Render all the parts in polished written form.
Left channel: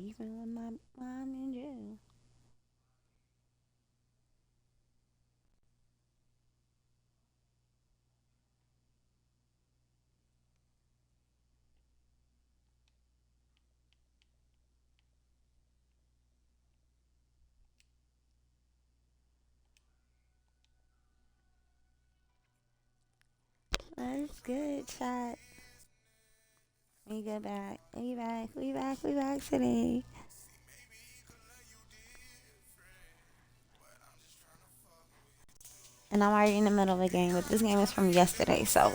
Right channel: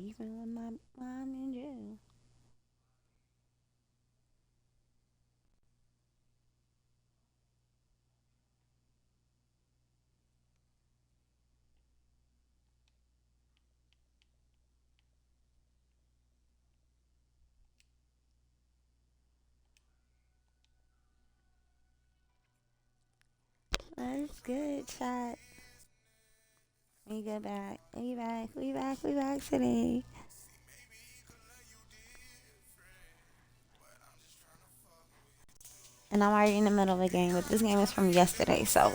Even with my mom in jail. That's good, chat. We get back. We back today. And I'm already in the middle of a game, but this game is from yesterday, so.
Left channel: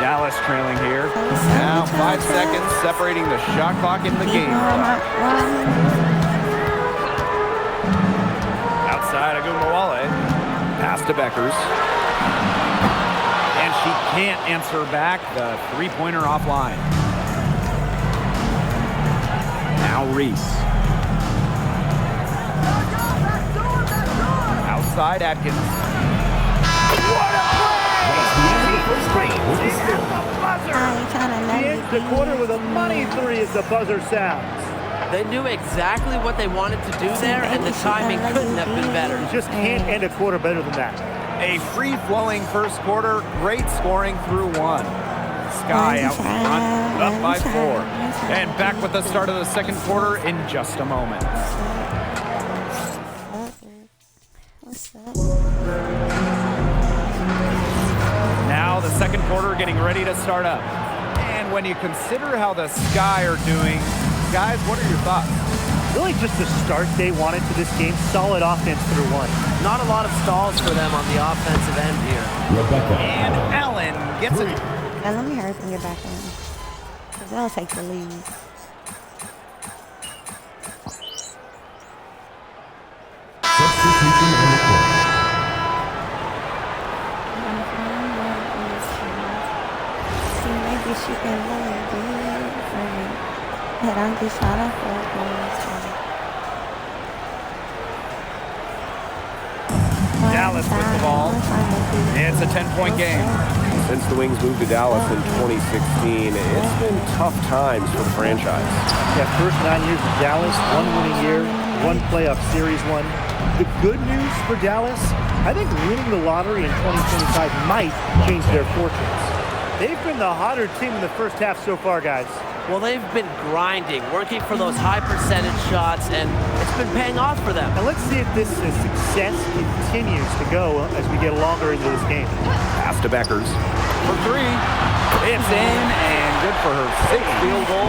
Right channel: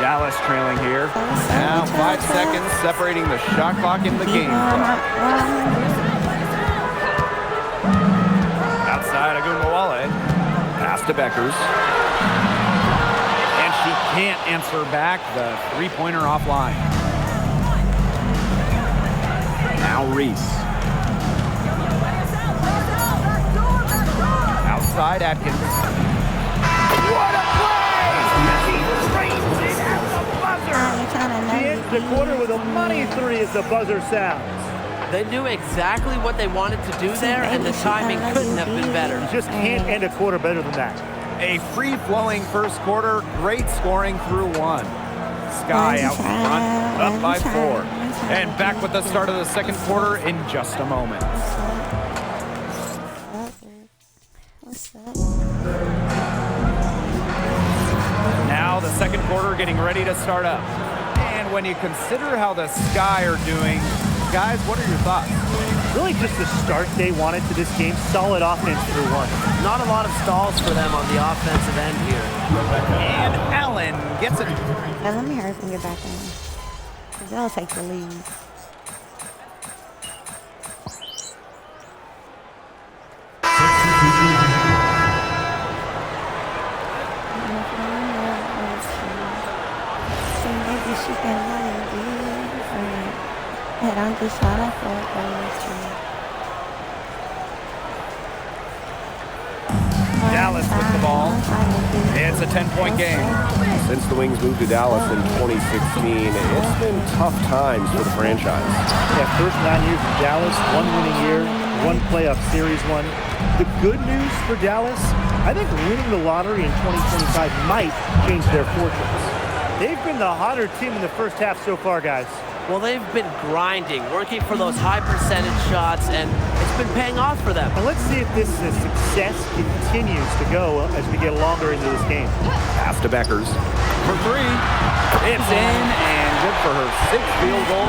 Dallas trailing here. Now 5 seconds separating the shot clock in the game clock. Outside Agunmawale. Pass to Beckers. And she can't answer back the three-pointer offline. Now Reese. Outside Atkins. What a play! She screams it at the buzzer! He ends the quarter with a money three as the buzzer sounds. They knew exactly what they wanted to do there, and the timing couldn't have been better. You just can't end a quarter better than that. A free-flowing first quarter, great scoring through one. Sky out front, up by 4. And back with the start of the second quarter in just a moment. What's up? Now the second quarter getting ready to start up. And when you consider how the Sky are doing, guys, what are your thoughts? Really just the start they wanted to this game. Solid offense through one. Not a lot of stalls for them on the offensive end here. And Allen gets it. Yeah, let me hurry up and get back in. Because they'll take the lead. I'm gonna fall in love with you. See, maybe she can love you different. But I'm just trying to fuck with you. Dallas with the ball. It's a 10-point game. Since the Wings moved to Dallas in 2016, it's been tough times for the franchise. Yeah, first 9 years in Dallas, 1 winning year, 1 playoff series won. The good news for Dallas, I think winning the lottery in 2025 might change their fortunes. They've been the hotter team in the first half so far, guys. Well, they've been grinding, working for those high percentage shots, and it's been paying off for them. And let's see if this success continues to go as we get longer into this game. Pass to Beckers for 3. It's in and good for her 6th field goal.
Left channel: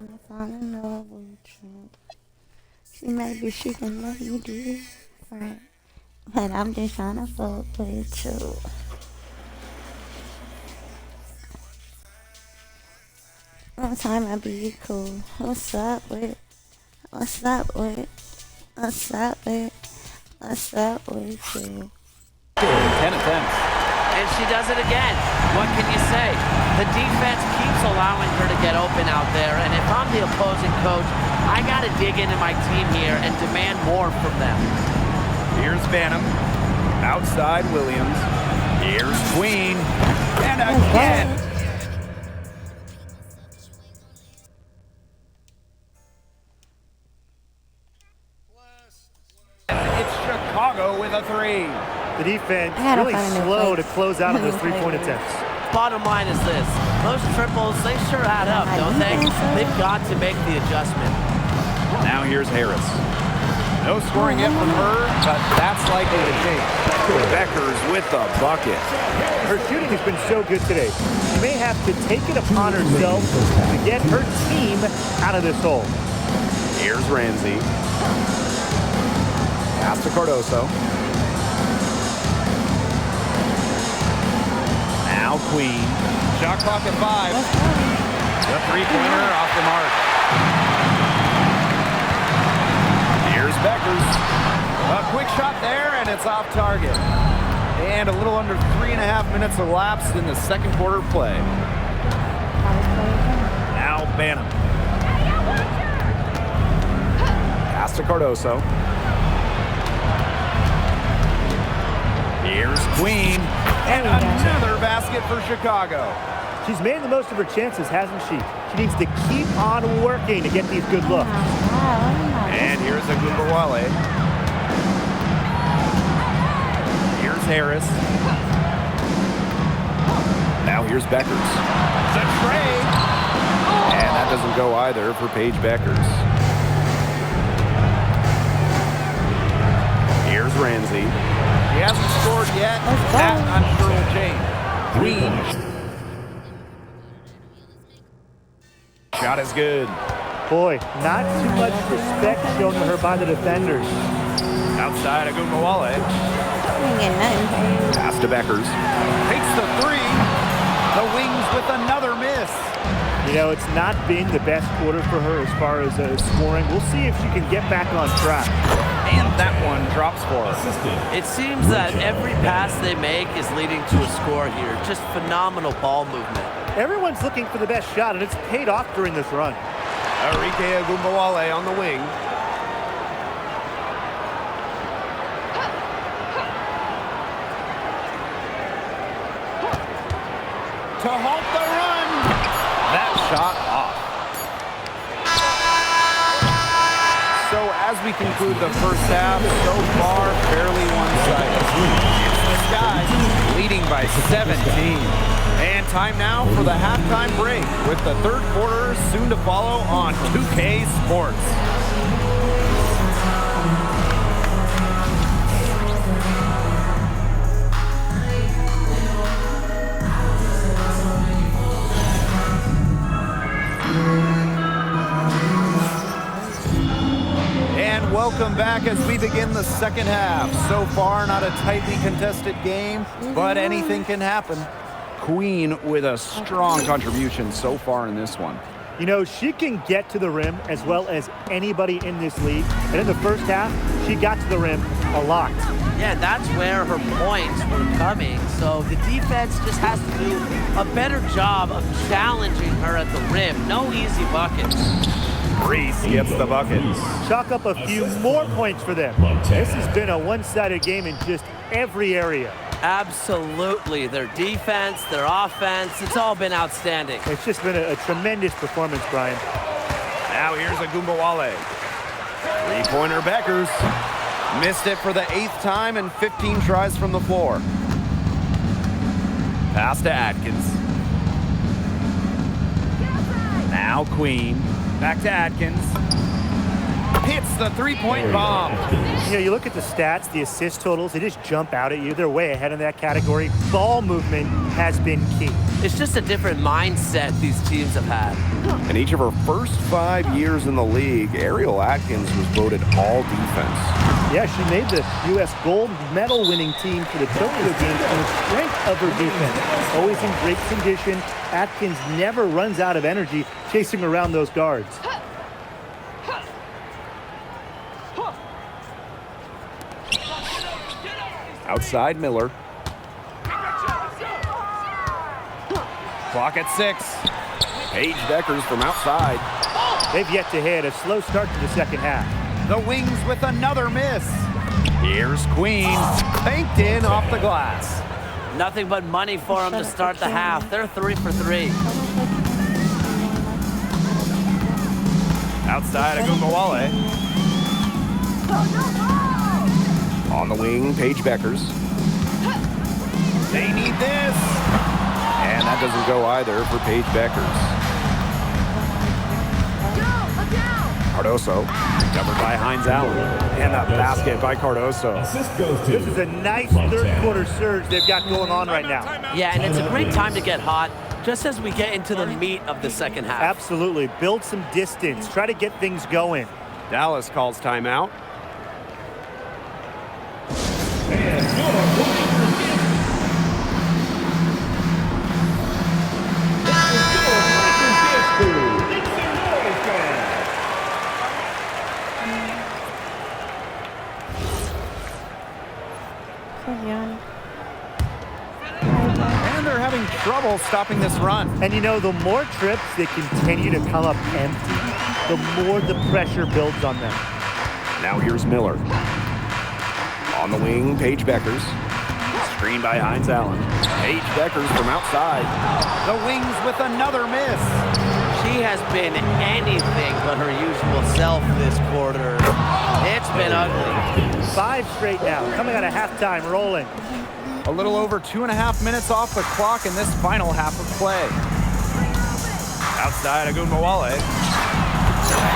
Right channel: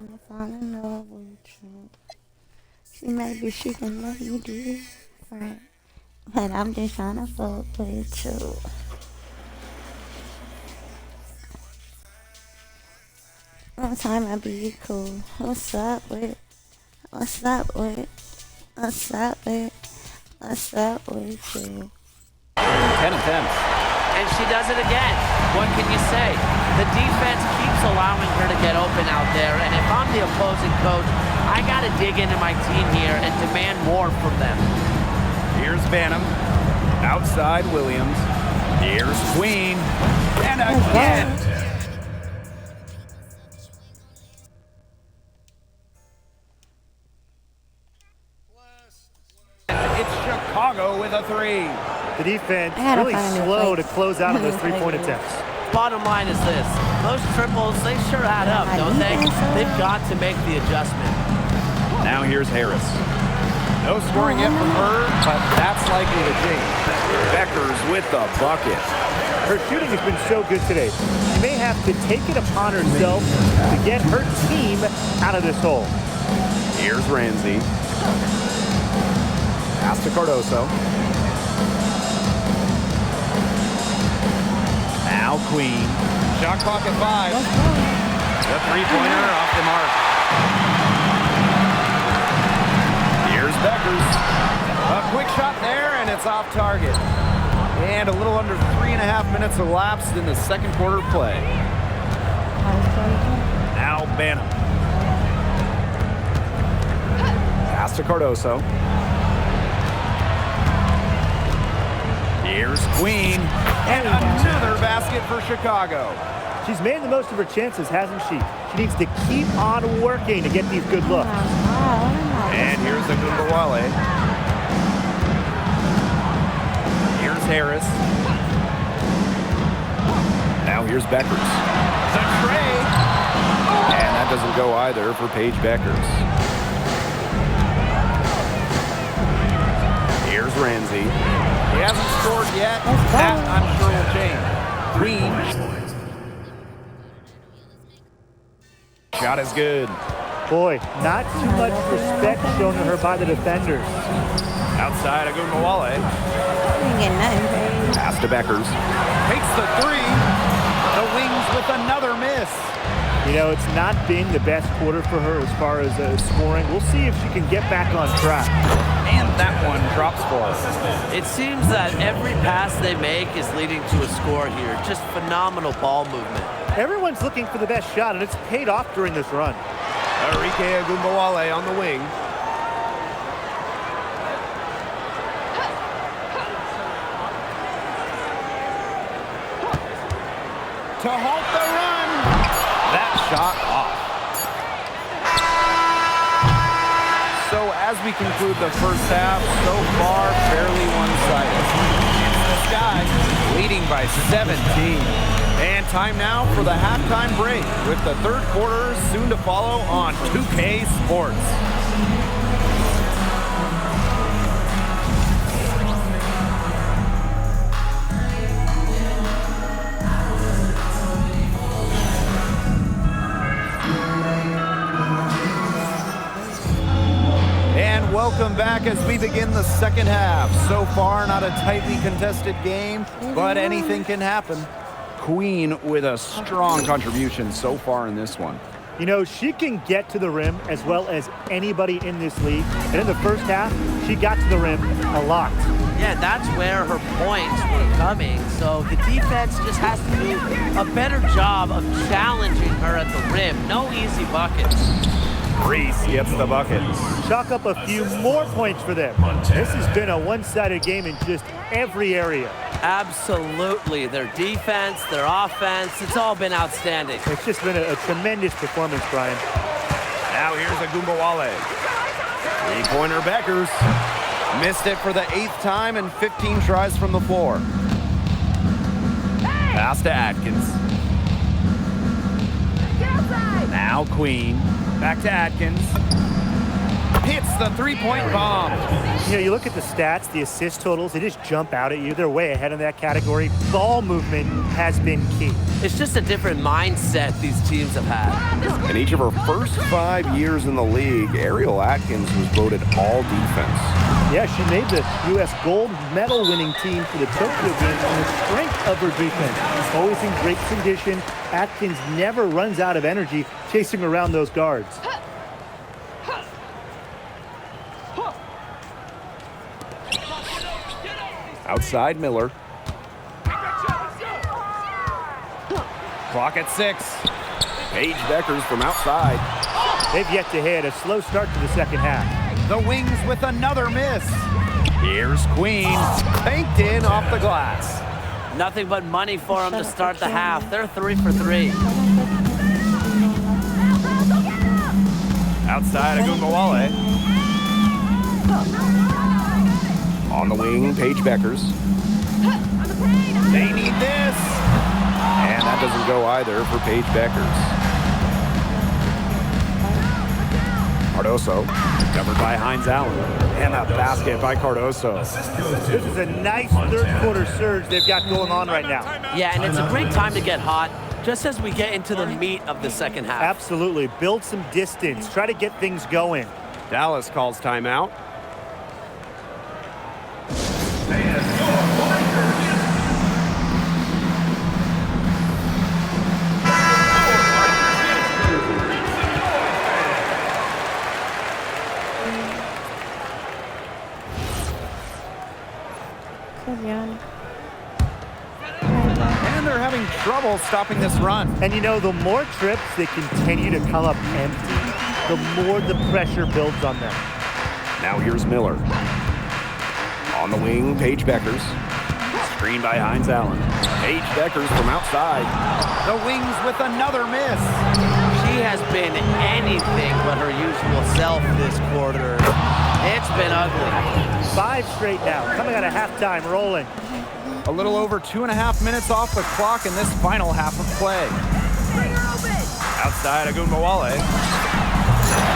I'm fall in love with you. See, maybe she can love you different. But I'm just trying to fuck with you. One time I'll be cool. What's up with it? What's up with it? What's up with it? What's up with you? 10 attempts. And she does it again. What can you say? The defense keeps allowing her to get open out there, and if I'm the opposing coach, I got to dig into my team here and demand more from them. Here's Banham. Outside Williams. Here's Queen. And again. It's Chicago with a 3. The defense really slow to close out on those three-point attempts. Bottom line is this. Those triples, they sure add up, don't they? They've got to make the adjustment. Now here's Harris. No scoring yet from her, but that's likely to change. Beckers with the bucket. Her shooting has been so good today. She may have to take it upon herself to get her team out of this hole. Here's Ramsey. Pass to Cardoso. Now Queen. Shot clock at 5. The three-pointer off the mark. Here's Beckers. A quick shot there, and it's off target. And a little under 3.5 minutes elapsed in the second quarter play. Now Banham. Pass to Cardoso. Here's Queen, and another basket for Chicago. She's made the most of her chances, hasn't she? She needs to keep on working to get these good looks. And here's Agumbawale. Here's Harris. Now here's Beckers. The tray. And that doesn't go either for Paige Beckers. Here's Ramsey. He hasn't scored yet. That, I'm sure, will change. Queen. Shot is good. Boy, not too much respect shown to her by the defenders. Outside Agumbawale. Pass to Beckers. Takes the three. The Wings with another miss. You know, it's not been the best quarter for her as far as scoring. We'll see if she can get back on track. And that one drops for her. It seems that every pass they make is leading to a score here. Just phenomenal ball movement. Everyone's looking for the best shot, and it's paid off during this run. Arike Agumbawale on the wing. To halt the run. That shot off. So as we conclude the first half, so far fairly one-sided. It's the Sky leading by 17. And time now for the halftime break with the third quarter soon to follow on 2K Sports. And welcome back as we begin the second half. So far, not a tightly contested game, but anything can happen. Queen with a strong contribution so far in this one. You know, she can get to the rim as well as anybody in this league. And in the first half, she got to the rim a lot. Yeah, that's where her points were coming. So the defense just has to do a better job of challenging her at the rim. No easy buckets. Reese gets the buckets. Chalk up a few more points for them. This has been a one-sided game in just every area. Absolutely. Their defense, their offense, it's all been outstanding. It's just been a tremendous performance, Brian. Now here's Agumbawale. Three-pointer Beckers. Missed it for the 8th time and 15 tries from the floor. Pass to Atkins. Now Queen. Back to Atkins. Hits the three-point bomb. You know, you look at the stats, the assist totals, they just jump out at you. They're way ahead in that category. Ball movement has been key. It's just a different mindset these teams have had. In each of her first 5 years in the league, Ariel Atkins was voted all defense. Yeah, she made the U.S. gold medal winning team for the Tokyo Games on the strength of her defense. Always in great condition. Atkins never runs out of energy chasing around those guards. Outside Miller. Clock at 6. Paige Beckers from outside. They've yet to hit a slow start to the second half. The Wings with another miss. Here's Queen. Banked in off the glass. Nothing but money for them to start the half. They're 3 for 3. Outside Agumbawale. On the wing, Paige Beckers. They need this. And that doesn't go either for Paige Beckers. Cardoso. Covered by Hines Allen. And a basket by Cardoso. This is a nice third quarter surge they've got going on right now. Yeah, and it's a great time to get hot just as we get into the meat of the second half. Absolutely. Build some distance. Try to get things going. Dallas calls timeout. And they're having trouble stopping this run. And you know, the more trips they continue to come up empty, the more the pressure builds on them. Now here's Miller. On the wing, Paige Beckers. Screen by Hines Allen. Paige Deckers from outside. The wings with another miss. She has been anything but her usual self this quarter. It's been ugly. 5 straight now, coming out of halftime, rolling. A little over 2.5 minutes off the clock in this final half of play. Outside Agunmawale.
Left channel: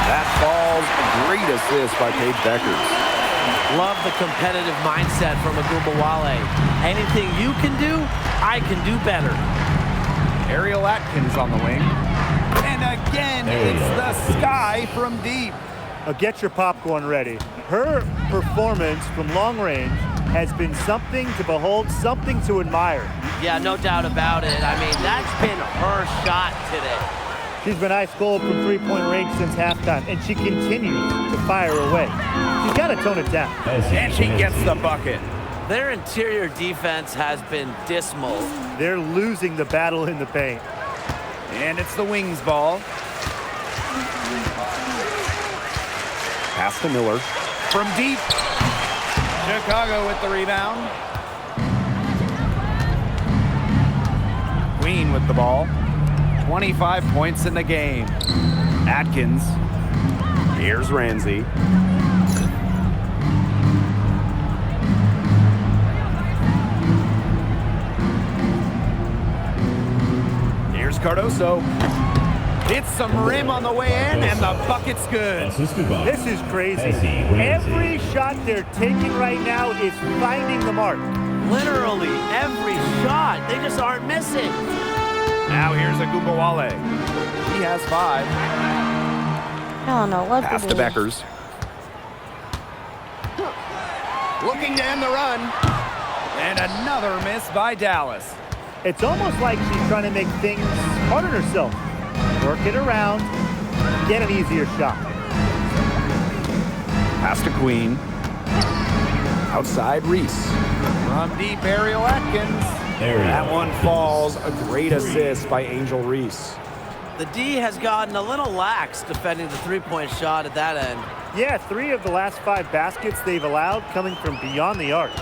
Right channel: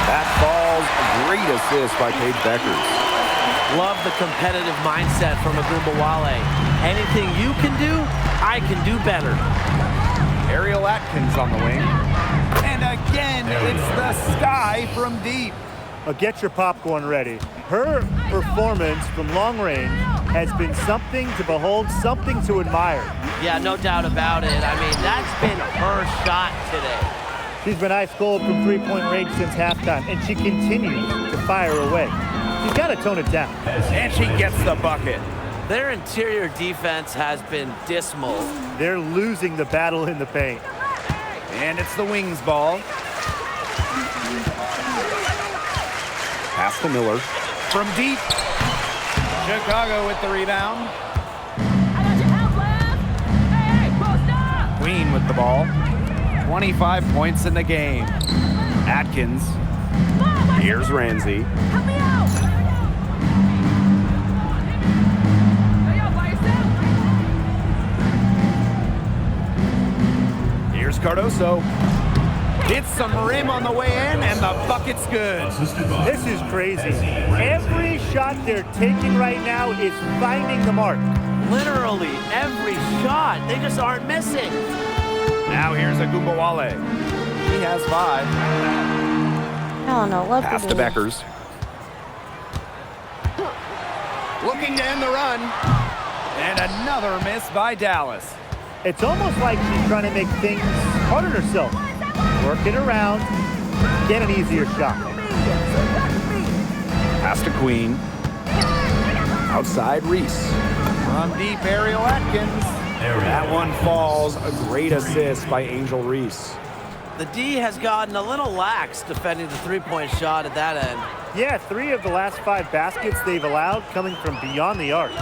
That falls. A great assist by Paige Deckers. Love the competitive mindset from Agunmawale. Anything you can do, I can do better. Ariel Atkins on the wing. And again, it's the sky from deep. Get your popcorn ready. Her performance from long range has been something to behold, something to admire. Yeah, no doubt about it. I mean, that's been her shot today. She's been ice cold from three-point range since halftime, and she continues to fire away. She's got to tone it down. And she gets the bucket. Their interior defense has been dismal. They're losing the battle in the paint. And it's the Wings ball. Pass to Miller. From deep. Chicago with the rebound. Queen with the ball. 25 points in the game. Atkins. Here's Ramsey. Here's Cardoso. Hits some rim on the way in, and the bucket's good. This is crazy. Every shot they're taking right now is finding the mark. Literally every shot. They just aren't missing. Now here's Agunmawale. He has 5. I don't know what Pass to Beckers. Looking to end the run. And another miss by Dallas. It's almost like she's trying to make things hard on herself. Work it around, get an easier shot. Pass to Queen. Outside Reese. From deep, Ariel Atkins. That one falls. A great assist by Angel Reese. The D has gotten a little lax defending the three-point shot at that end. Yeah, 3 of the last 5 baskets they've allowed coming from beyond the arc.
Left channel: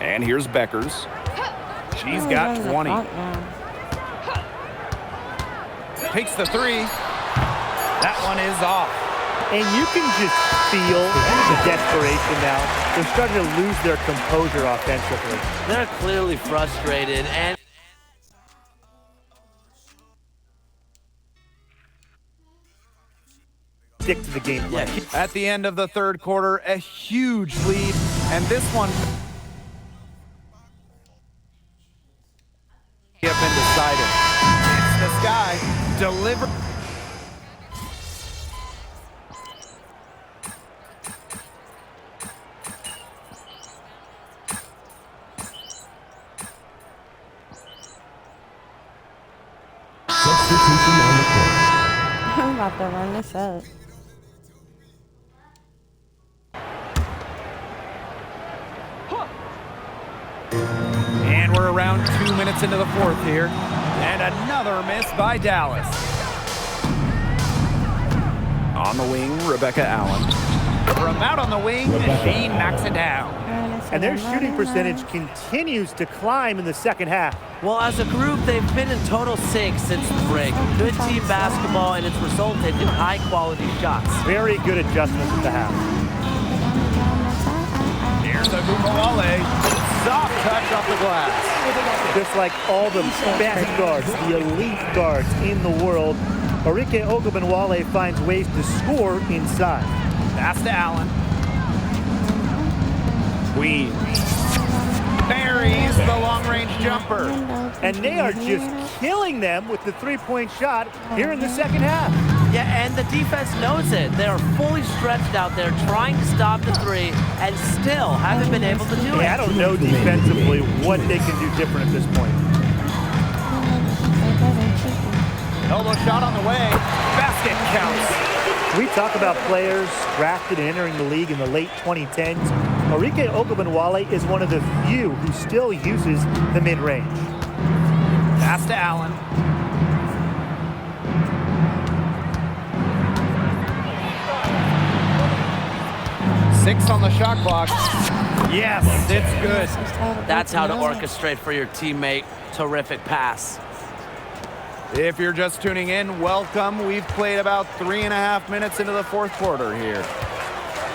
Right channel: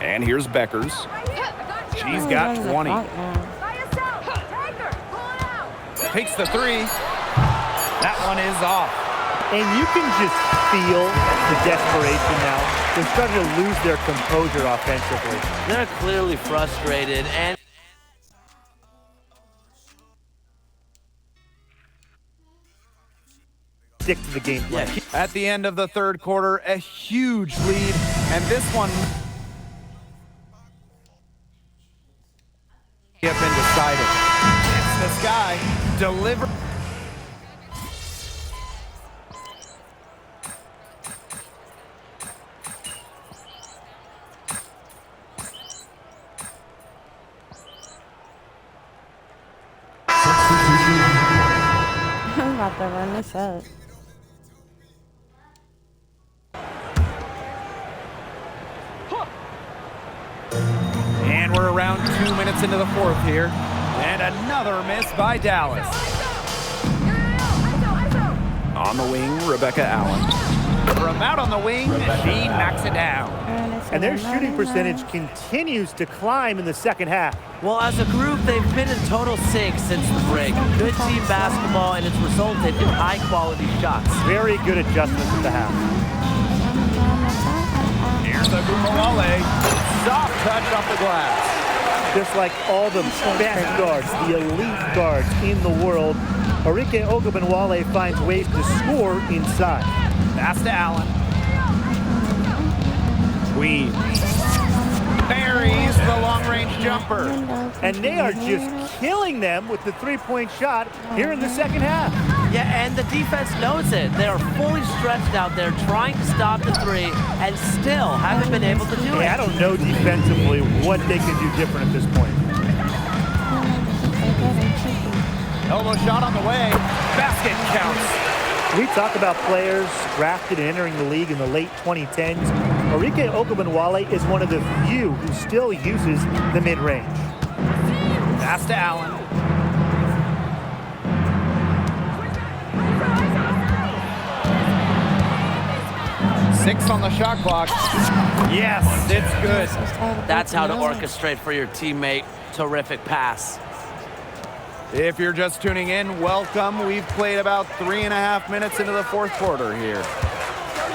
And here's Beckers. She's got 20. Takes the 3. That one is off. And you can just feel the desperation now. They're starting to lose their composure offensively. They're clearly frustrated, and stick to the game plan. At the end of the third quarter, a huge lead, and this one have been decided. It's this guy. Deliver. Substitution on the court. I'm about to run this up. And we're around 2 minutes into the fourth here. And another miss by Dallas. On the wing, Rebecca Allen. From out on the wing, she knocks it down. And their shooting percentage continues to climb in the second half. well, as a group, they've been in total 6 since the break. Good team basketball, and it's resulted in high-quality shots. Very good adjustments at the half. Here's Agunmawale. Soft touch off the glass. Just like all the best guards, the elite guards in the world, Arike Ogunbowale finds ways to score inside. Pass to Allen. Queen buries the long-range jumper. And they are just killing them with the three-point shot here in the second half. Yeah, and the defense knows it. They are fully stretched out there trying to stop the 3 and still haven't been able to do it. I don't know defensively what they can do different at this point. Elbow shot on the way. Basket counts. We talk about players drafted and entering the league in the late 2010s. Arike Ogunbowale is one of the few who still uses the mid-range. Pass to Allen. 6 on the shot clock. Yes, it's good. That's how to orchestrate for your teammate. Terrific pass. If you're just tuning in, welcome. We've played about 3.5 minutes into the fourth quarter here.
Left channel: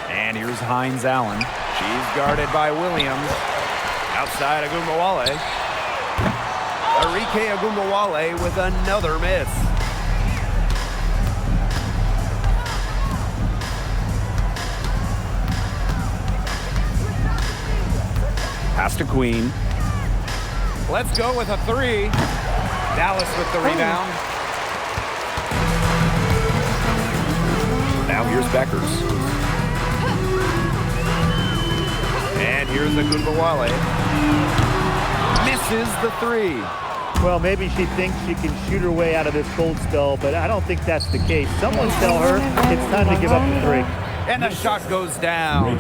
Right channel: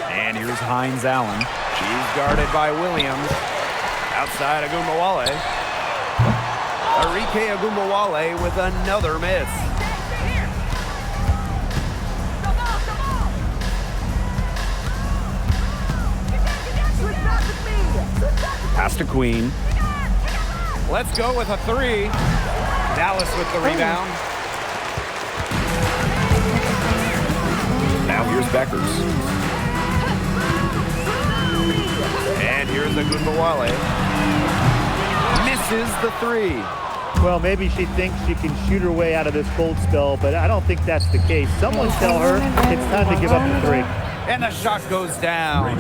And here's Hines Allen. She's guarded by Williams. Outside Agumbawale. Arike Agumbawale with another miss. Pass to Queen. Let's go with a 3. Dallas with the rebound. Now here's Beckers. And here's Agumbawale. Misses the 3. Well, maybe she thinks she can shoot her way out of this cold spell, but I don't think that's the case. Someone tell her it's time to give up the 3. And the shot goes down.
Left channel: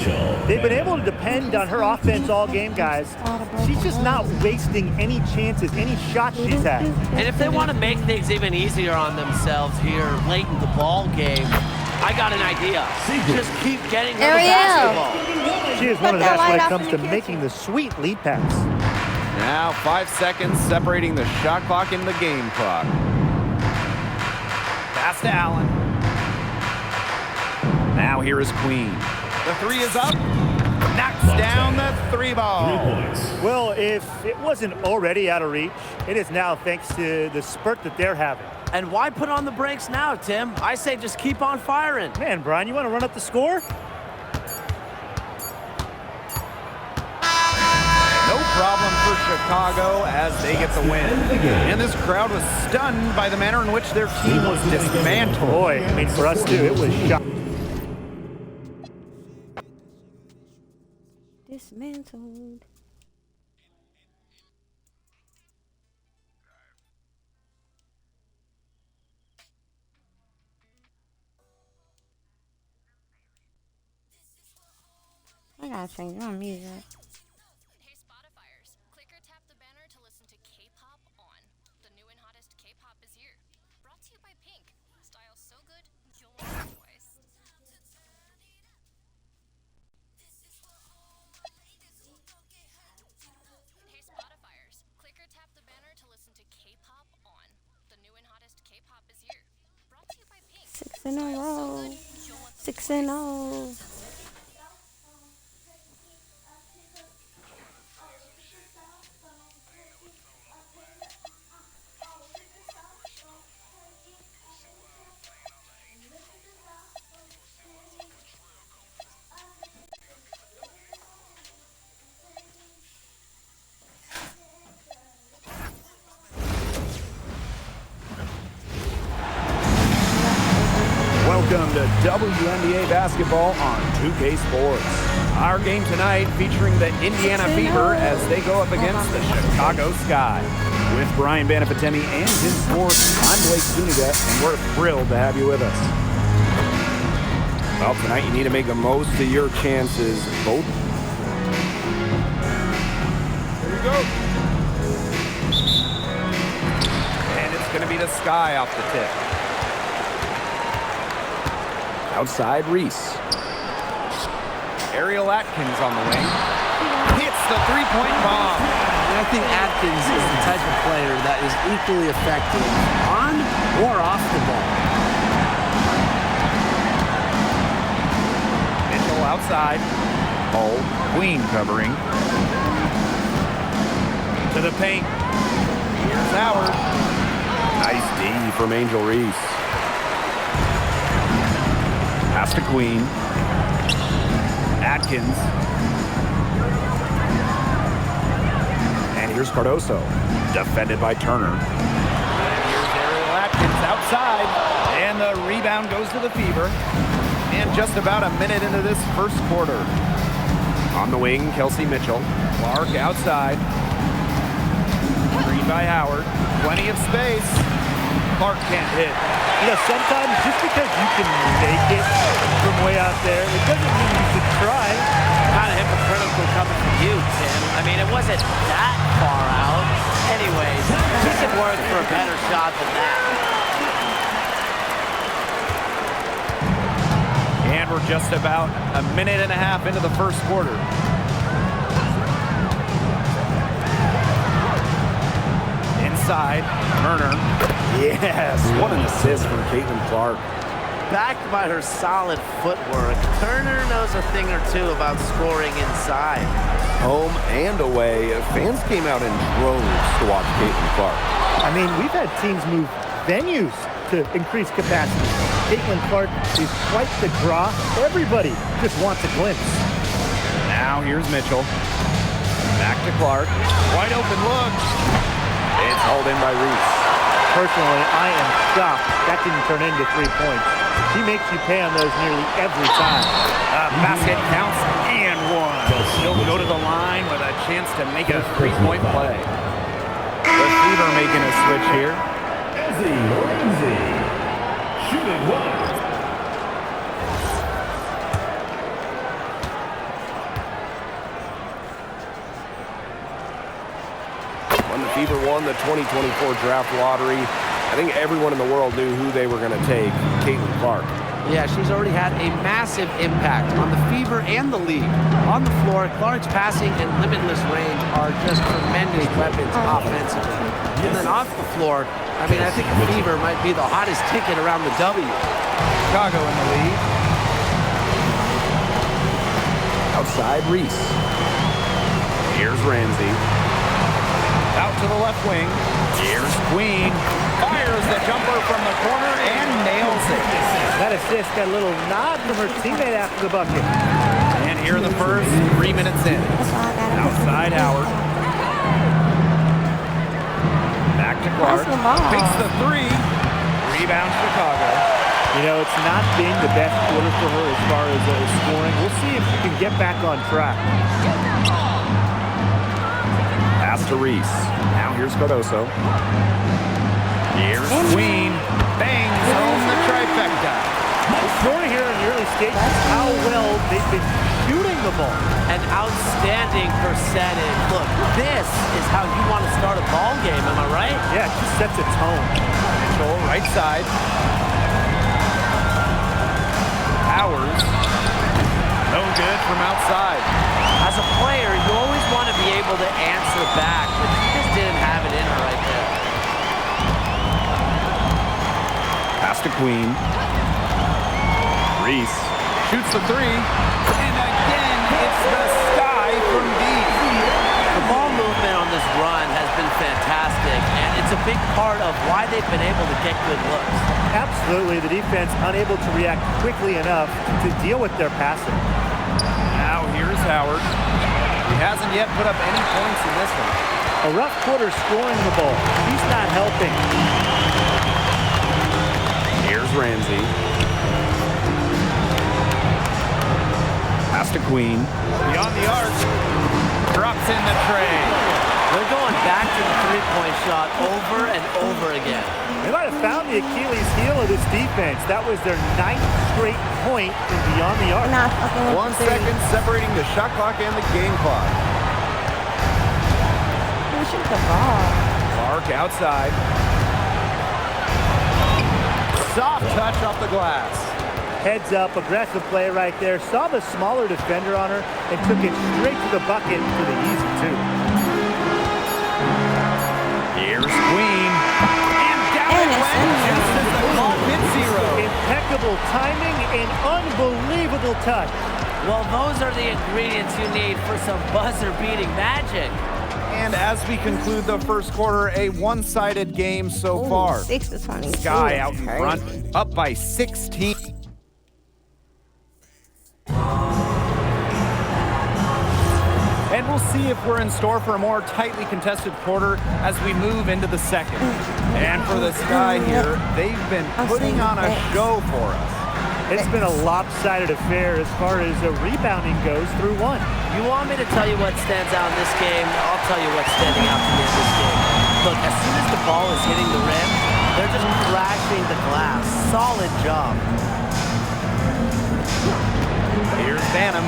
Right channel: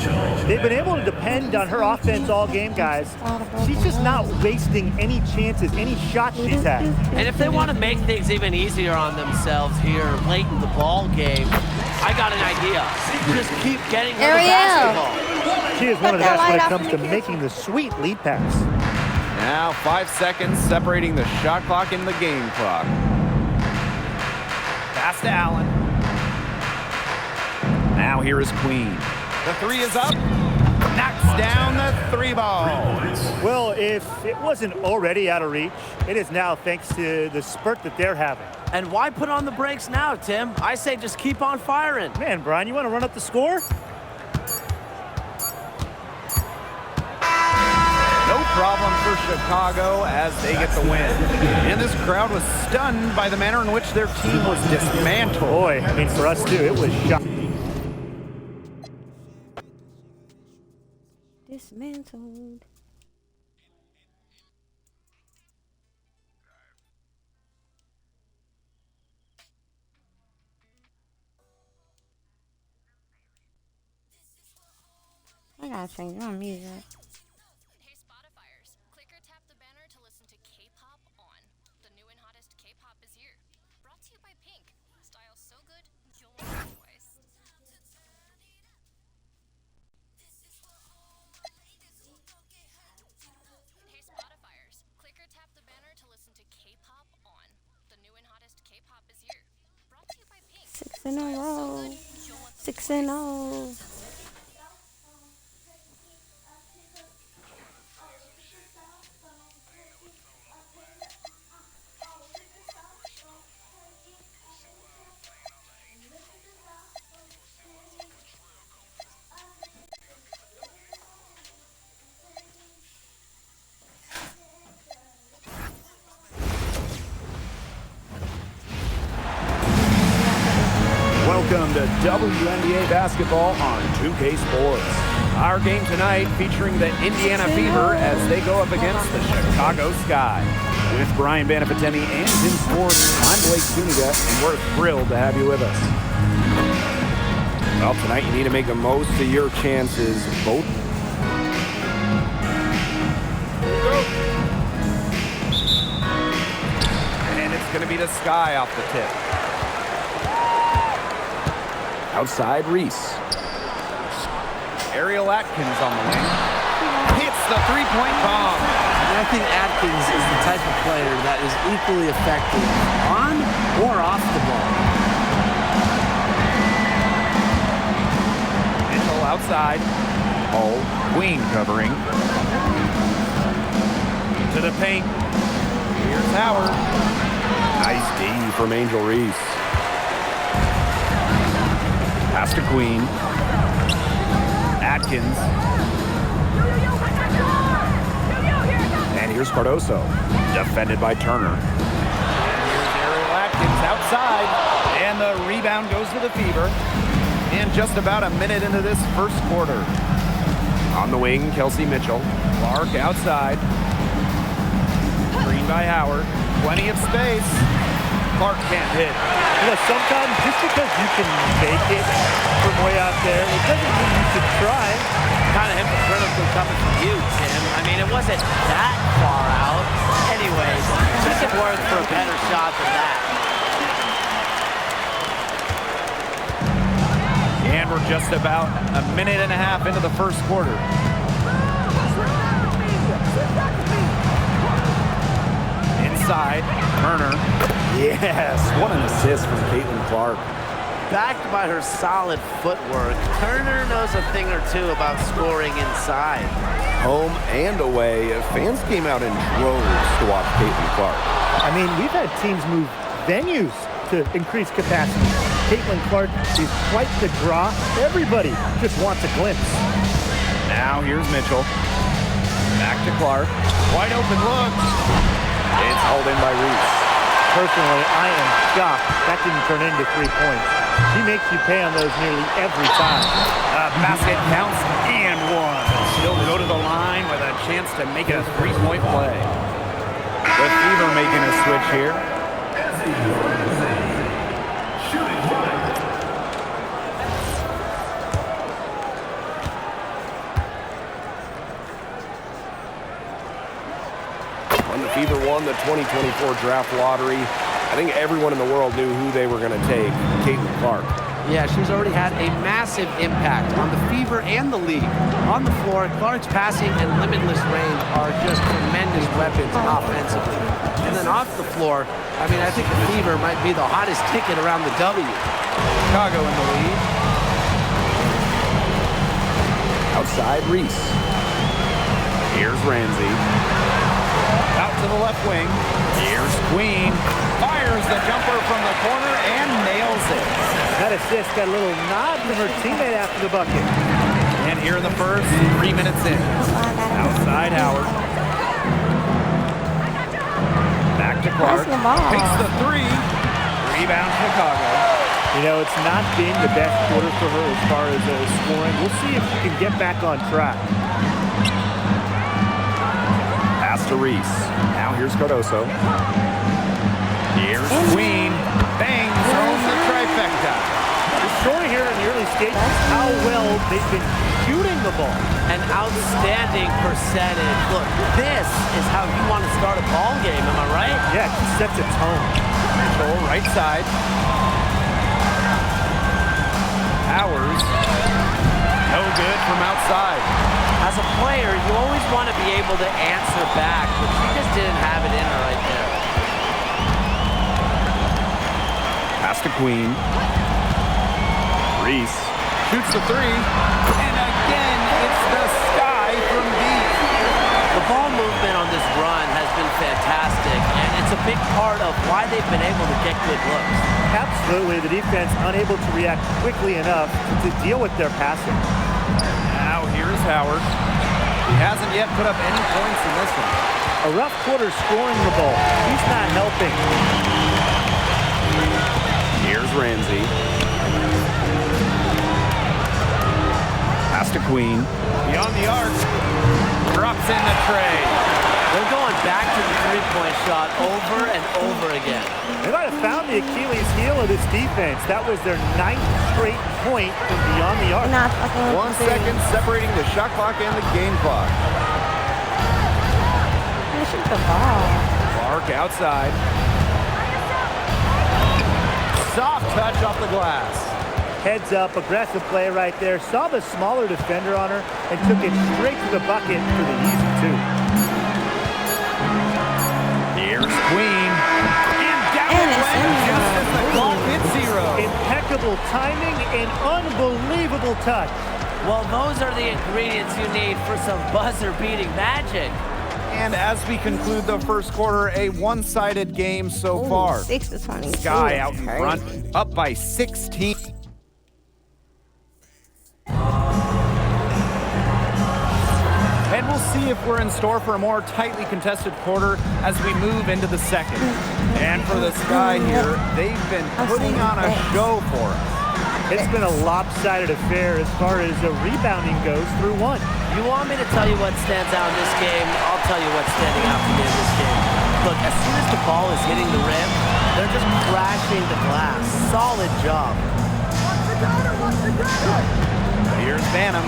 They've been able to depend on her offense all game, guys. She's just not wasting any chances, any shots she's had. And if they want to make things even easier on themselves here late in the ball game, I got an idea. Just keep getting her the basketball. She is one of the best when it comes to making the sweet lead pass. Now 5 seconds separating the shot clock and the game clock. Pass to Allen. Now here is Queen. The 3 is up. Knocks down the 3 ball. Well, if it wasn't already out of reach, it is now thanks to the spurt that they're having. And why put on the brakes now, Tim? I say just keep on firing. Man, Brian, you want to run up the score? No problem for Chicago as they get the win. And this crowd was stunned by the manner in which their team was dismantled. Boy, I mean, for us too, it was shocking. Dismantled. I gotta change my music. Hey Spotifyers, click or tap the banner to listen to K-pop on. The new and hottest K-pop is here. Brought to you by Pink. Style's so good, you'll want it twice. Hey Spotifyers, click or tap the banner to listen to K-pop on. The new and hottest K-pop is here. Brought to you by Pink. 6 in a row. 6 in a row. Welcome to WNBA basketball on 2K Sports. Our game tonight featuring the Indiana Fever as they go up against the Chicago Sky. With Brian Banafitemi and Tim Sports, I'm Blake Zuniga, and we're thrilled to have you with us. Well, tonight you need to make the most of your chances. Both. Here we go. And it's going to be the Sky off the tip. Outside, Reese. Ariel Atkins on the wing. Hits the three-point bomb. And I think Atkins is the type of player that is equally effective on or off the ball. Mitchell outside. Hull, Queen covering. To the paint. Here's Howard. Nice D from Angel Reese. Pass to Queen. Atkins. And here's Cardoso. Defended by Turner. And here's Ariel Atkins outside. And the rebound goes to the Fever. And just about a minute into this first quarter. On the wing, Kelsey Mitchell. Clark outside. Green by Howard. Plenty of space. Clark can't hit. You know, sometimes just because you can make it from way out there, it doesn't mean you should try. Kind of hypocritical coming from you, Tim. I mean, it wasn't that far out. Anyways, just it worth for a better shot than that. And we're just about a minute and a half into the first quarter. Inside, Turner. Yes, what an assist from Caitlin Clark. Backed by her solid footwork, Turner knows a thing or two about scoring inside. Home and away, fans came out in droves to watch Caitlin Clark. I mean, we've had teams move venues to increase capacity. Caitlin Clark is quite the draw. Everybody just wants a glimpse. Now here's Mitchell. Back to Clark. Wide open look. It's hauled in by Reese. Personally, I am shocked that didn't turn into 3 points. She makes you pay on those nearly every time. Basket counts and one. She'll go to the line with a chance to make it a three-point play. The Fever making a switch here. Shooting one. When the Fever won the 2024 draft lottery, I think everyone in the world knew who they were going to take, Caitlin Clark. Yeah, she's already had a massive impact on the Fever and the league. On the floor, Clark's passing and limitless range are just tremendous weapons offensively. And then off the floor, I mean, I think the Fever might be the hottest ticket around the W. Chicago in the lead. Outside, Reese. Here's Ramsey. Out to the left wing. Here's Queen. Fires the jumper from the corner and nails it. That assist got a little nod from her teammate after the bucket. And here in the first, 3 minutes in. Outside Howard. Back to Clark. Takes the three. Rebound Chicago. You know, it's not been the best quarter for her as far as scoring. We'll see if she can get back on track. Pass to Reese. Now here's Cardoso. Here's Queen. Bangs home the trifecta. The story here in the early stages is how well they've been shooting the ball. An outstanding percentage. Look, this is how you want to start a ball game, am I right? Yeah, she sets a tone. Mitchell, right side. Powers. No good from outside. As a player, you always want to be able to answer back, but she just didn't have it in her right there. Pass to Queen. Reese shoots the three. And again, it's the sky from deep. The ball movement on this run has been fantastic, and it's a big part of why they've been able to get good looks. Absolutely, the defense unable to react quickly enough to deal with their passing. Now here's Howard. He hasn't yet put up any points in this one. A rough quarter scoring the ball. He's not helping. Here's Ramsey. Pass to Queen. Beyond the arc. Drops in the tray. They're going back to the three-point shot over and over again. They might have found the Achilles heel of this defense. That was their 9th straight point from beyond the arc. 1 second separating the shot clock and the game clock. Shoot the ball. Clark outside. Soft touch off the glass. Heads up, aggressive play right there. Saw the smaller defender on her and took it straight to the bucket for the easy two. Here's Queen. And down it went just as the clock hit 0. Impeccable timing and unbelievable touch. Well, those are the ingredients you need for some buzzer-beating magic. And as we conclude the first quarter, a one-sided game so far. 6-22. Sky out in front, up by 16. And we'll see if we're in store for a more tightly contested quarter as we move into the second. And for the Sky here, they've been putting on a show for us. It's been a lopsided affair as far as rebounding goes through one. You want me to tell you what stands out in this game? I'll tell you what's standing out to me in this game. Look, as soon as the ball is hitting the rim, they're just crashing the glass. Solid job. Here's Banham.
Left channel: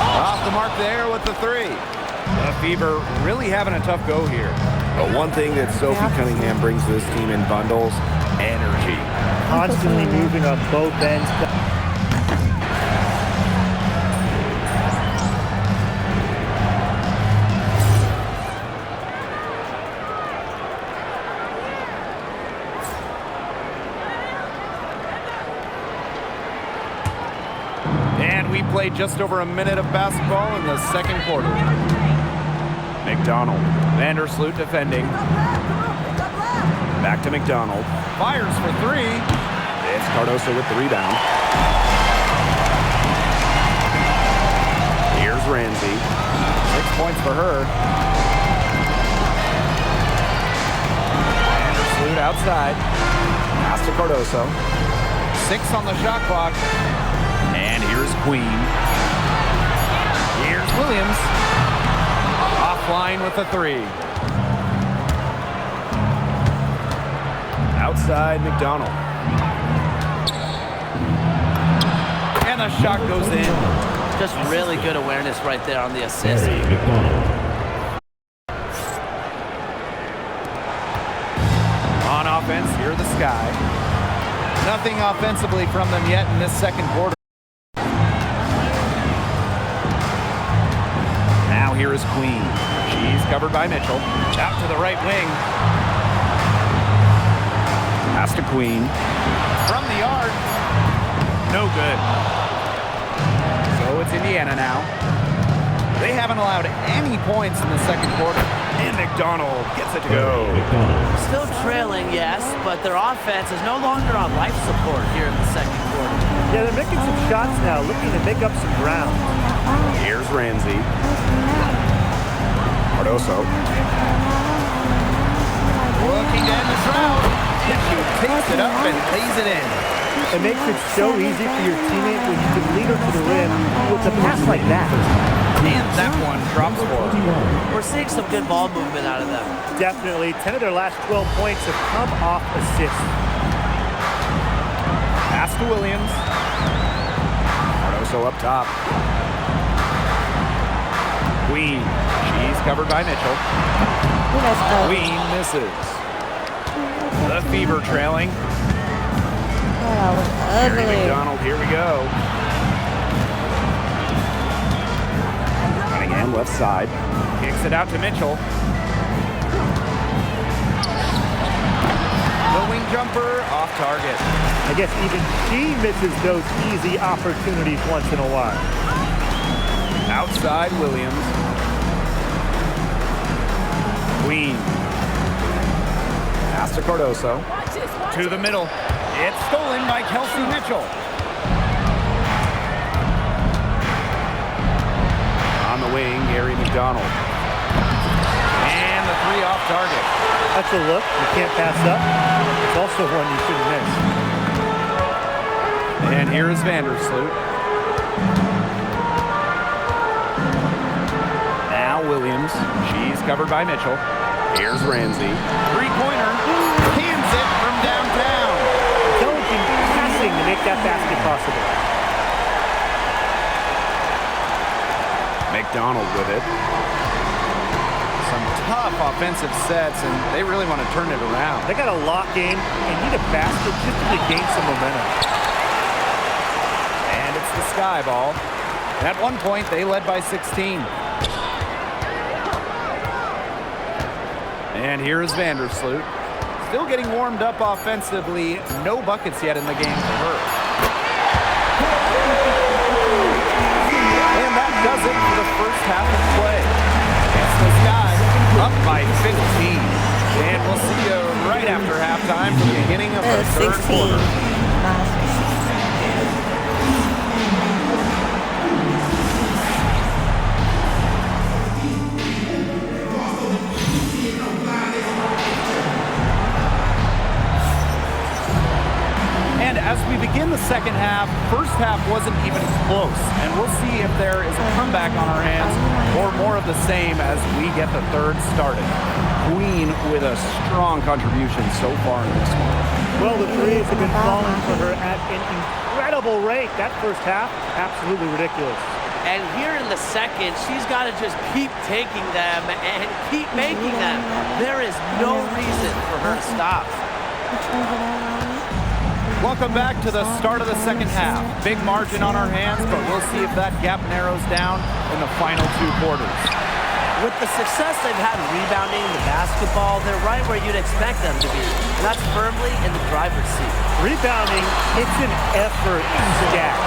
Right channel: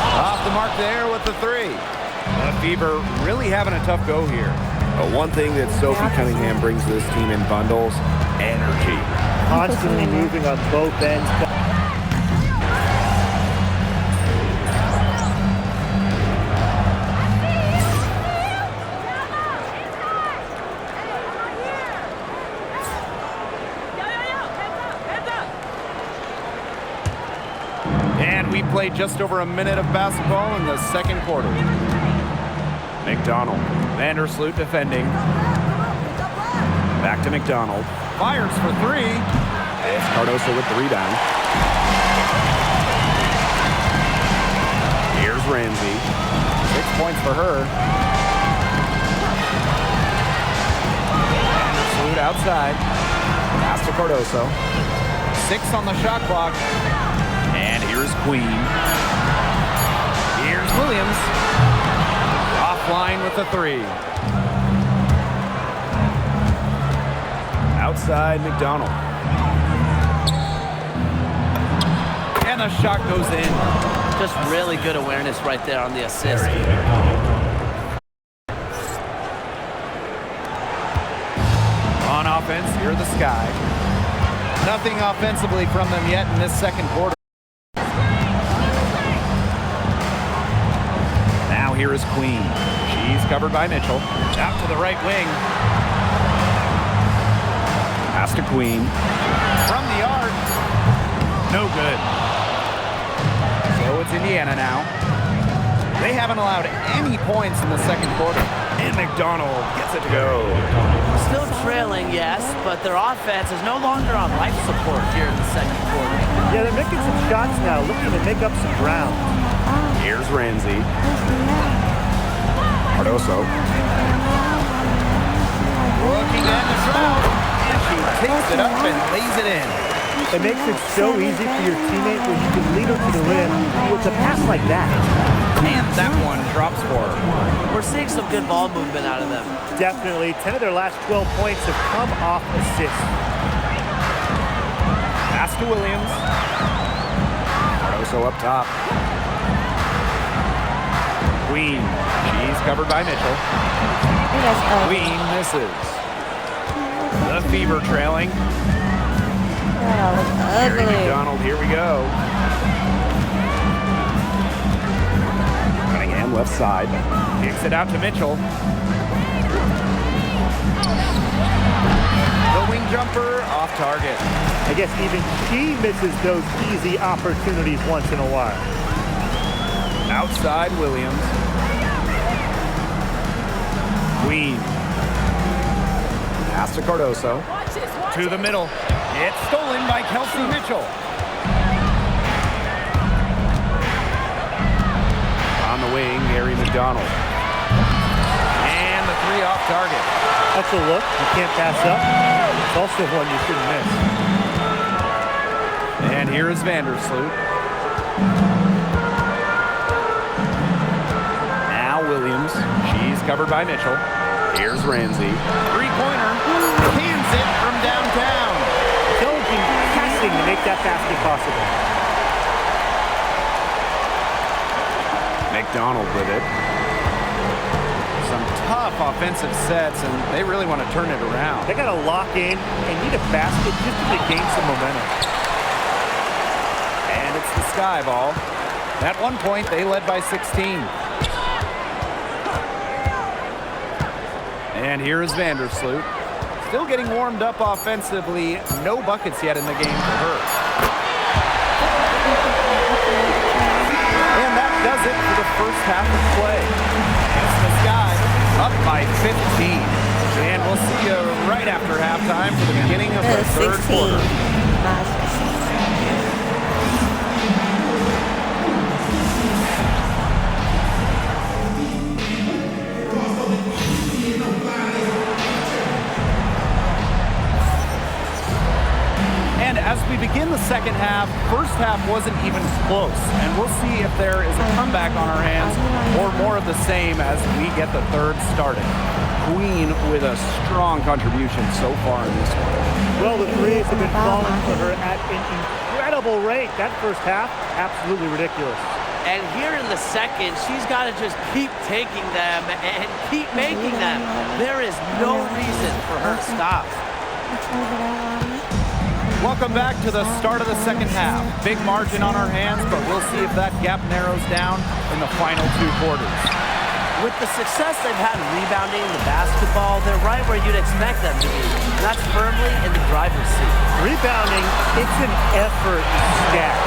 Off the mark there with the three. The Fever really having a tough go here. But one thing that Sophie Cunningham brings to this team in bundles, energy. Constantly moving on both ends. And we played just over a minute of basketball in the second quarter. McDonald. Vandersloot defending. Back to McDonald. Fires for three. It's Cardoso with the rebound. Here's Ramsey. 6 points for her. Vandersloot outside. Pass to Cardoso. 6 on the shot clock. And here's Queen. Here's Williams. Offline with the three. Outside McDonald. And the shot goes in. Just really good awareness right there on the assist. On offense, here are the Sky. Nothing offensively from them yet in this second quarter. Now here is Queen. She's covered by Mitchell. Out to the right wing. Pass to Queen. From the arc. No good. So it's Indiana now. They haven't allowed any points in the second quarter. And McDonald gets it to go. Still trailing, yes, but their offense is no longer on life support here in the second quarter. Yeah, they're making some shots now, looking to make up some ground. Here's Ramsey. Cardoso. Looking to end the drought. And she takes it up and lays it in. It makes it so easy for your teammate when you can lead her to the rim with a pass like that. And that one drops for her. We're seeing some good ball movement out of them. Definitely. 10 of their last 12 points have come off assists. Pass to Williams. Cardoso up top. Queen. She's covered by Mitchell. Queen misses. The Fever trailing. Harry McDonald, here we go. Cunningham left side. Kicks it out to Mitchell. The wing jumper off target. I guess even she misses those easy opportunities once in a while. Outside Williams. Queen. Pass to Cardoso. To the middle. It's stolen by Kelsey Mitchell. On the wing, Harry McDonald. And the three off target. That's a look you can't pass up. It's also one you shouldn't miss. And here is Vandersloot. Now Williams. She's covered by Mitchell. Here's Ramsey. Three-pointer. Cans it from downtown. Intelligent passing to make that basket possible. McDonald with it. Some tough offensive sets, and they really want to turn it around. They got to lock in and need a basket just to regain some momentum. And it's the Sky ball. At one point, they led by 16. And here is Vandersloot. Still getting warmed up offensively. No buckets yet in the game for her. And that does it for the first half of play. It's the Sky up by 15. And we'll see you right after halftime for the beginning of the third 16. quarter. Not 16. And as we begin the second half, first half wasn't even close. And we'll see if there is a comeback on our hands or more of the same as we get the third started. Queen with a strong contribution so far in this one. Well, the threes have been falling for her at an incredible rate. That first half, absolutely ridiculous. And here in the second, she's got to just keep taking them and keep making them. There is no reason for her to stop. Welcome back to the start of the second half. Big margin on our hands, but we'll see if that gap narrows down in the final two quarters. With the success they've had rebounding the basketball, they're right where you'd expect them to be, and that's firmly in the driver's seat. Rebounding, it's an effort stat.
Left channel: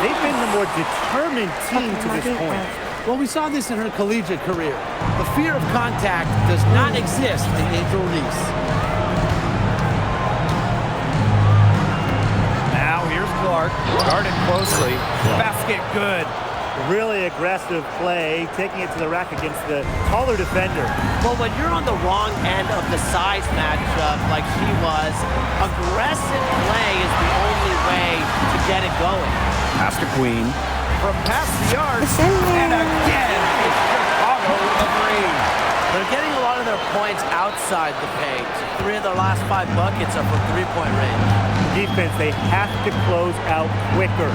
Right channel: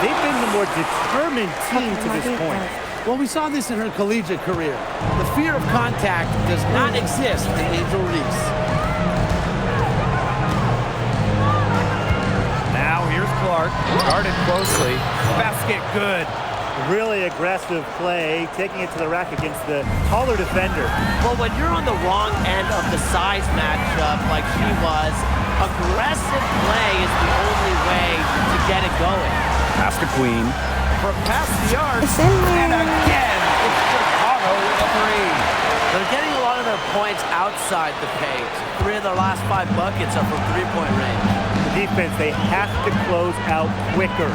They've been the more determined team to this point. Well, we saw this in her collegiate career. The fear of contact does not exist in Angel Reese. Now here's Clark, guarded closely. Basket good. Really aggressive play, taking it to the rack against the taller defender. Well, when you're on the wrong end of the size matchup like she was, aggressive play is the only way to get it going. Pass to Queen. From past the arc. It's in there. And again, it's Chicago with a three. They're getting a lot of their points outside the paint. 3 of their last 5 buckets are from three-point range. The defense, they have to close out quicker.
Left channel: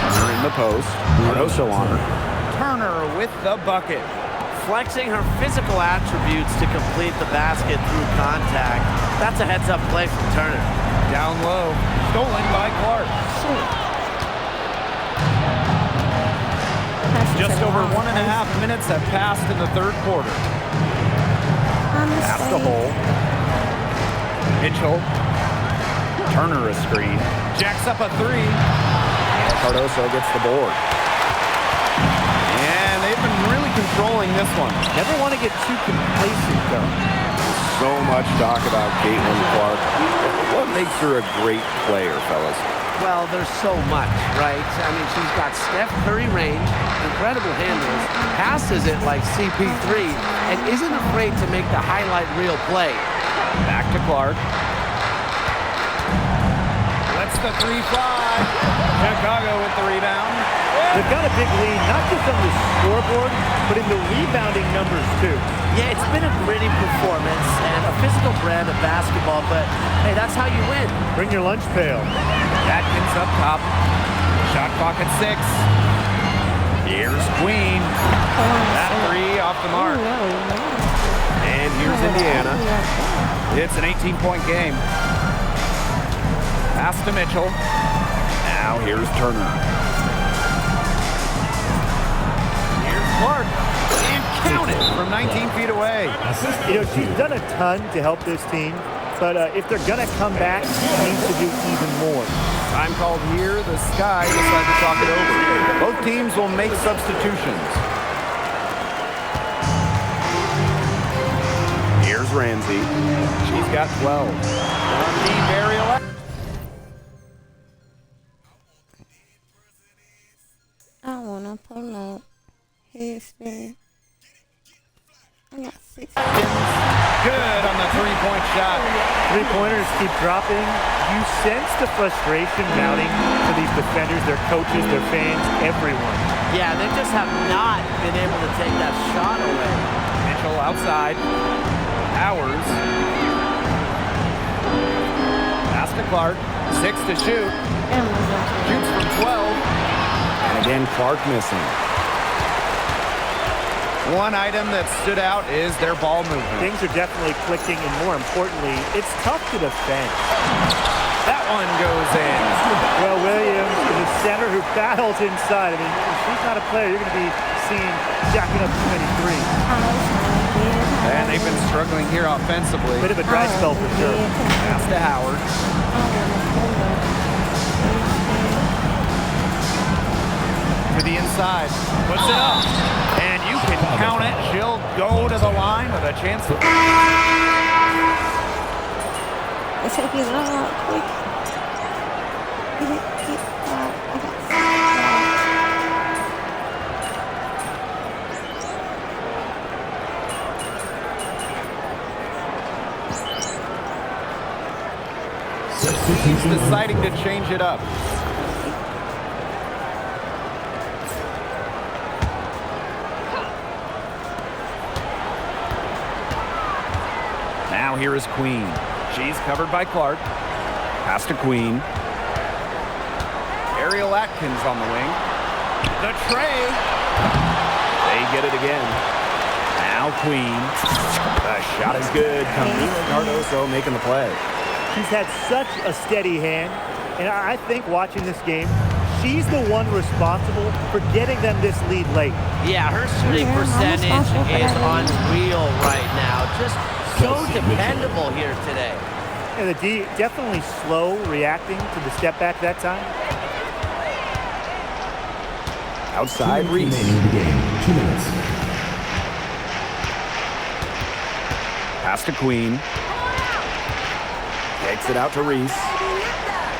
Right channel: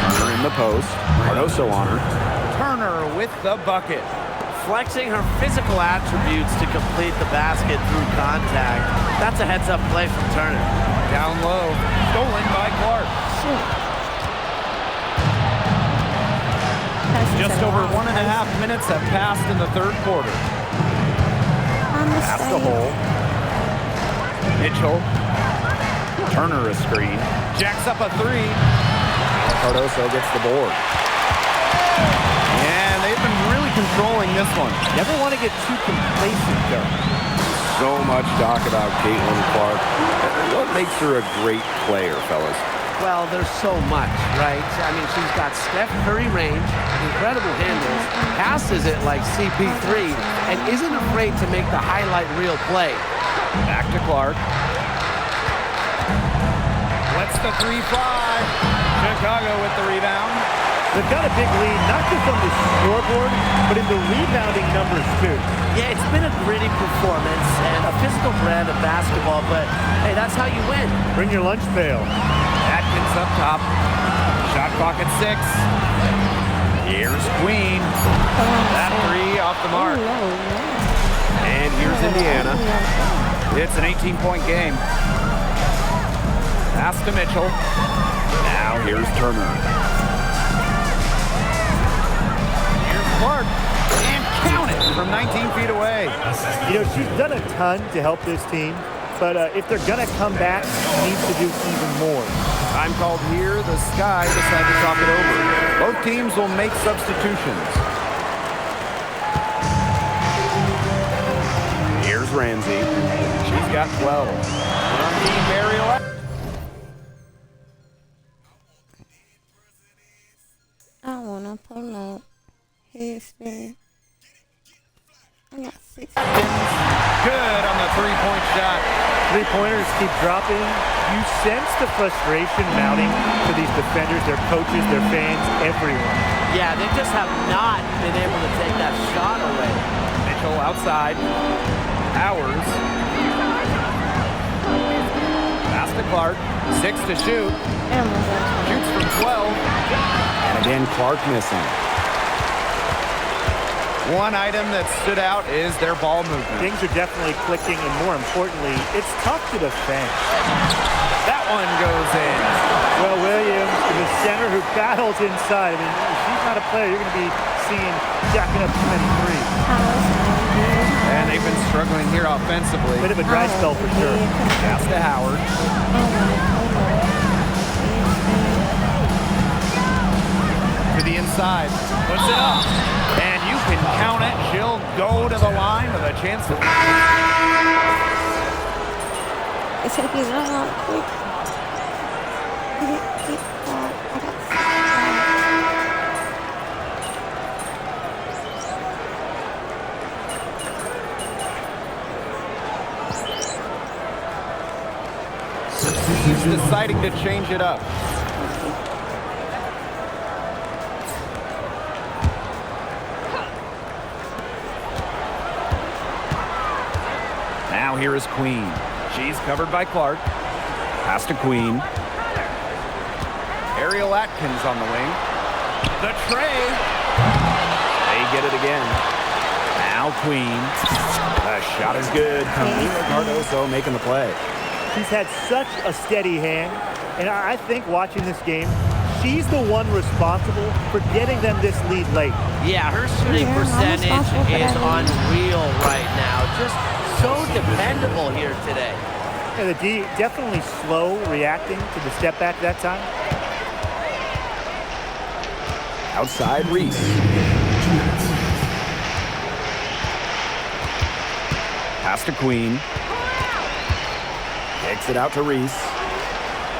Turner in the post. Cardoso on her. Turner with the bucket. Flexing her physical attributes to complete the basket through contact. That's a heads-up play from Turner. Down low. Stolen by Clark. Just over 1.5 minutes have passed in the third quarter. Pass the hole. Mitchell. Turner a screen. Jacks up a three. Cardoso gets the board. And they've been really controlling this one. Never want to get too complacent, though. So much talk about Caitlin Clark. What makes her a great player, fellas? Well, there's so much, right? I mean, she's got Steph Curry range, incredible handles, passes it like CP3, and isn't afraid to make the highlight reel play. Back to Clark. Lets the three fly. Chicago with the rebound. They've got a big lead, not just on the scoreboard, but in the rebounding numbers, too. Yeah, it's been a gritty performance and a physical brand of basketball, but hey, that's how you win. Bring your lunch pail. Atkins up top. Shot clock at 6. Here's Queen. That three off the mark. And here's Indiana. It's an 18-point game. Pass to Mitchell. Now here's Turner. Here's Clark. And count it from 19 feet away. You know, she's done a ton to help this team, but if they're going to come back, she needs to do even more. Time called here. The Sky decide to talk it over. Both teams will make substitutions. Here's Ramsey. She's got 12. From deep aerial. I wanna pull up his face. I got 6. Good on the three-point shot. Three-pointers keep dropping. You sense the frustration mounting for these defenders, their coaches, their fans, everyone. Yeah, they just have not been able to take that shot away. Mitchell outside. Powers. Pass to Clark. 6 to shoot. Shoots from 12. And again, Clark missing. One item that stood out is their ball movement. Things are definitely clicking, and more importantly, it's tough to defend. That one goes in. Well, Williams is a center who battles inside. I mean, if she's not a player, you're going to be seeing jacking up too many threes. And they've been struggling here offensively. Bit of a dry spell for sure. Pass to Howard. To the inside. Puts it up. And you can count it. She'll go to the line with a chance to... It's taking a lot quick. Get that. I got 6. He's deciding to change it up. Now here is Queen. She's covered by Clark. Pass to Queen. Ariel Atkins on the wing. The tray. They get it again. Now Queen. The shot is good. Camila Cardoso making the play. She's had such a steady hand, and I think watching this game, she's the one responsible for getting them this lead late. Yeah, her shooting Yeah, I'm percentage responsible for is that. unreal right now. Just so dependable here today. Yeah, the D definitely slow reacting to the step back that time. Outside Reese. 2 minutes. Pass to Queen. Takes it out to Reese.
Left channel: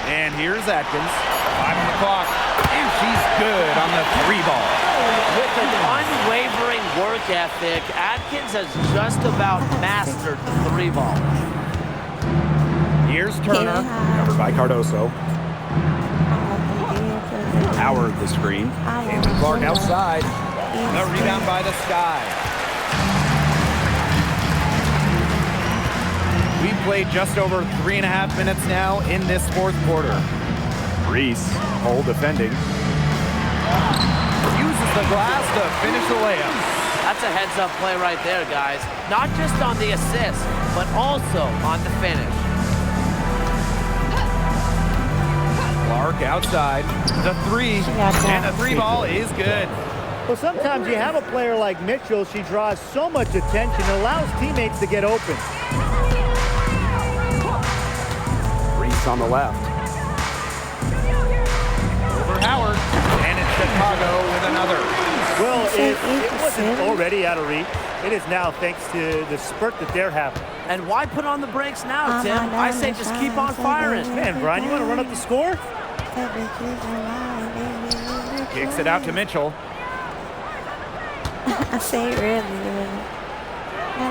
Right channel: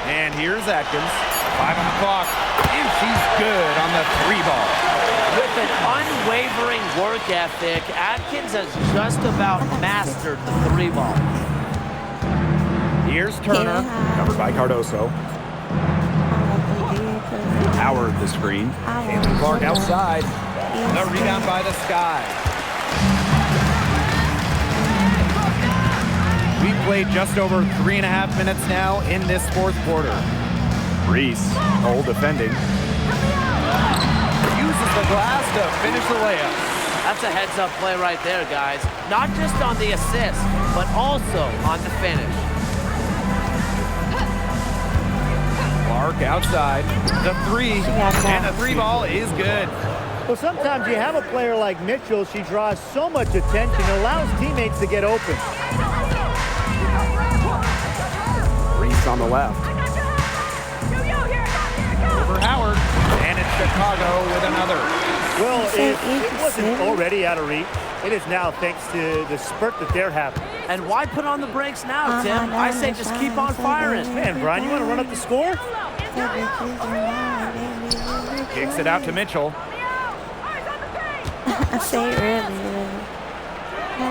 And here's Atkins. 5 on the clock. And she's good on the 3 ball. With an unwavering work ethic, Atkins has just about mastered the 3 ball. Here's Turner. Covered by Cardoso. Howard the screen. Caitlin Clark outside. The rebound by the Sky. We played just over 3.5 minutes now in this 4th quarter. Reese, Cole defending. Uses the glass to finish the layup. That's a heads-up play right there, guys. Not just on the assist, but also on the finish. Clark outside. The 3. And the 3 ball is good. Well, sometimes you have a player like Mitchell. She draws so much attention and allows teammates to get open. Reese on the left. Over Howard. And it's Chicago with another. Well, So if it wasn't 87. already out of reach, it is now thanks to the spurt that they're having. And why put on the brakes now, Tim? I say just keep on firing. Man, Brian, you want to run up the score? Kicks it out to Mitchell. I say really.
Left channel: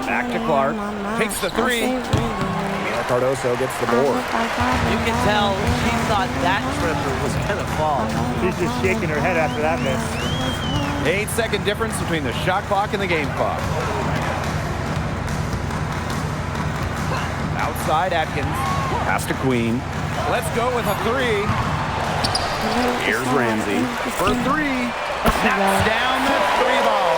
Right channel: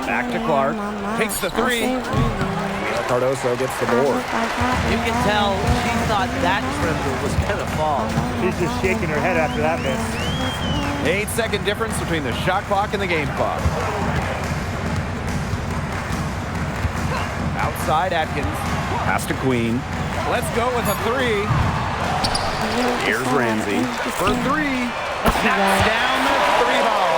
Back to Clark. Takes the 3. Mila Cardoso gets the board. You can tell she thought that tripper was going to fall. She's just shaking her head after that miss. 8-second difference between the shot clock and the game clock. Outside Atkins. Pass to Queen. Let's go with a 3. Here's Ramsey. For 3. Knocks down the 3 ball.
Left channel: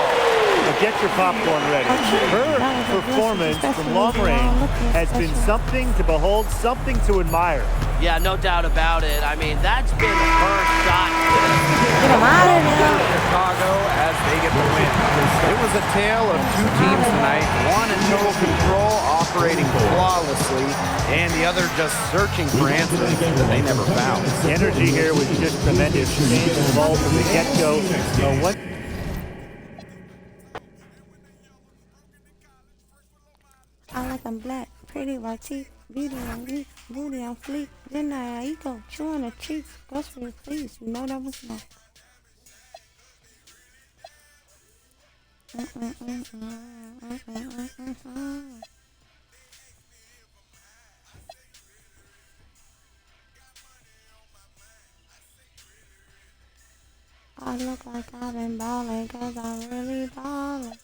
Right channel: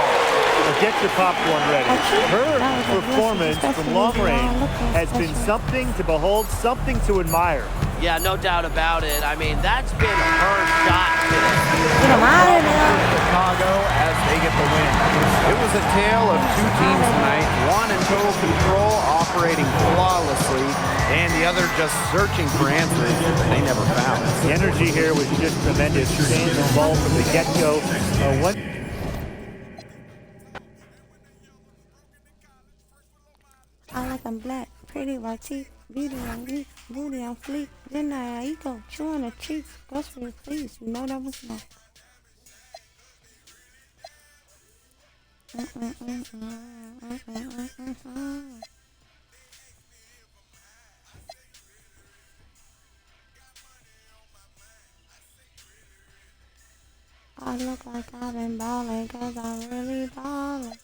Well, get your popcorn ready. Her performance from long range has been something to behold, something to admire. Yeah, no doubt about it. I mean, that's been her shot today. Get him out of there. Chicago as they get the win. It was a tale of 2 teams tonight, one in total control, operating flawlessly, and the other just searching for answers that they never found. The energy here was just tremendous. Staying involved from the get-go. I like them black, pretty white teeth, beauty on me, booty on fleek. Then I eco, chewing the cheeks, grocery please. You know that was not. I look like I've been balling 'cause I'm really balling.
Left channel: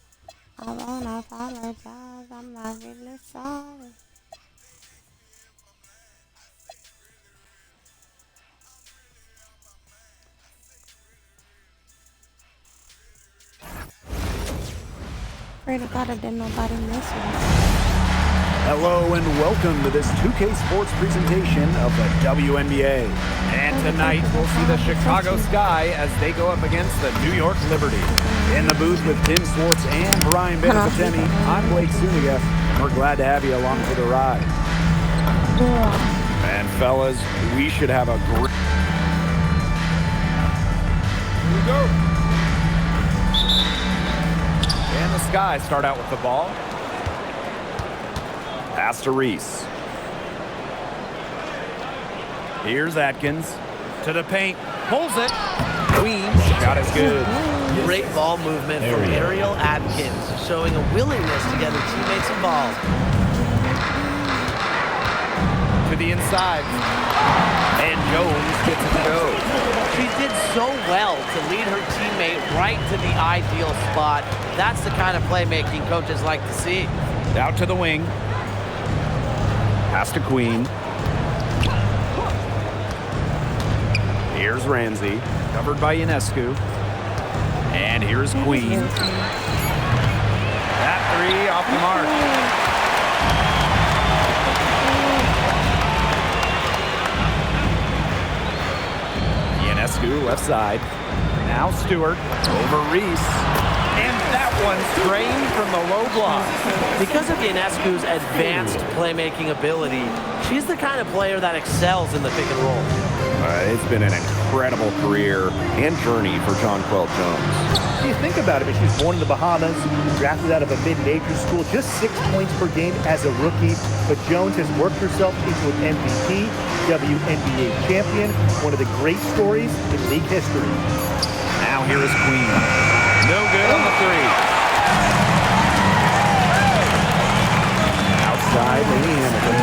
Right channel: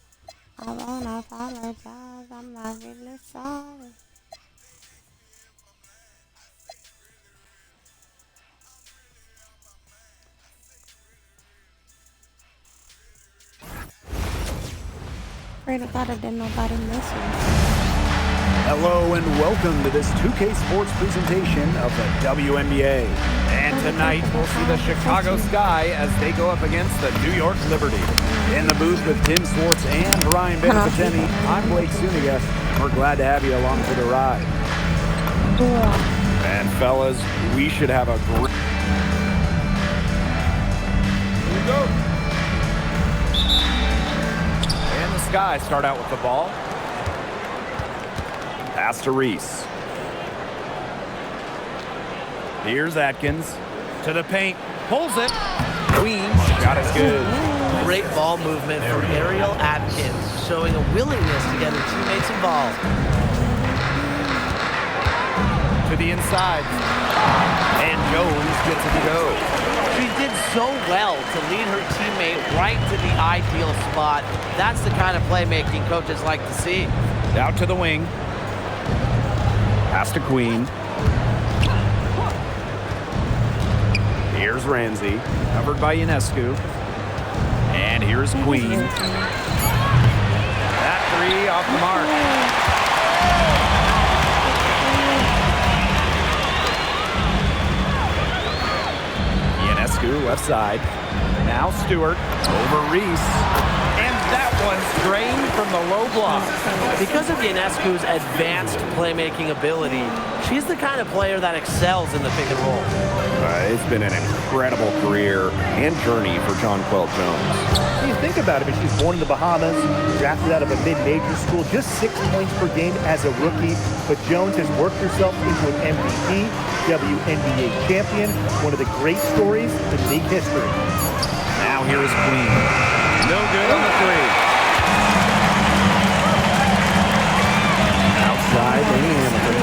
I won't apologize, I'm not really sorry. Pray to God that nobody misses. Hello and welcome to this 2K Sports presentation of the WNBA. And tonight, we'll see the Chicago Sky as they go up against the New York Liberty. In the booth with Tim Swartz and Brian Beneficeni, I'm Blake Zuniga, and we're glad to have you along for the ride. And fellas, we should have a great... Here we go. And the Sky start out with the ball. Pass to Reese. Here's Atkins to the paint. Pulls it. Queen. Shot is good. Great ball movement from Ariel Atkins, showing a willingness to get her teammates involved. To the inside. And Jones gets it to go. She did so well to lead her teammate right to the ideal spot. That's the kind of playmaking coaches like to see. Out to the wing. Pass to Queen. Here's Ramsey. Covered by Ionescu. And here's Queen. That 3 off the mark. Inescu, left side. Now Stewart over Reese. And that one's drained from the low block. Because of Ionescu's advanced playmaking ability, she's the kind of player that excels in the pick and roll. It's been an incredible career and journey for Jonquel Jones. When you think about it, but she's born in the Bahamas, drafted out of a mid-major school, just 6 points per game as a rookie. But Jones has worked herself into an MVP, WNBA champion, one of the great stories in league history. Now here is Queen. No good on the three. Outside, Lainey Hamilton.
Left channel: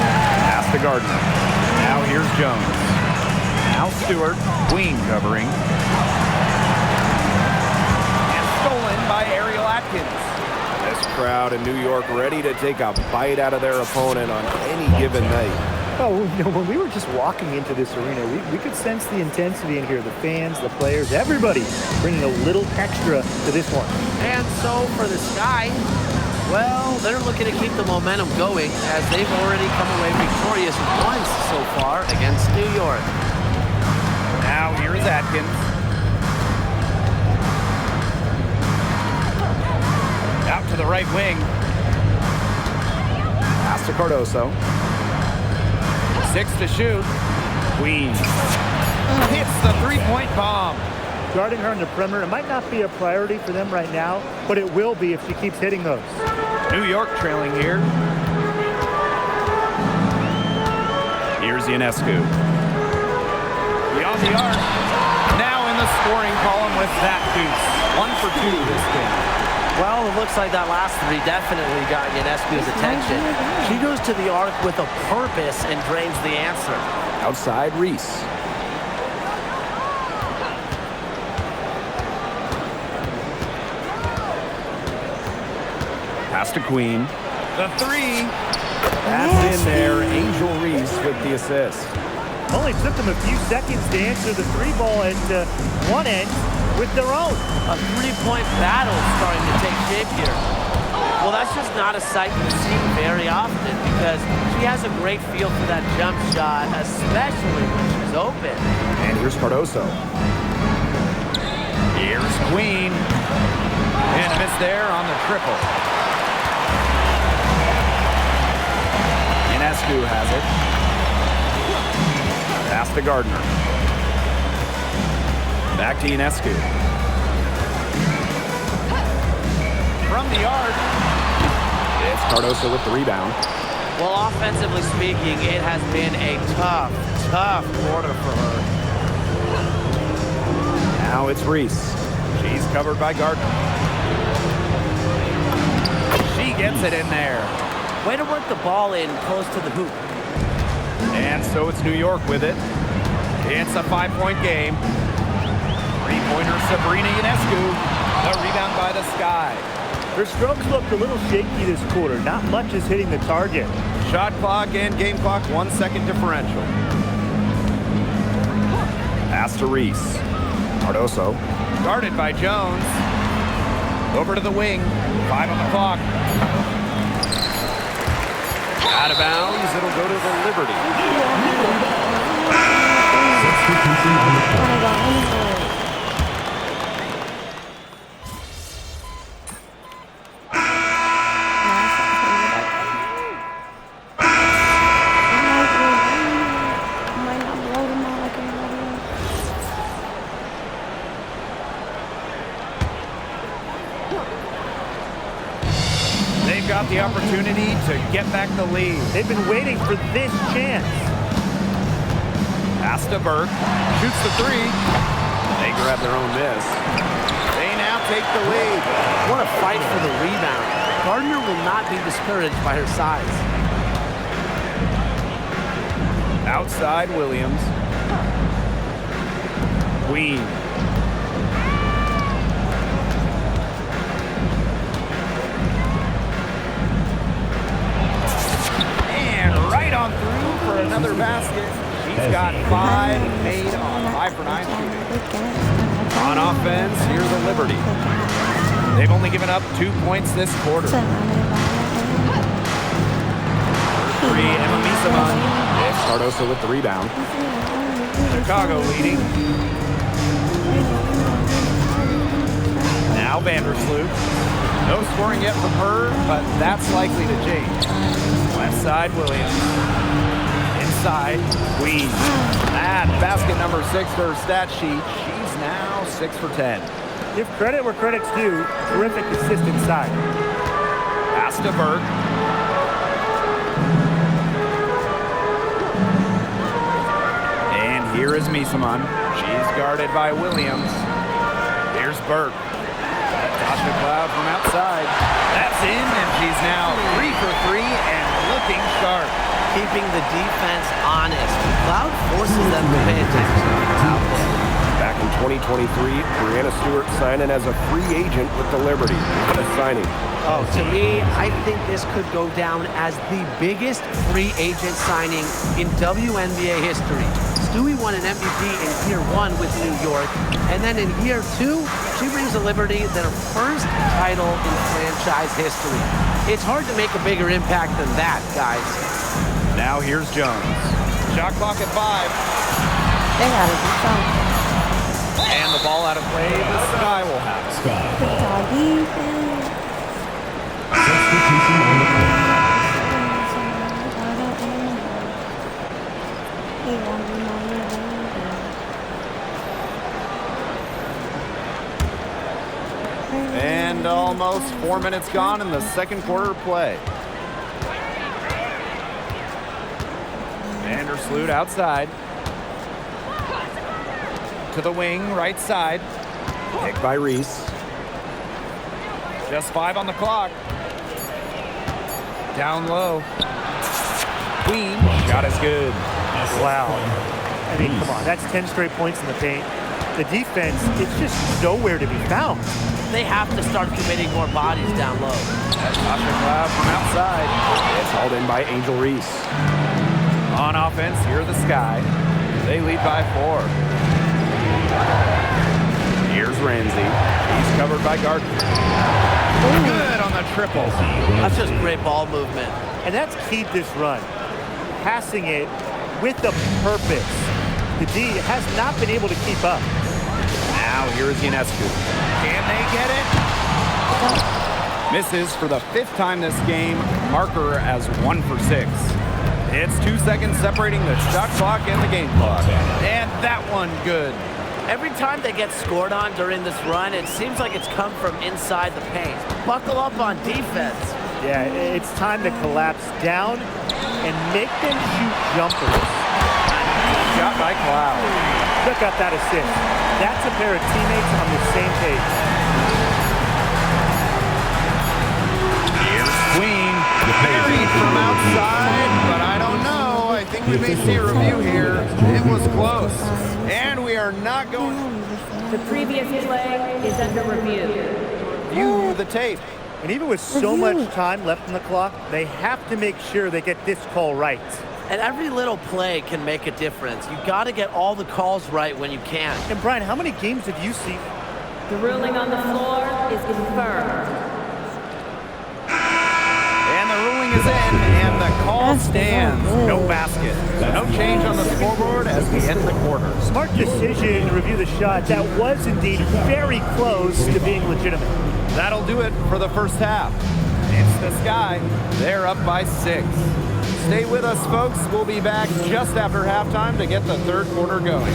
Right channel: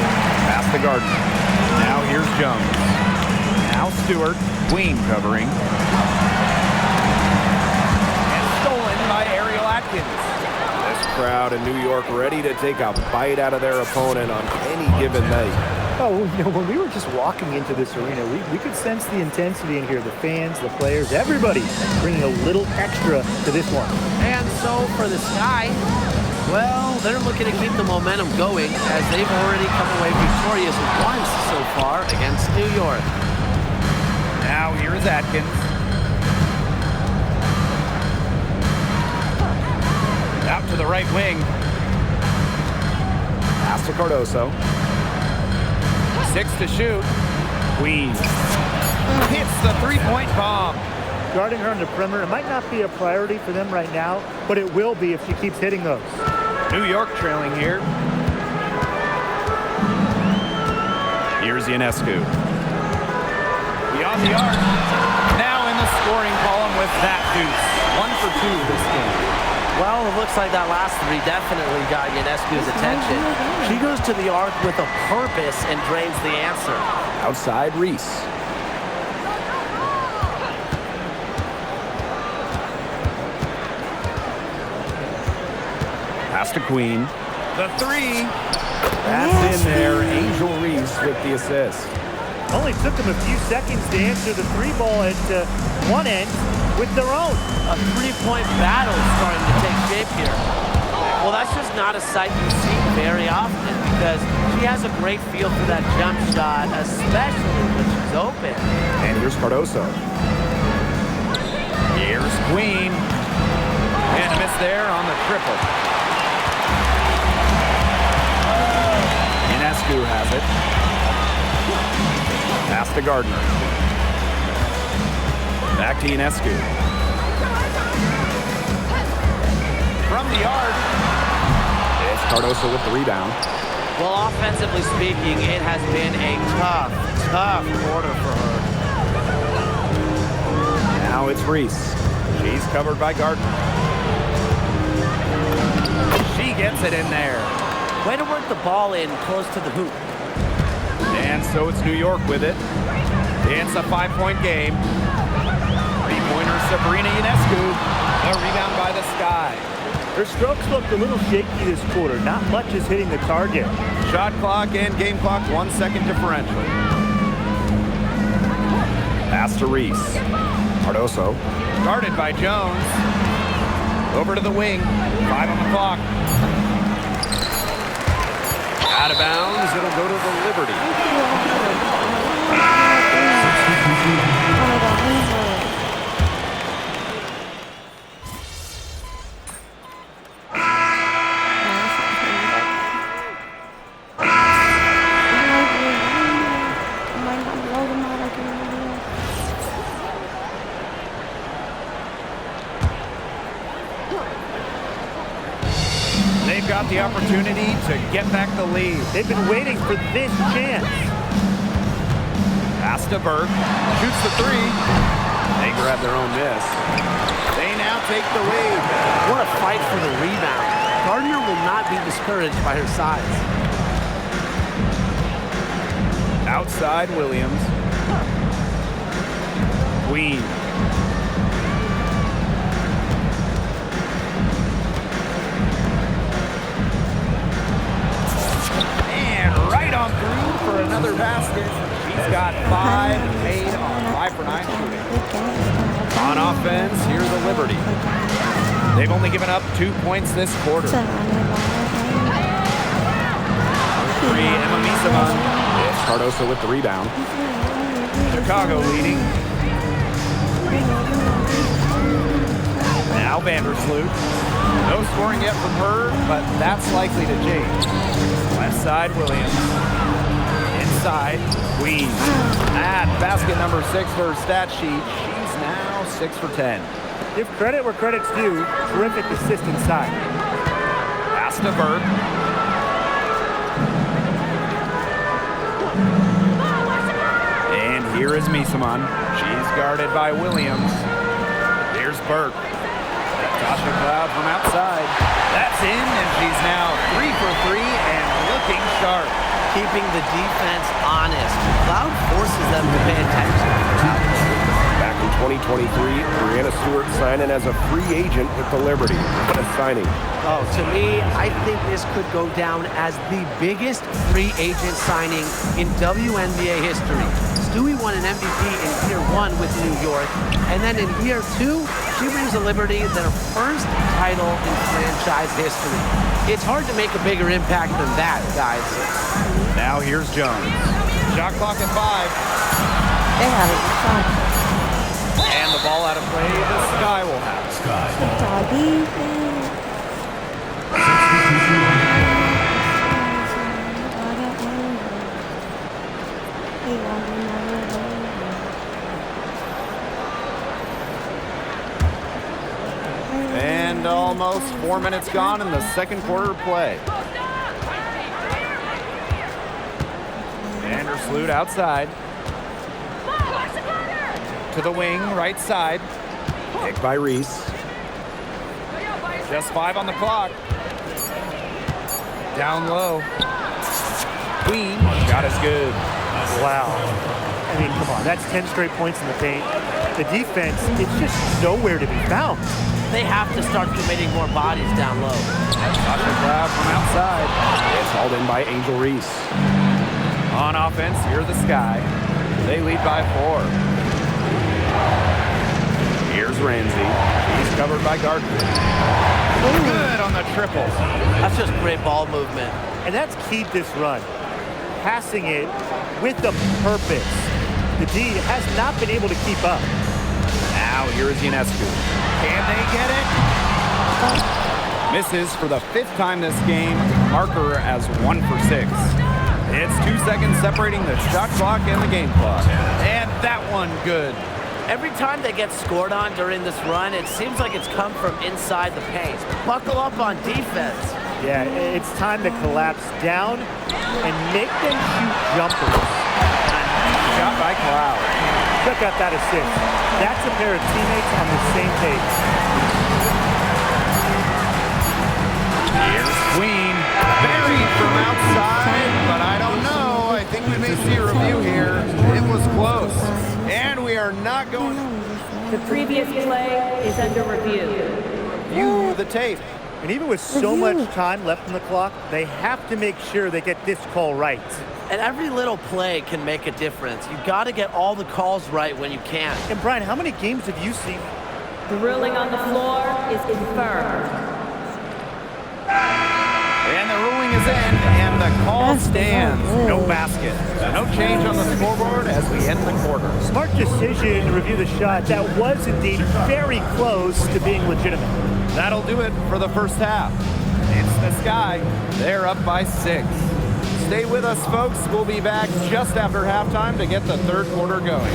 Pass to Gardner. Now here's Jones. Now Stewart. Queen covering. And stolen by Ariel Atkins. This crowd in New York ready to take a bite out of their opponent on any given night. Oh, you know, when we were just walking into this arena, we could sense the intensity in here. The fans, the players, everybody bringing a little extra to this one. And so for the Sky, well, they're looking to keep the momentum going as they've already come away victorious once so far against New York. Now here is Atkins. Out to the right wing. Pass to Cardoso. 6 to shoot. Queen hits the three-point bomb. Guarding her on the perimeter, it might not be a priority for them right now, but it will be if she keeps hitting those. New York trailing here. Here's Ionescu. Beyond the arc. Now in the scoring column with that deuce. 1 for 2 this game. Well, it looks like that last three definitely got Ionescu's attention. She goes to the arc with a purpose and drains the answer. Outside Reese. Pass to Queen. The three. That's in there. Angel Reese with the assist. Only took them a few seconds to answer the three ball at one end with their own. A three-point battle starting to take shape here. Well, that's just not a sight you see very often because she has a great feel for that jump shot, especially when she's open. And here's Cardoso. Here's Queen. And a miss there on the triple. Ionescu has it. Pass to Gardner. Back to Ionescu. From the arc. It's Cardoso with the rebound. Well, offensively speaking, it has been a tough quarter for her. Now it's Reese. She's covered by Gardner. She gets it in there. Way to work the ball in close to the hoop. And so it's New York with it. It's a 5-point game. Three-pointer Sabrina Ionescu. The rebound by the Sky. Her strokes looked a little shaky this quarter. Not much is hitting the target. Shot clock and game clock 1 second differential. Pass to Reese. Cardoso. Guarded by Jones. Over to the wing. 5 on the clock. Out of bounds. It'll go to the Liberty. They've got the opportunity to get back the lead. They've been waiting for this chance. Pass to Burke. Shoots the three. They grab their own miss. They now take the lead. What a fight for the rebound. Gardner will not be discouraged by her size. Outside Williams. Queen. And right on through for another basket. She's got 5 made on 5 for 9 shooting. On offense, here's the Liberty. They've only given up 2 points this quarter. For three, Emma Misaman. It's Cardoso with the rebound. Chicago leading. Now Vandersloot. No scoring yet from her, but that's likely to change. Left side, Williams. Inside, Queen. Add basket number 6 to her stat sheet. She's now 6 for 10. Give credit where credit's due. Terrific assist inside. Pass to Burke. And here is Misaman. She's guarded by Williams. Here's Burke. Tasha Cloud from outside. That's in, and she's now 3 for 3 and looking sharp. Keeping the defense honest. Cloud forces them to pay attention out there. Back in 2023, Brianna Stewart signing as a free agent with the Liberty. What a signing. Oh, to me, I think this could go down as the biggest free agent signing in WNBA history. Stewie won an MVP in year 1 with New York, and then in year 2, she brings the Liberty their first title in franchise history. It's hard to make a bigger impact than that, guys. Now here's Jones. Shot clock at 5. They gotta do something. And the ball out of play. The Sky will have it. Good job, defense. Substitution on the court. He won't be my little And almost 4 minutes gone in the second quarter of play. Vandersloot outside. To the wing, right side. Picked by Reese. Just 5 on the clock. Down low. Queen, shot is good. Wow. I mean, come on. That's 10 straight points in the paint. The defense, it's just nowhere to be found. They have to start committing more bodies down low. That's Tasha Cloud from outside. It's hauled in by Angel Reese. On offense, here are the Sky. They lead by 4. Here's Ramsey. She's covered by Gardner. Good on the triple. That's just great ball movement. And that's keyed this run. Passing it with a purpose. The D has not been able to keep up. Now here is Ionescu. Can they get it? Misses for the 5th time this game. Marker as 1 for 6. It's 2 seconds separating the shot clock and the game clock. And that one good. Every time they get scored on during this run, it seems like it's come from inside the paint. Buckle up on defense. Yeah, it's time to collapse down and make them shoot jumpers. A nice shot by Cloud. Check out that assist. That's a pair of teammates on the same page. Here's Queen. Buried from outside, but I don't know. I think we may see a review here. It was close. And we are not going to The previous play is under review. review the tape. And even with so much time left on the clock, they have to make sure they get this call right. And every little play can make a difference. You got to get all the calls right when you can. And Brian, how many games have you seen? The ruling on the floor is confirmed. And the ruling is in, and the call stands. No basket. So no change on the scoreboard as we end the quarter. Smart decision to review the shot. That was indeed very close to being legitimate. That'll do it for the first half. It's the Sky. They're up by 6. Stay with us, folks. We'll be back just after halftime to get the third quarter going.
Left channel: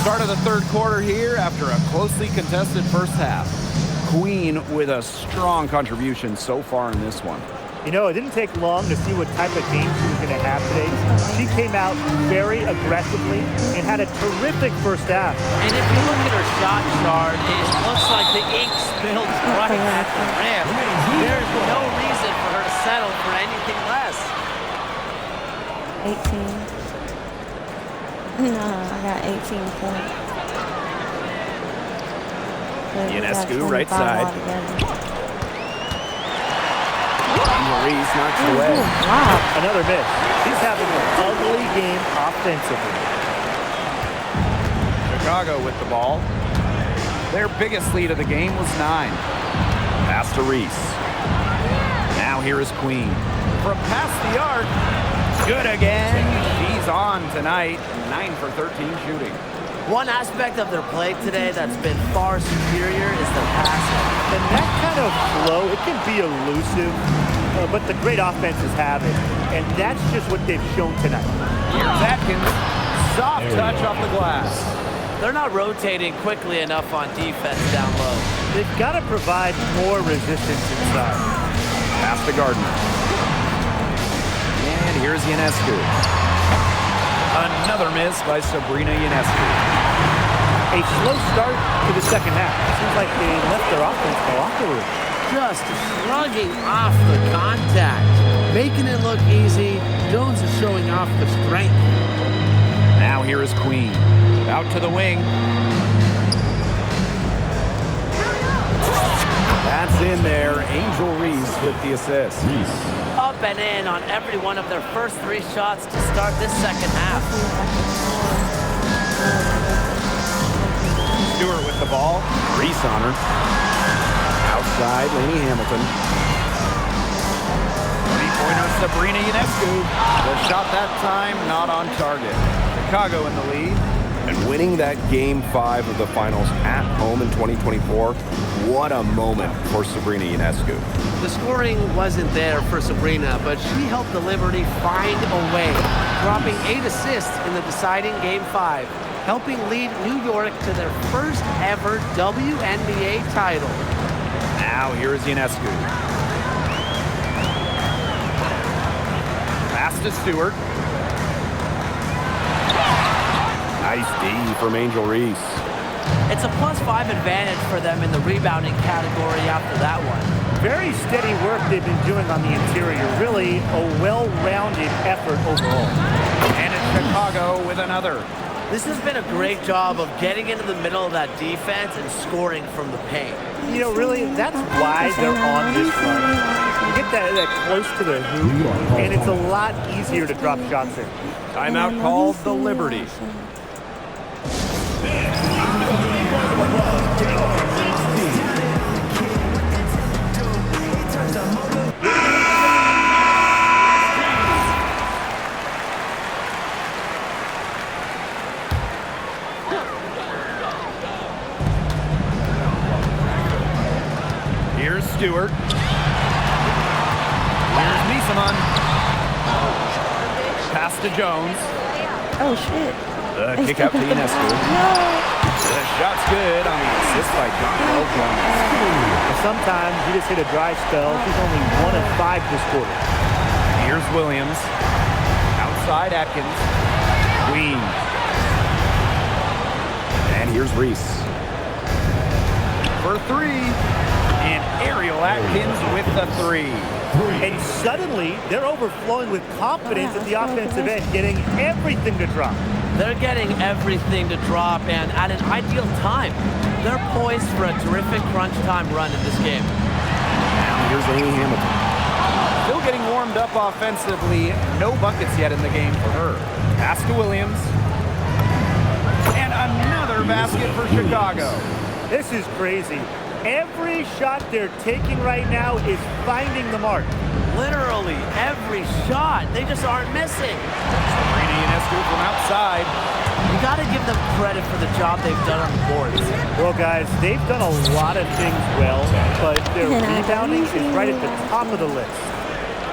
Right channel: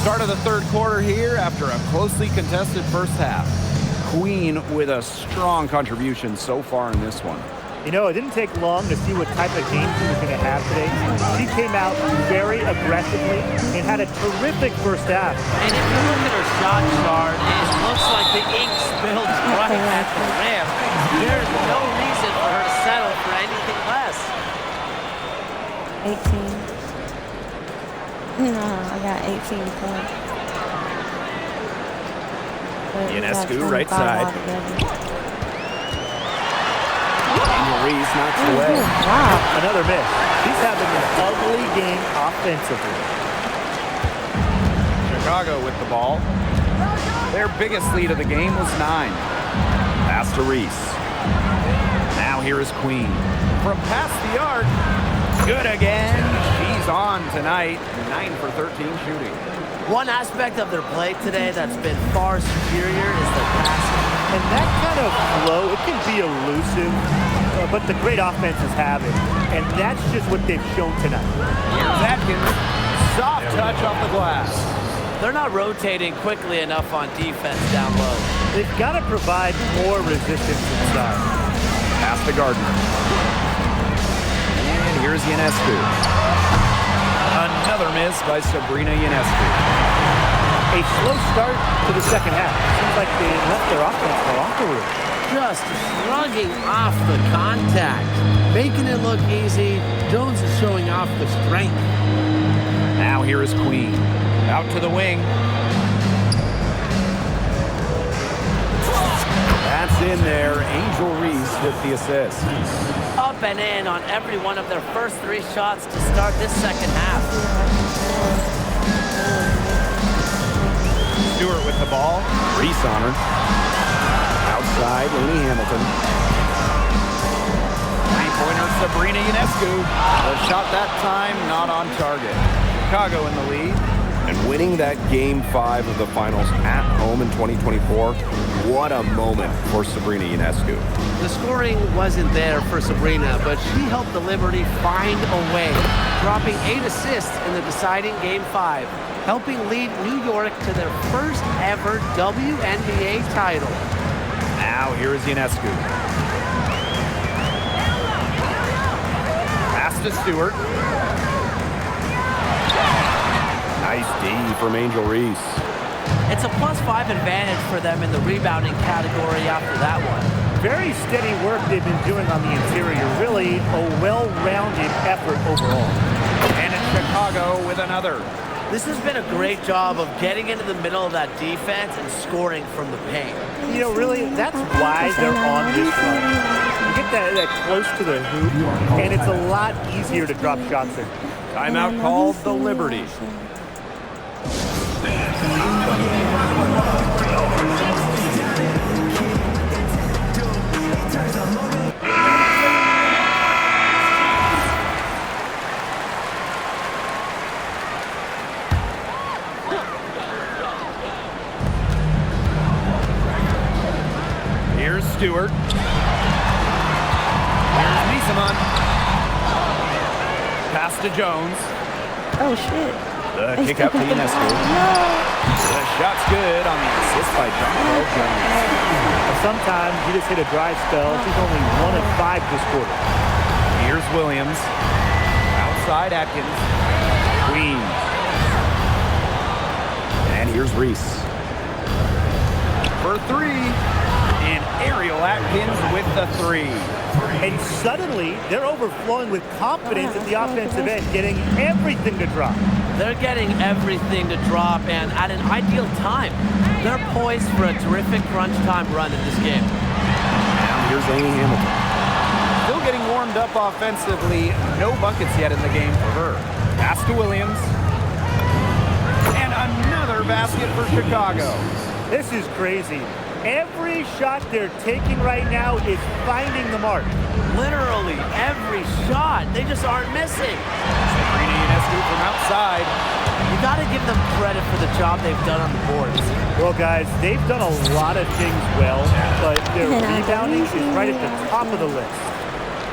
Start of the third quarter here after a closely contested first half. Queen with a strong contribution so far in this one. You know, it didn't take long to see what type of game she was going to have today. She came out very aggressively and had a terrific first half. And if you look at her shot chart, it looks like the ink spilled right at the rim. There's no reason for her to settle for anything less. 18. No, I got 18 points. But we got Ionescu, right 25 side. altogether. Angel Reese knocks it away. Wow. Another miss. She's having an ugly game offensively. Chicago with the ball. Their biggest lead of the game was 9. Pass to Reese. Now here is Queen. From past the arc. Good again. She's on tonight. 9 for 13 shooting. One aspect of their play today that's been far superior is their passing. And that kind of flow, it can be elusive, but the great offenses have it. And that's just what they've shown tonight. Here's Atkins. Soft touch off the glass. They're not rotating quickly enough on defense down low. They've got to provide more resistance inside. Pass to Gardner. And here's Ionescu. Another miss by Sabrina Ionescu. A slow start to the second half. Seems like they left their offense in the locker room. Just shrugging off the contact. Making it look easy. Jones is showing off the strength. Now here is Queen. Out to the wing. That's in there. Angel Reese with the assist. Up and in on every one of their first 3 shots to start this second half. Stewart with the ball. Reese on her. Outside, Lainey Hamilton. Three-pointer, Sabrina Ionescu. The shot that time not on target. Chicago in the lead. And winning that Game 5 of the finals at home in 2024, what a moment for Sabrina Ionescu. The scoring wasn't there for Sabrina, but she helped the Liberty find a way, dropping 8 assists in the deciding Game 5, helping lead New York to their first ever WNBA title. Now here is Ionescu. Pass to Stewart. Nice D from Angel Reese. It's a +5 advantage for them in the rebounding category after that one. Very steady work they've been doing on the interior. Really a well-rounded effort overall. And it's Chicago with another. This has been a great job of getting into the middle of that defense and scoring from the paint. You know, really, that's why they're on this run. You get that close to the hoop, and it's a lot easier to drop shots in. Timeout called the Liberty. Here's Stewart. Here's Misaman. Pass to Jones. Oh, shit. The kick out to Ionescu. No. The shot's good on the assist by Jonquel Jones. Well, sometimes you just hit a dry spell. She's only 1 of 5 this quarter. Here's Williams. Outside Atkins. Queen. And here's Reese. For 3. And Ariel Atkins with the 3. And suddenly, they're overflowing with confidence at the offensive end, getting everything to drop. They're getting everything to drop, and at an ideal time. They're poised for a terrific crunch time run in this game. Now here's Lainey Hamilton. Still getting warmed up offensively. No buckets yet in the game for her. Pass to Williams. And another basket for Chicago. This is crazy. Every shot they're taking right now is finding the mark. Literally every shot. They just aren't missing. Sabrina Ionescu from outside. You got to give them credit for the job they've done on the boards. Well, guys, they've done a lot of things well, but their rebounding is right at the top of the list.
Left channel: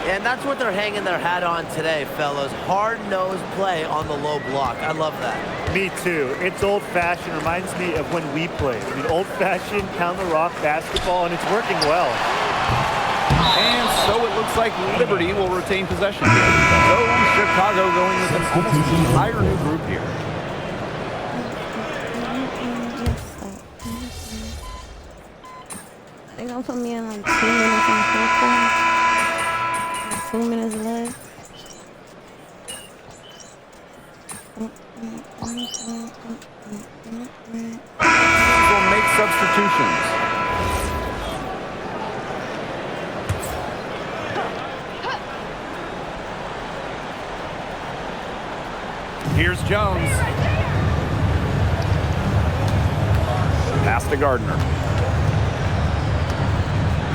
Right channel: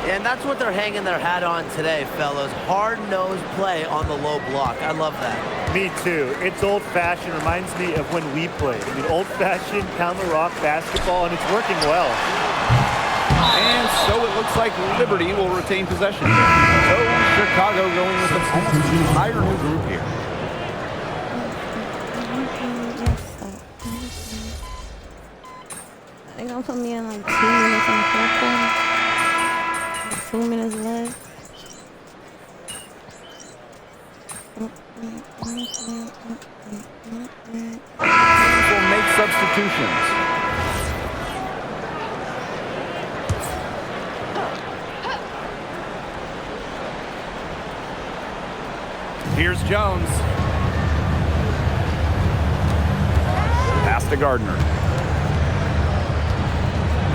And that's what they're hanging their hat on today, fellas. Hard-nosed play on the low block. I love that. Me too. It's old-fashioned. Reminds me of when we played. I mean, old-fashioned pound-the-rock basketball, and it's working well. And so it looks like Liberty will retain possession here. So Chicago going with an almost entire new group here. They're gonna put me in like 2 minutes in the fourth quarter. Like 2 minutes left. Teams will make substitutions. Here's Jones. Pass to Gardner.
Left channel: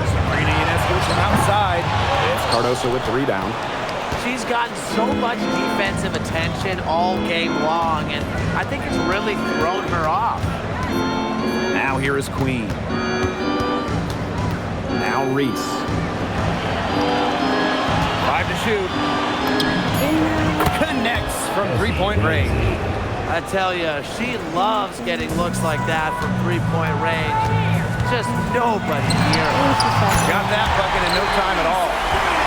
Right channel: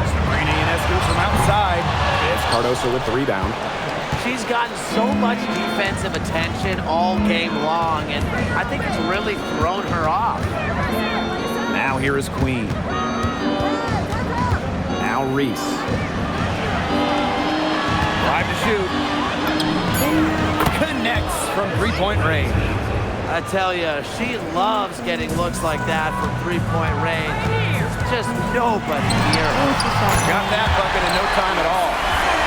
Sabrina Ionescu from outside. It's Cardoso with the rebound. She's gotten so much defensive attention all game long, and I think it's really thrown her off. Now here is Queen. Now Reese. 5 to shoot. Connects from three-point range. I tell you, she loves getting looks like that from three-point range. Just nobody near her. Got that bucket in no time at all.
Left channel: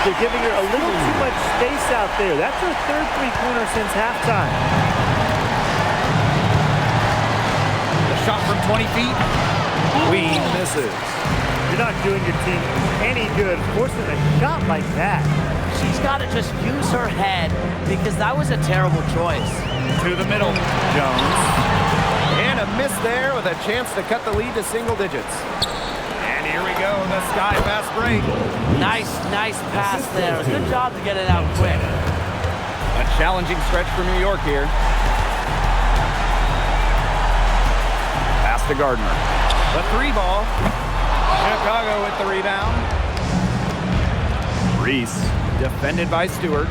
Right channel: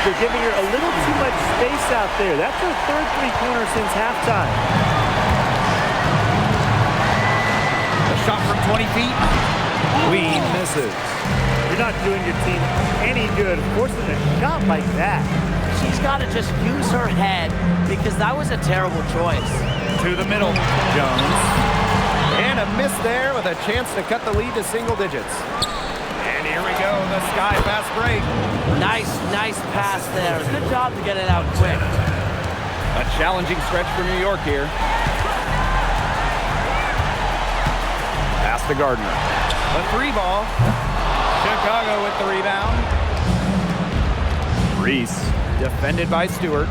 They're giving her a little too much space out there. That's her third three-pointer since halftime. The shot from 20 feet. Queen misses. You're not doing your team any good forcing a shot like that. She's got to just use her head because that was a terrible choice. To the middle, Jones. And a miss there with a chance to cut the lead to single digits. And here we go, the Sky fast break. Nice pass there. Good job to get it out quick. A challenging stretch for New York here. Pass to Gardner. The three ball. Chicago with the rebound. Reese, defended by Stewart.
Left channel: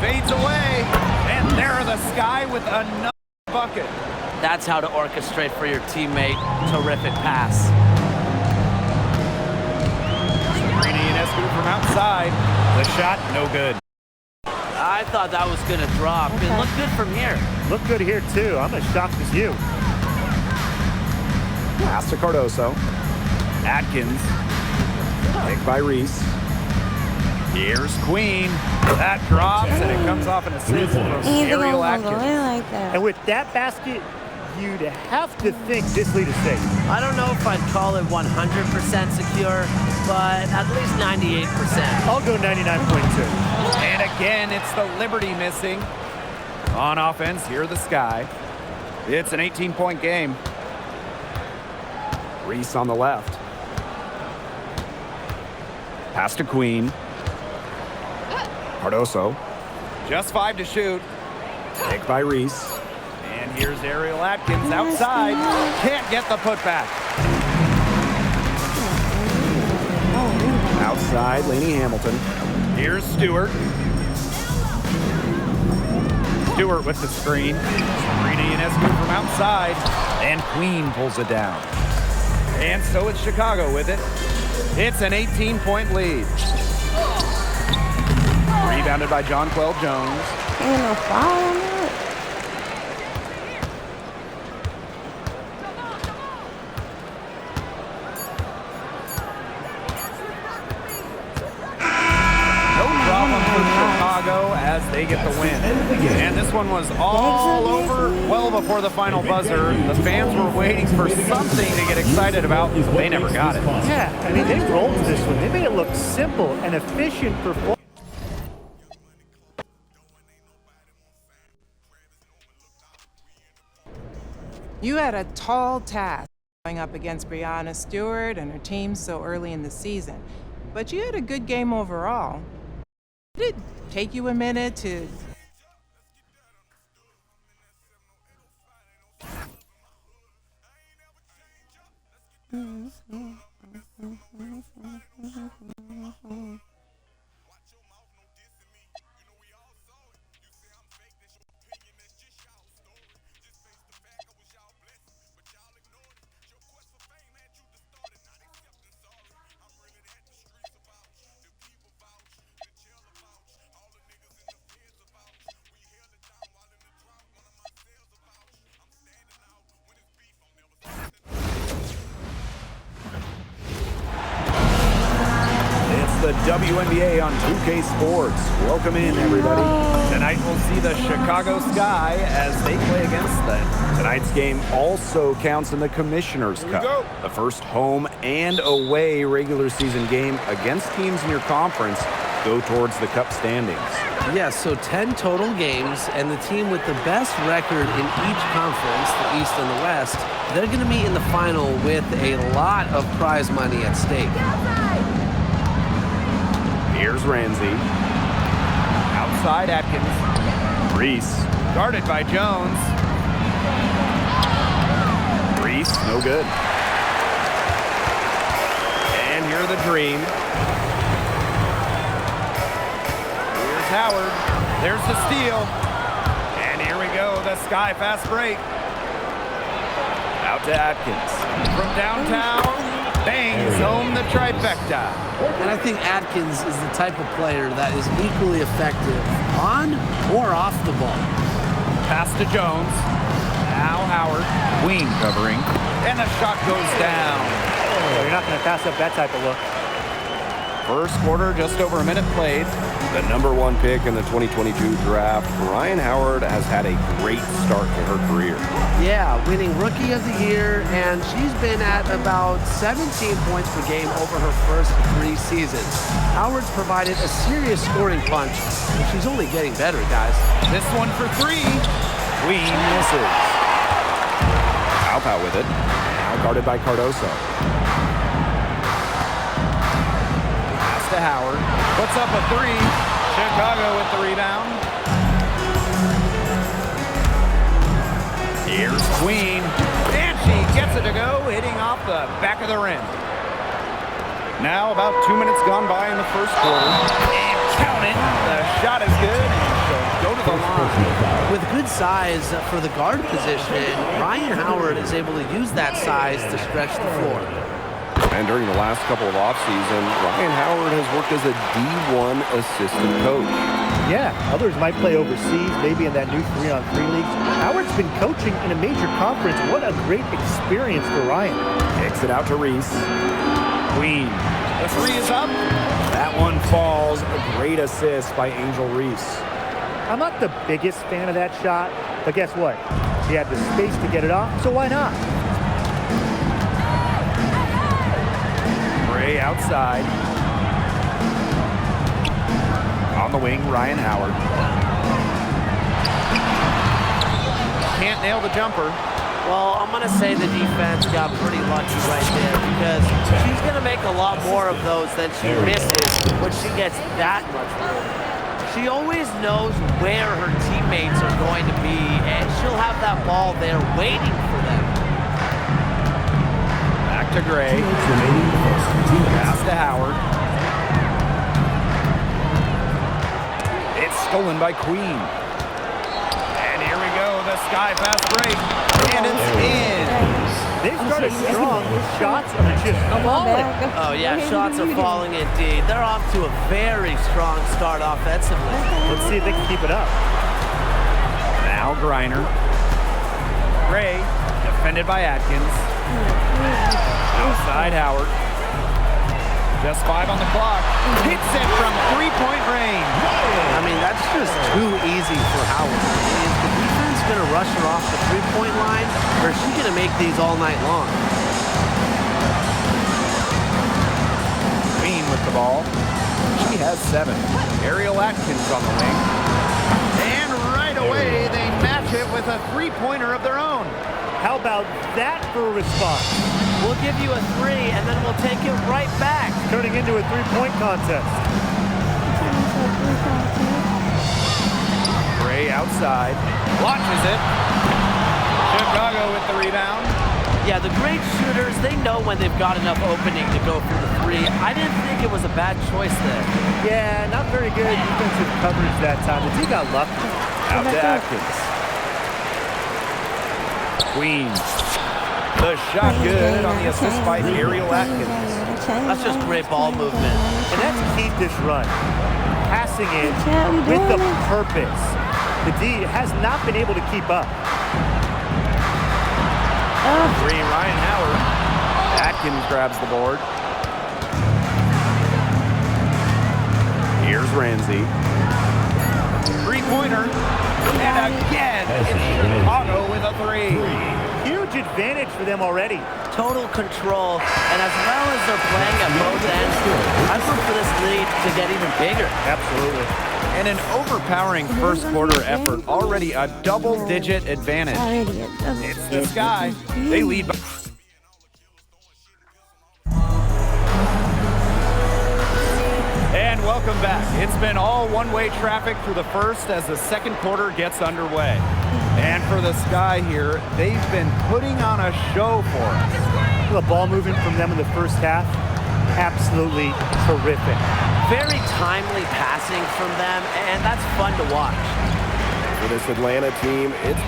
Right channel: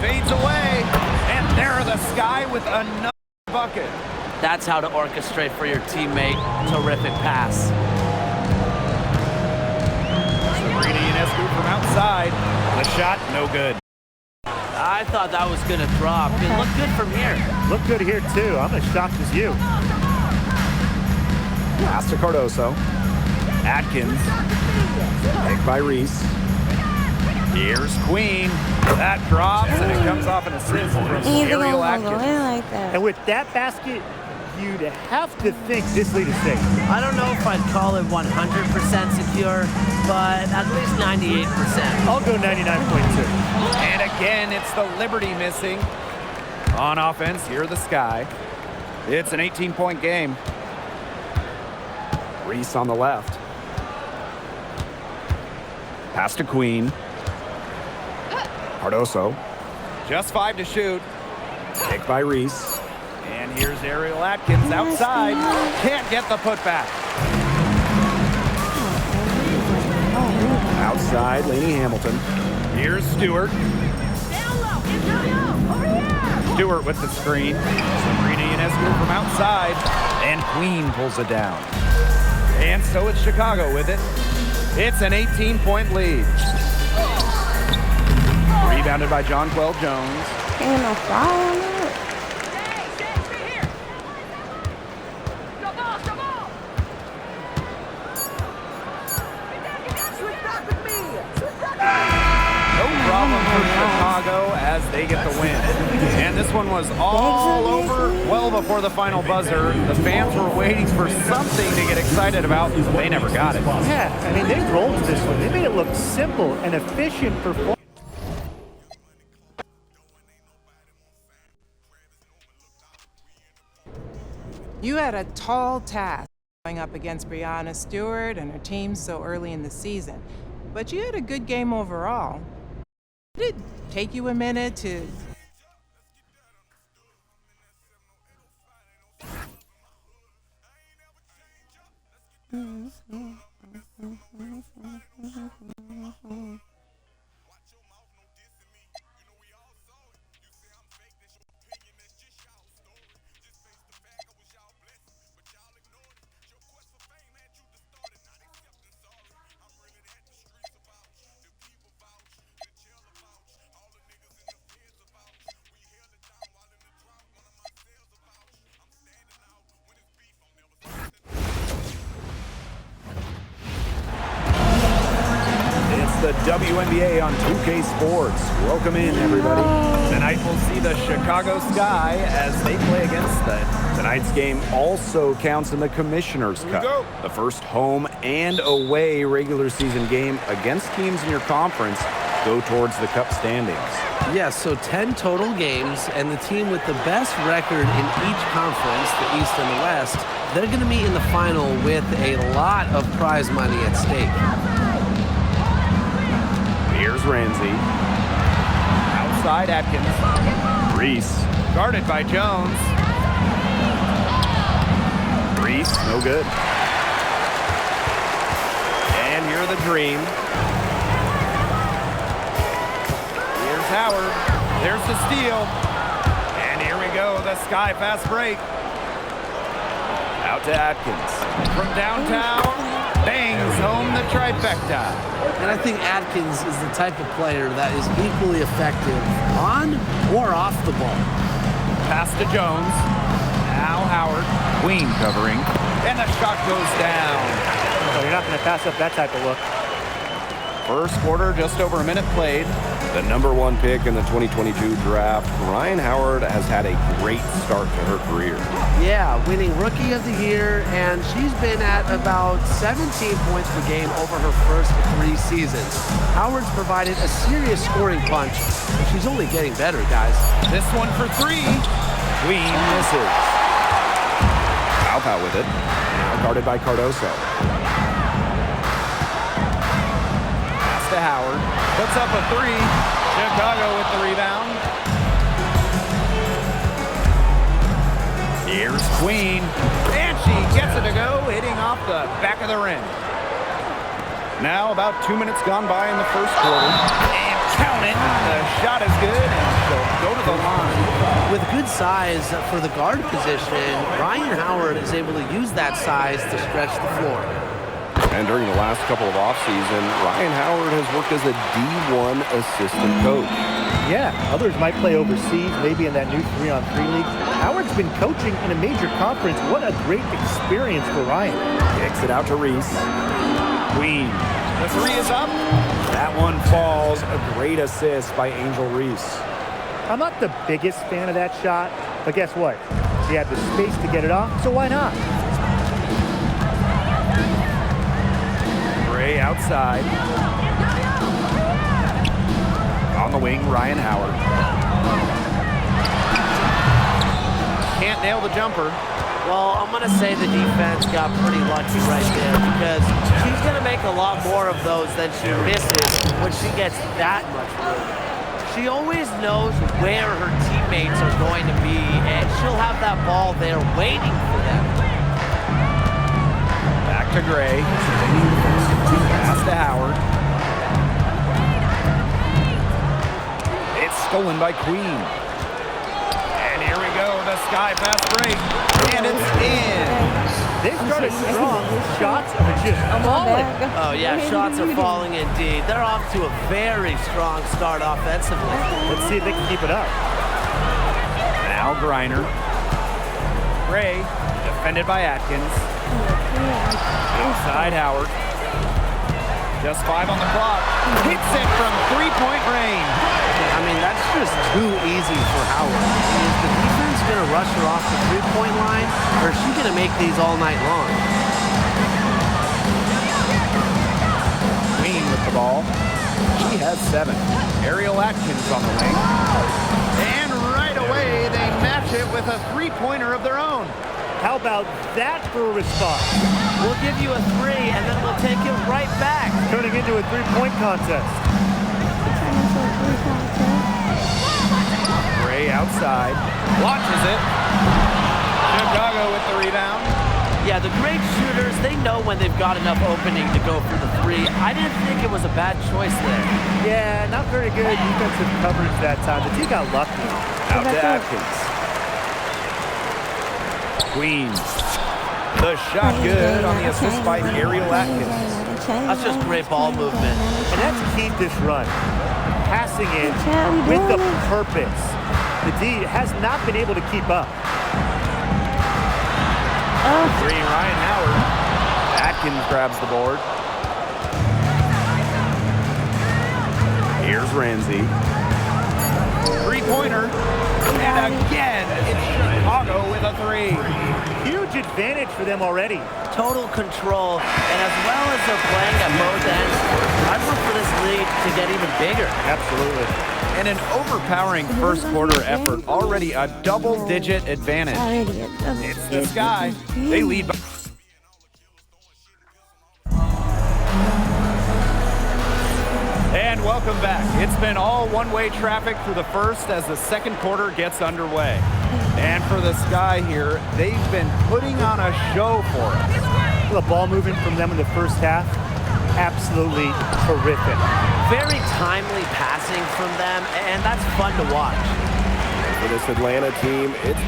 Fades away, and there the Sky with another bucket. That's how to orchestrate for your teammate. Terrific pass. Sabrina Ionescu from outside. The shot, no good. I thought that was going to drop. It looked good from here. Look good here, too. I'm as shocked as you. Pass to Cardoso. Atkins. Picked by Reese. Here's Queen. That drops, and it comes off an assist from Ariel Atkins. Like that. And with that basket, you'd have to think this lead is safe. I don't know if I'd call it 100% secure, but at least 98%. I'll go 99.2. And again, it's the Liberty missing. On offense, here the Sky. It's an 18-point game. Reese on the left. Pass to Queen. Cardoso. Just 5 to shoot. Picked by Reese. And here's Ariel Atkins outside. Can't get the putback. Outside, Lainey Hamilton. Here's Stewart. Stewart with the screen. Sabrina Ionescu from outside. And Queen pulls it down. And so it's Chicago with it. It's an 18-point lead. Rebounded by Jonquel Jones. Ain't no foul on that. No problem for Chicago as they get the win. And this one was all over well before the final buzzer. The fans were waiting for something to get excited about, but they never got it. Yeah, I mean, they rolled this one. They made it look simple and efficient performance. You had a tall task going up against Breanna Stewart and her team so early in the season, but you had a good game overall. Did it take you a minute to... The WNBA on 2K Sports. Welcome in, everybody. Tonight we'll see the Chicago Sky as they play against tonight's game also counts in the Commissioner's Cup. The first home and away regular season game against teams in your conference go towards the Cup standings. Yes, so 10 total games, and the team with the best record in each conference, the East and the West, they're going to meet in the final with a lot of prize money at stake. Here's Ramsey. Outside Atkins. Reese. Guarded by Jones. Reese, no good. And here are the Dream. Here's Howard. There's the steal. And here we go, the sky fast break. Out to Atkins. From downtown, bangs home the trifecta. And I think Atkins is the type of player that is equally effective on or off the ball. Pass to Jones. Now Howard. Queen covering. And the shot goes down. Well, you're not going to pass up that type of look. First quarter, just over a minute played. The #1 pick in the 2022 draft, Ryan Howard has had a great start to her career. Yeah, winning Rookie of the Year, and she's been at about 17 points per game over her first 3 seasons. Howard's provided a serious scoring punch, and she's only getting better, guys. This one for 3. Queen misses. Alpow with it. Now guarded by Cardoso. Pass to Howard. Puts up a 3. Chicago with the rebound. Here's Queen. And she gets it to go, hitting off the back of the rim. Now about 2 minutes gone by in the first quarter. And count it. The shot is good, and she'll go to the line. With good size for the guard position, Ryan Howard is able to use that size to stretch the floor. And during the last couple of offseason, Ryan Howard has worked as a D1 assistant coach. Yeah, others might play overseas, maybe in that new 3-on-3 league. Howard's been coaching in a major conference. What a great experience for Ryan. Kicks it out to Reese. Queen. The 3 is up. That one falls. A great assist by Angel Reese. I'm not the biggest fan of that shot, but guess what? She had the space to get it off, so why not? Gray outside. On the wing, Ryan Howard. Can't nail the jumper. Well, I'm going to say the defense got pretty lucky right there because she's going to make a lot more of those than she misses when she gets that much room. She always knows where her teammates are going to be, and she'll have that ball there waiting for them. Back to Gray. Pass to Howard. It's stolen by Queen. And here we go, the sky fast break. And it's in. They started strong. Shots are just falling. Oh, yeah, shots are falling indeed. They're off to a very strong start offensively. Let's see if they can keep it up. Now Griner. Gray, defended by Atkins. Outside Howard. Just 5 on the clock. Hits it from 3-point range. I mean, that's just too easy for Howard. Is the defense going to rush her off the 3-point line, or is she going to make these all night long? Queen with the ball. She has 7. Ariel Atkins on the wing. And right away, they match it with a 3-pointer of their own. How about that for a response? We'll give you a 3, and then we'll take it right back. Turning into a 3-point contest. Gray outside. Launches it. Chicago with the rebound. Yeah, the great shooters, they know when they've got enough opening to go for the 3. I didn't think it was a bad choice there. Yeah, not very good defensive coverage that time. The team got lucky. Out to Atkins. Queen. The shot good on the assist by Ariel Atkins. That's just great ball movement. And that's Keith this run. Passing it with the purpose. The D has not been able to keep up. 3, Ryan Howard. Atkins grabs the board. Here's Ramsey. 3-pointer. And again, it's Chicago with a 3. Huge advantage for them already. Total control, and as well as they're playing at both ends, I'd look for this lead to get even bigger. Absolutely. And an overpowering first quarter effort, already a double-digit advantage. It's this guy. They lead by... And welcome back. It's been all one-way traffic through the first as the second quarter gets underway. And for the Sky here, they've been putting on a show for us. The ball movement from them in the first half, absolutely terrific. Very timely passing from them, and that's fun to watch. And for this Atlanta team, it's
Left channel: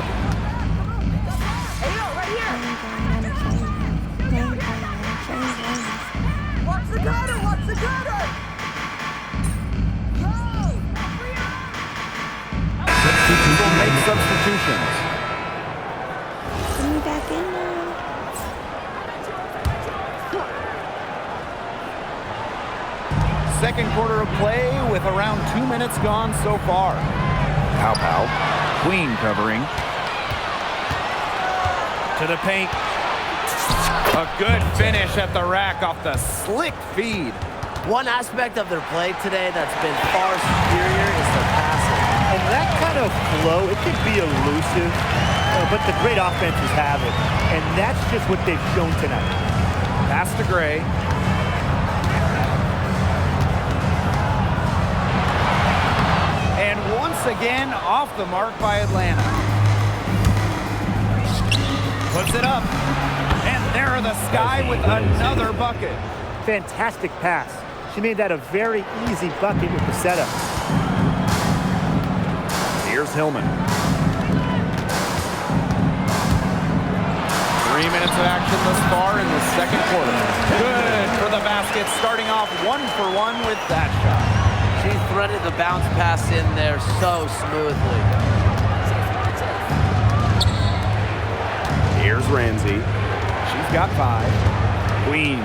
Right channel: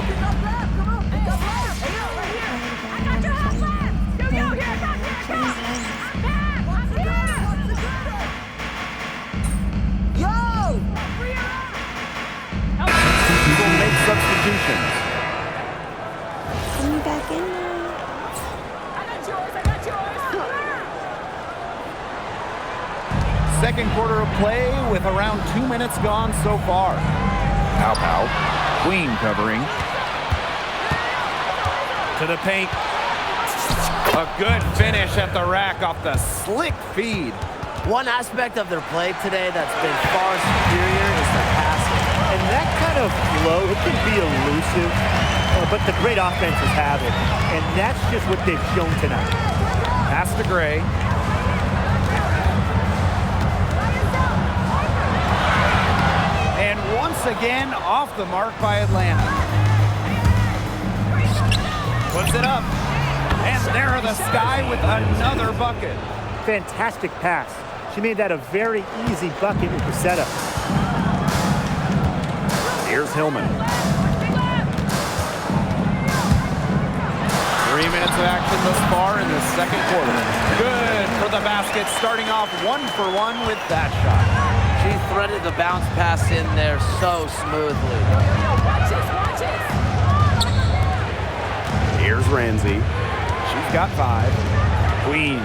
will make substitutions. Put me back in there. Second quarter of play with around 2 minutes gone so far. Pow Pow. Queen covering. To the paint. A good finish at the rack off the slick feed. One aspect of their play today that's been far superior is their passing. And that kind of flow, it can be elusive, but the great offenses have it. And that's just what they've shown tonight. Pass to Gray. And once again, off the mark by Atlanta. Puts it up. And there are the Sky with another bucket. Fantastic pass. She made that a very easy bucket with the setup. Here's Hillman. 3 minutes of action thus far in the second quarter. Good for the basket, starting off 1 for 1 with that shot. She threaded the bounce pass in there so smoothly. Here's Ramsey. She's got 5. Queen.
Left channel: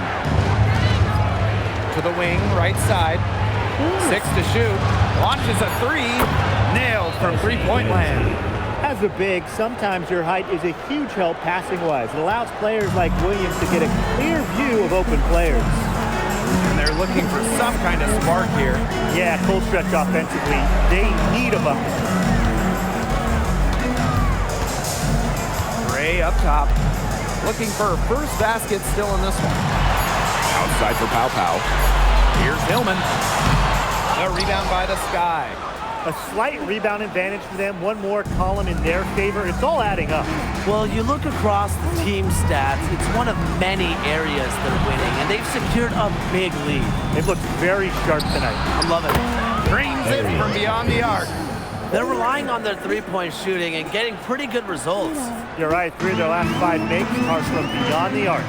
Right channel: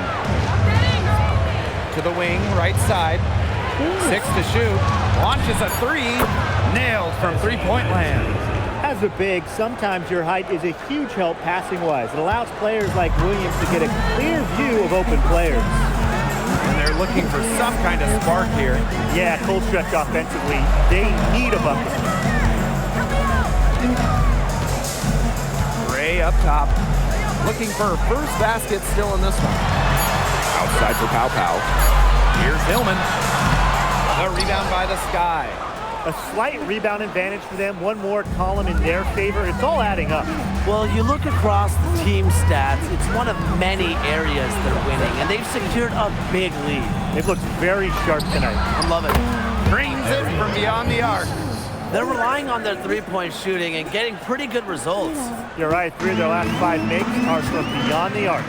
To the wing, right side. 6 to shoot. Launches a 3. Nailed from three-point land. As a big, sometimes your height is a huge help passing-wise. It allows players like Williams to get a clear view of open players. And they're looking for some kind of spark here. Yeah, cold stretch offensively. They need a bucket. Gray up top. Looking for her first basket still in this one. outside for Pow Pow. Here's Hillman. The rebound by the Sky. A slight rebound advantage for them. One more column in their favor. It's all adding up. Well, you look across the team stats, it's one of many areas they're winning, and they've secured a big lead. It looks very sharp tonight. I'm loving it. Brings it from beyond the arc. They're relying on their three-point shooting and getting pretty good results. You're right. 3 of their last 5 makes are from beyond the arc.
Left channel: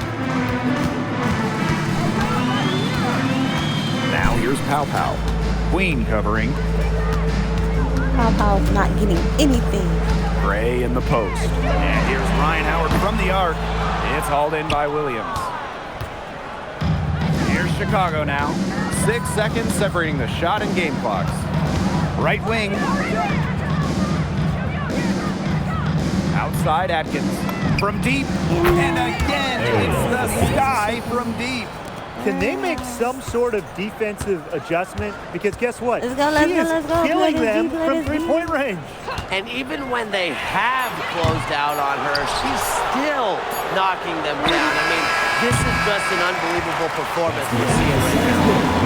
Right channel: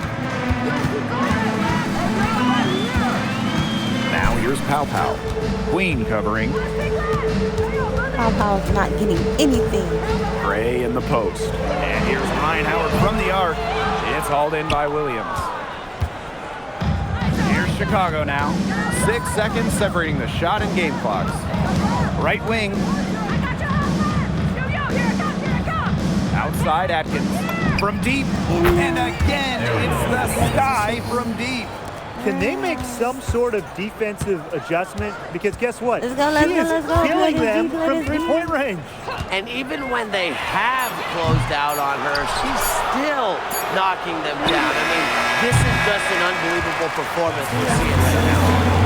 Now here's Pow Pow. Queen covering. Pow Pow's not getting anything. Gray in the post. And here's Ryan Howard from the arc. It's hauled in by Williams. Here's Chicago now. 6 seconds separating the shot and game clocks. Right wing. Outside Atkins. From deep. And again, it's the Sky from deep. Can they make some sort of defensive adjustment? Because guess what? Let's go, let's she go, is let's go. killing Let them us deep, let from us three-point deep. range. And even when they have closed out on her, she's still knocking them down. I mean, this is just an unbelievable performance we're seeing right now.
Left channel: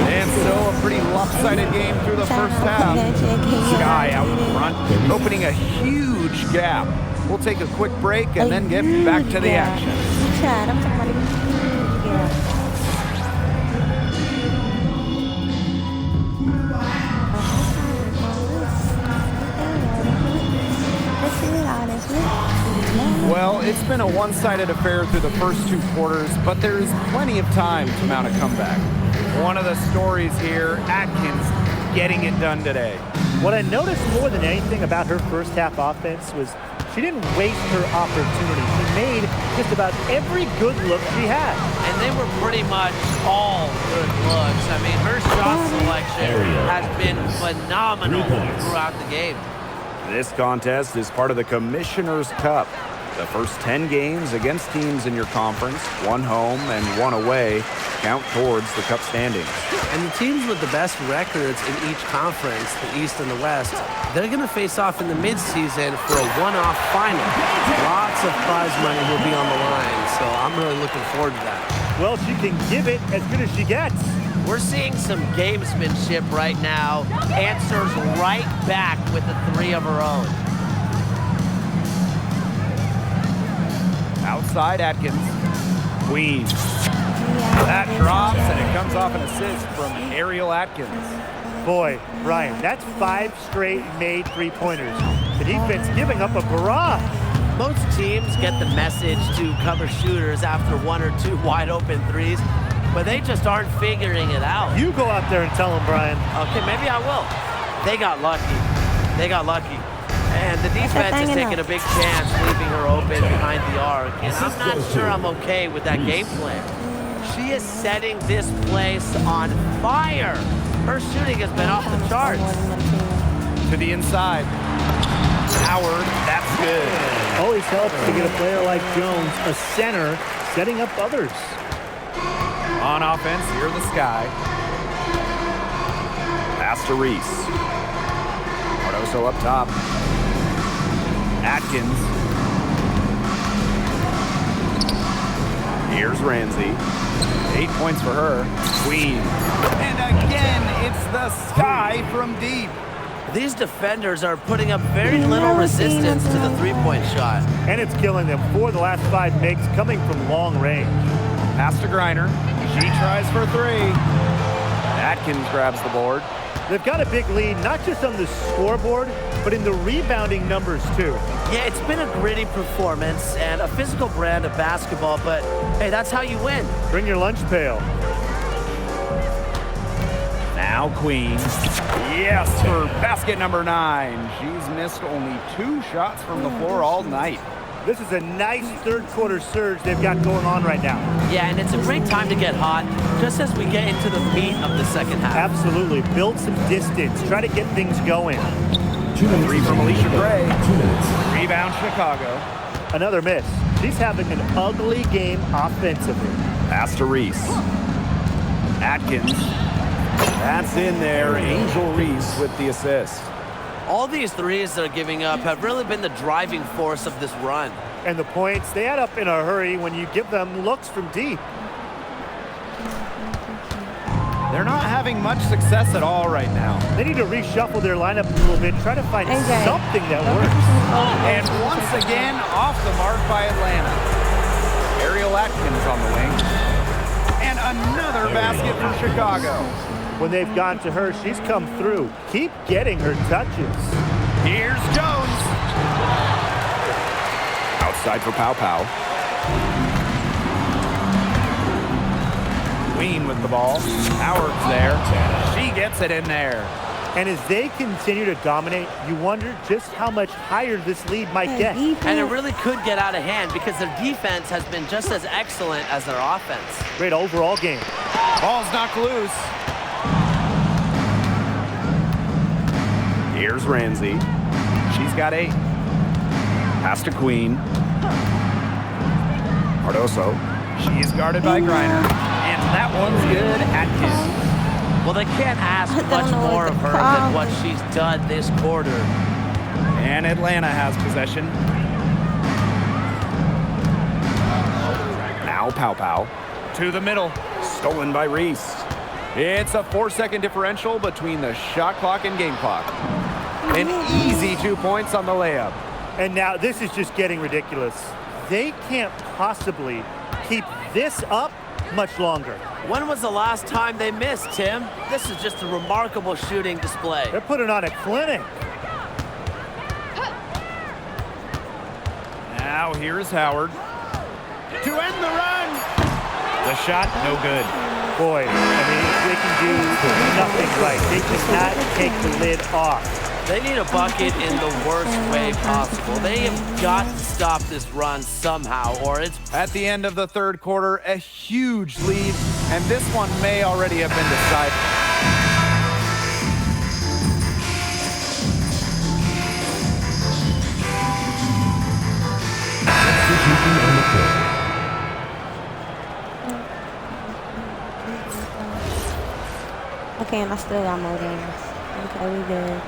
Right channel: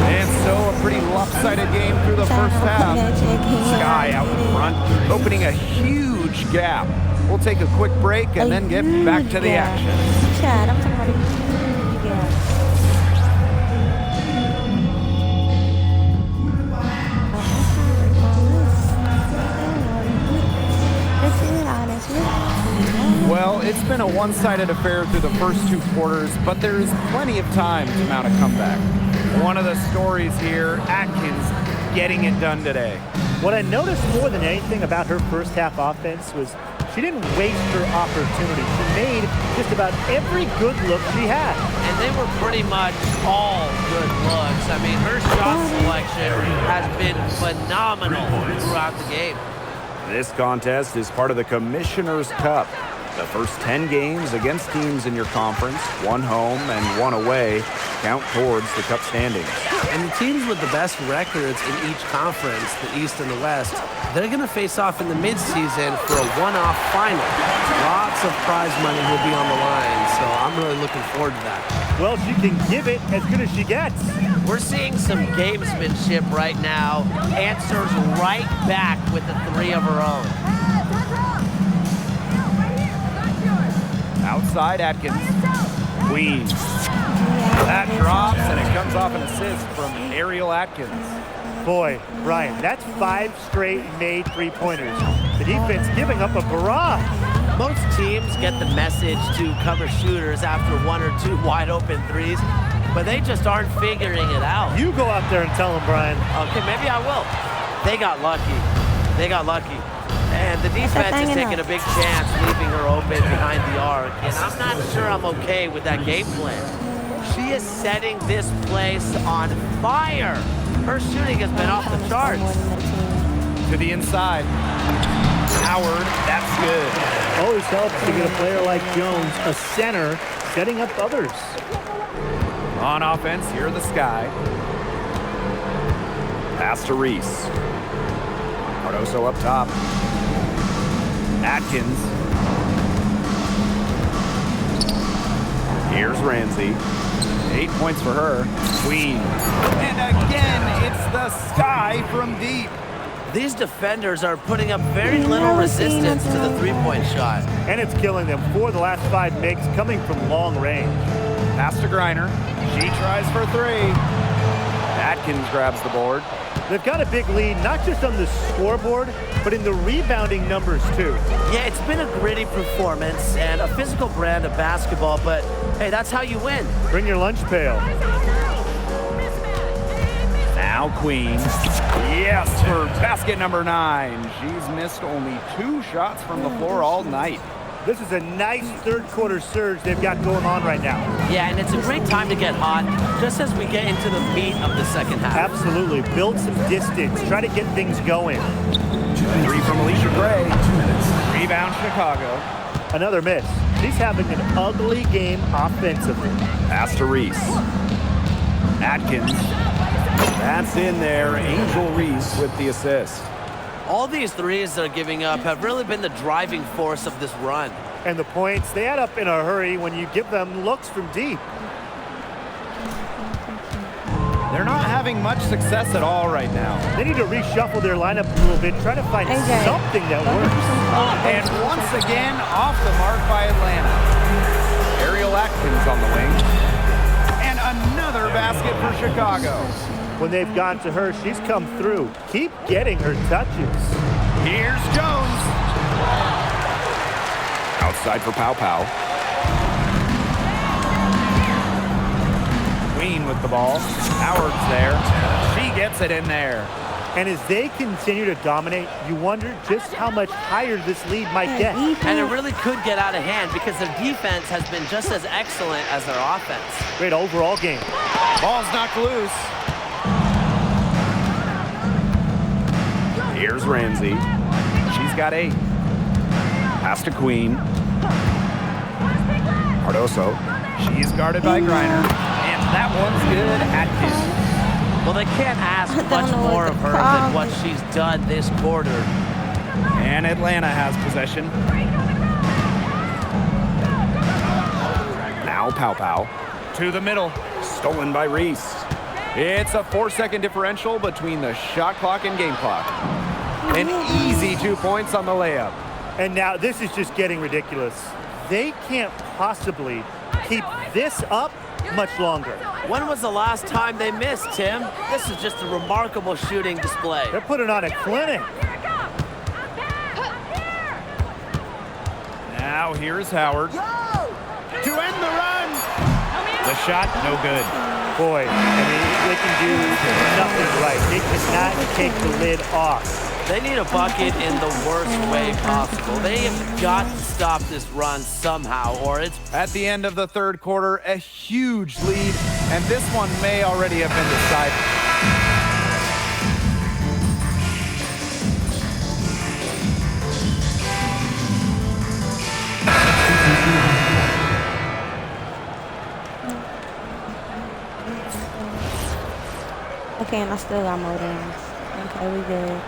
And so a pretty lopsided game through the first half. Sky out in front, opening a huge gap. We'll take a quick break and then get back to the action. Chad, I'm talking about a huge gap. Well, it's been a one-sided affair through the first 2 quarters, but there is plenty of time to mount a comeback. One of the stories here, Atkins getting it done today. What I noticed more than anything about her first half offense was she didn't waste her opportunity. She made just about every good look she had. And they were pretty much all good looks. I mean, her shot selection has been phenomenal throughout the game. This contest is part of the Commissioner's Cup. The first 10 games against teams in your conference, 1 home and 1 away, count towards the Cup standings. And the teams with the best records in each conference, the East and the West, they're going to face off in the midseason for a one-off final. Lots of prize money will be on the line, so I'm really looking forward to that. Well, she can give it as good as she gets. We're seeing some gamesmanship right now. Answers right back with the 3 of her own. inside, Atkins. Queen. That drops, and it comes off an assist from Ariel Atkins. Boy, Brian, that's 5 straight made three-pointers. The defense giving up a barrage. Most teams get the message to cover shooters after 1 or 2 wide open threes, but they just aren't figuring it out. You go out there and tell them, Brian. Okay, maybe I will. They got lucky. They got lucky. And the defense is taking a big chance, leaving her open behind the arc. And I'm not sure I'm okay with that game plan. She is setting this place on fire. Her shooting has been off the charts. To the inside. Howard, that's good. Always helps to get a player like Jones, a center, setting up others. On offense, here the Sky. Pass to Reese. Cardoso up top. Atkins. Here's Ramsey. 8 points for her. Queen. And again, it's the Sky from deep. These defenders are putting up very little resistance to the three-point shot. And it's killing them. 4 of the last 5 makes coming from long range. Pass to Griner. She tries for 3. Atkins grabs the board. They've got a big lead, not just on the scoreboard, but in the rebounding numbers, too. Yeah, it's been a gritty performance and a physical brand of basketball, but hey, that's how you win. Bring your lunch pail. Now Queen. Yes, for basket number 9. She's missed only 2 shots from the floor all night. This is a nice third-quarter surge they've got going on right now. Yeah, and it's a great time to get hot, just as we get into the meat of the second half. Absolutely. Build some distance. Try to get things going. 3 from Alicia Gray. 2 minutes. Rebound Chicago. Another miss. She's having an ugly game offensively. Pass to Reese. Atkins. That's in there. Angel Reese with the assist. All these threes they're giving up have really been the driving force of this run. And the points, they add up in a hurry when you give them looks from deep. They're not having much success at all right now. They need to reshuffle their lineup a little bit, try to find something that works. And once again, off the mark by Atlanta. Ariel Atkins on the wing. And another basket for Chicago. When they've gone to her, she's come through. Keep getting her touches. Here's Jones. Outside for Pow Pow. Queen with the ball. Howard's there. She gets it in there. And as they continue to dominate, you wonder just how much higher this lead might get. And it really could get out of hand because their defense has been just as excellent as their offense. Great overall game. Ball's knocked loose. Here's Ramsey. She's got 8. Pass to Queen. Cardoso. She's guarded by Griner. And that one's good. Atkins. Well, they can't ask much more of her than what she's done this quarter. And Atlanta has possession. Now Pow Pow. To the middle. Stolen by Reese. It's a 4-second differential between the shot clock and game clock. An easy 2 points on the layup. And now this is just getting ridiculous. They can't possibly keep this up much longer. When was the last time they missed, Tim? This is just a remarkable shooting display. They're putting on a clinic. Now here's Howard. To end the run. The shot, no good. Boy, I mean, they can do nothing right. They cannot take the lid off. They need a bucket in the worst way possible. They have got to stop this run somehow, or it's... At the end of the third quarter, a huge lead, and this one may already have been decided. Okay, and I still got more downs. Okay, we good.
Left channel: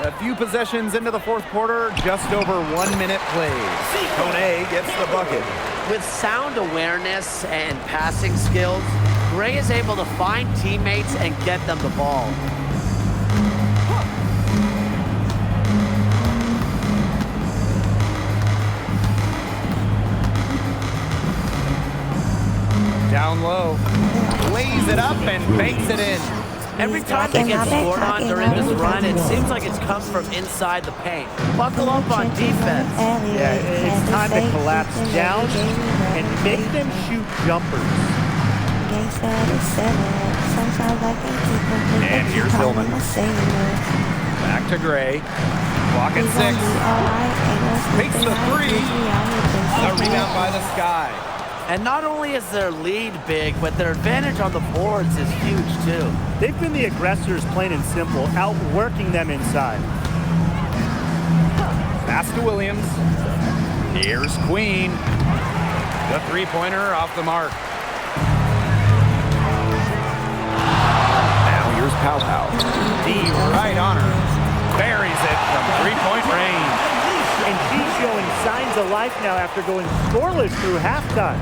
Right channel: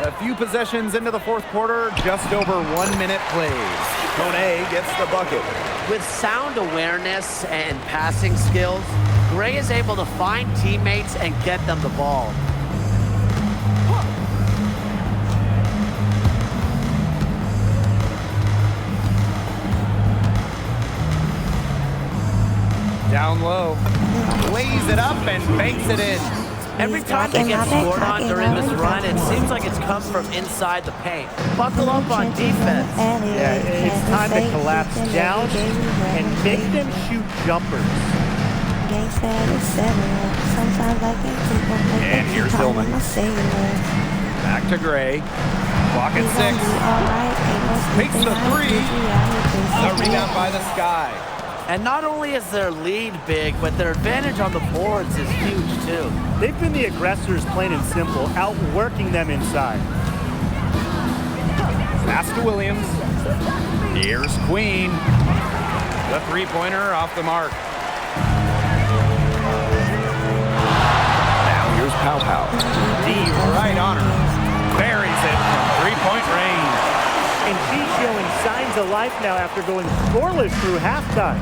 A few possessions into the fourth quarter, just over 1 minute played. Kone gets the bucket. With sound awareness and passing skills, Gray is able to find teammates and get them the ball. Down low. Lays it up and banks it in. Every time they get scored on during this run, it seems like it's come from inside the paint. Buckle up on defense. Yeah, it's time to collapse down and make them shoot jumpers. And here's Hillman. Back to Gray. Clock at 6. Takes the 3. The rebound by the Sky. And not only is their lead big, but their advantage on the boards is huge too. They've been the aggressors, plain and simple, outworking them inside. Pass to Williams. Here's Queen. The three-pointer off the mark. Now here's Pow Pow. D right on her. Buries it from three-point range. And she's showing signs of life now after going scoreless through halftime.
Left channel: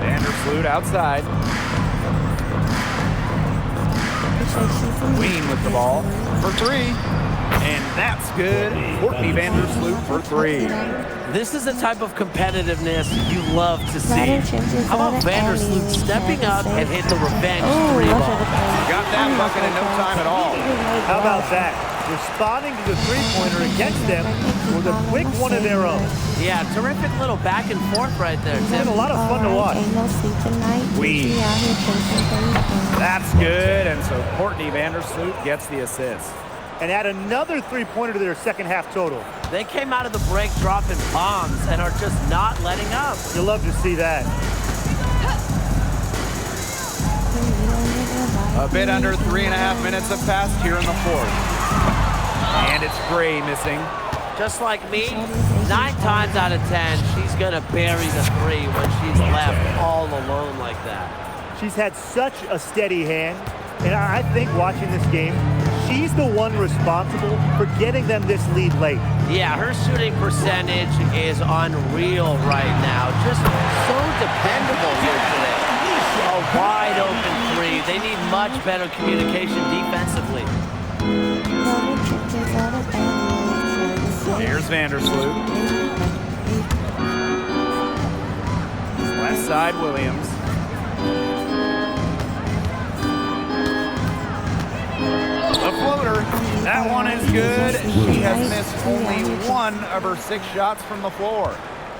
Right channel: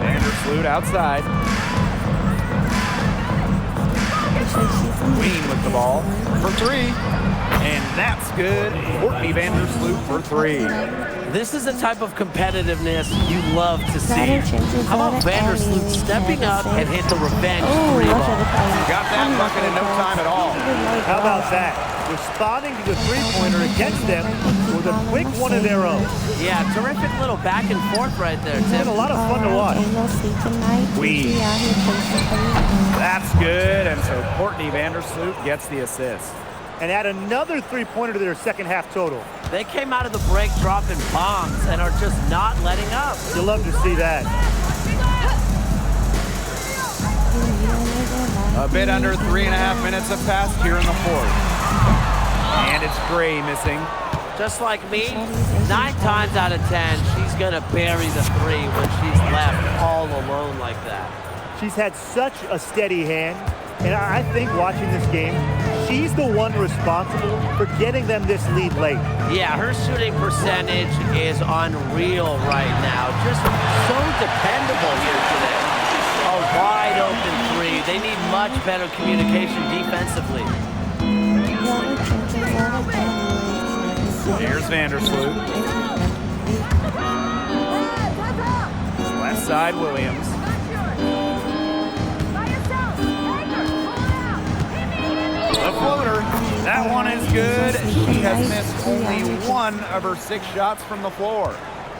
Vandersloot outside. Queen with the ball for 3. And that's good. Courtney Vandersloot for 3. This is the type of competitiveness you love to see. How about Vandersloot stepping up and hit the revenge 3 ball? Got that bucket in no time at all. How about that? Responding to the three-pointer against them with a quick one of their own. Yeah, terrific little back and forth right there, It's Tim. been a lot of fun to watch. Queen. That's good. And so Courtney Vandersloot gets the assist. And add another three-pointer to their second half total. They came out of the break dropping bombs and are just not letting up. You'll love to see that. A bit under 3.5 minutes have passed here in the 4th. And it's Gray missing. Just like me, 9 times out of 10, she's gonna bury the 3 when she's left all alone like that. She's had such a steady hand, and I think watching this game, she's the one responsible for getting them this lead late. Yeah, her shooting percentage is unreal right now. Just so dependable here today. A wide open 3. They need much better communication defensively. Here's Vandersloot. Left side, Williams. The floater. That one is good. She has missed only 1 of her 6 shots from the floor.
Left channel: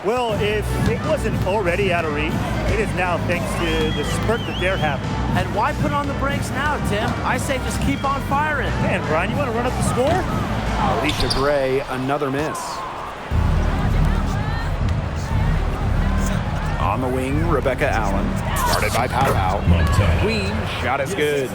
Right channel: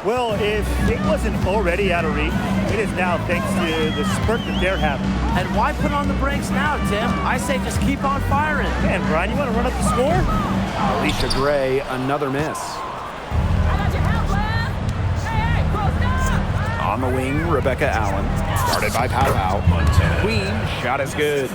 Well, if it wasn't already out of reach, it is now thanks to the spurt that they're having. And why put on the brakes now, Tim? I say just keep on firing. Man, Brian, you want to run up the score? Alicia Gray, another miss. On the wing, Rebecca Allen. Started by Pow Pow. Queen, shot is good.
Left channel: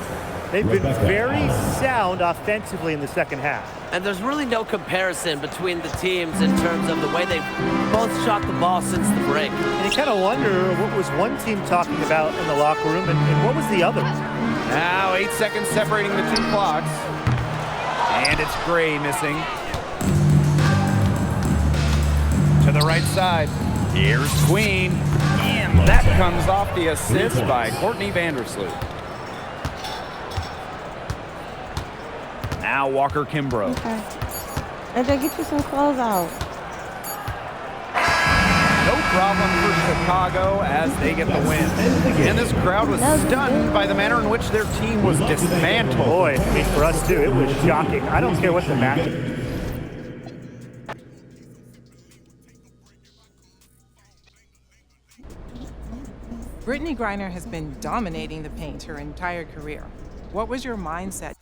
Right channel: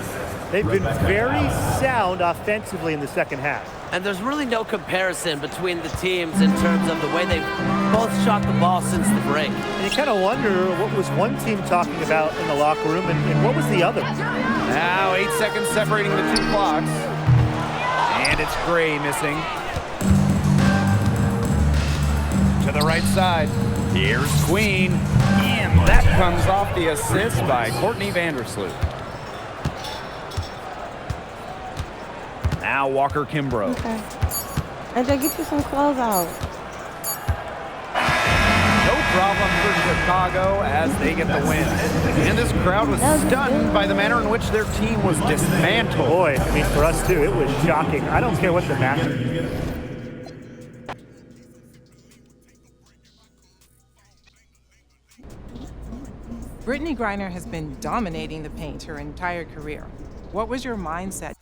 They've been very sound offensively in the second half. And there's really no comparison between the teams in terms of the way they've both shot the ball since the break. And you kind of wonder what was one team talking about in the locker room and what was the other? Now 8 seconds separating the 2 clocks. And it's Gray missing. To the right side. Here's Queen. And that comes off the assist by Courtney Vandersloot. Now Walker Kimbrough. Okay. AJ, get you some clothes out. No problem for Chicago as they get the win. And this crowd was stunned by the manner in which their team was dismantled. Boy, I mean, for us too, it was shocking. I don't care what the match. Brittany Griner has been dominating the paint her entire career. What was your mindset?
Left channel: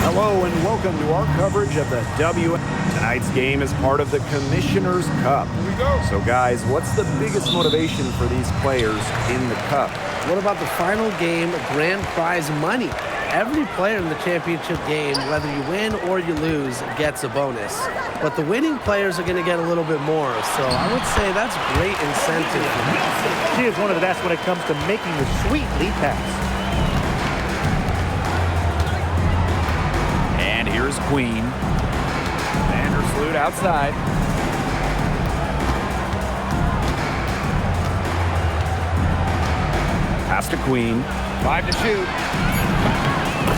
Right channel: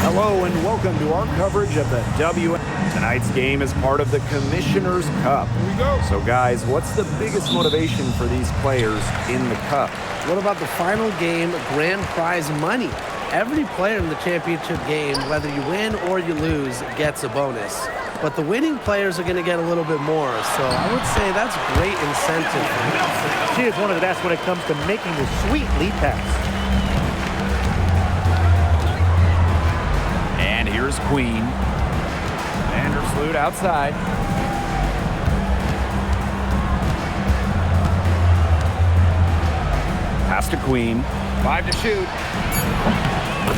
Hello and welcome to our coverage of the W. Tonight's game is part of the Commissioner's Cup. Here we go. So guys, what's the biggest motivation for these players in the Cup? What about the final game, grand prize money? Every player in the championship game, whether you win or you lose, gets a bonus. But the winning players are going to get a little bit more, so I would say that's great incentive for them. She is one of the best when it comes to making the sweet lead pass. Here's Queen. Vandersloot outside. Pass to Queen. 5 to shoot.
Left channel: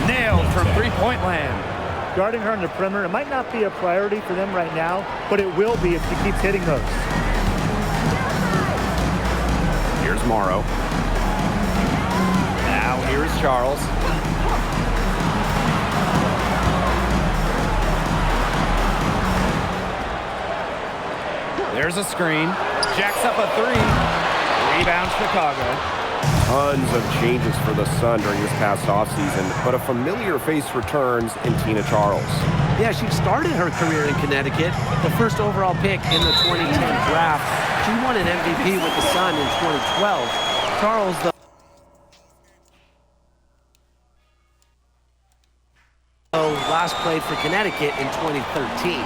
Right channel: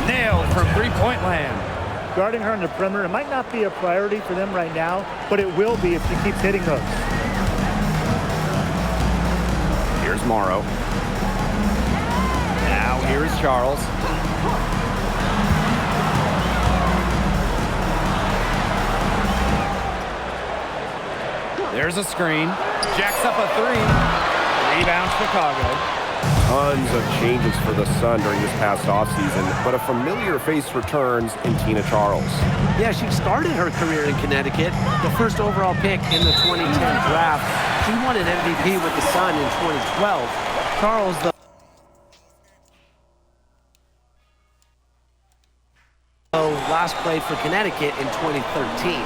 Nailed from three-point land. Guarding her on the perimeter, it might not be a priority for them right now, but it will be if she keeps hitting those. Here's Morrow. Now here's Charles. There's a screen. Jacks up a three. Rebound Chicago. Tons of changes for the Sun during this past offseason, but a familiar face returns in Tina Charles. Yeah, she started her career in Connecticut, the first overall pick in the 2010 draft. She won an MVP with the Sun in 2012. Charles, though, last played for Connecticut in 2013.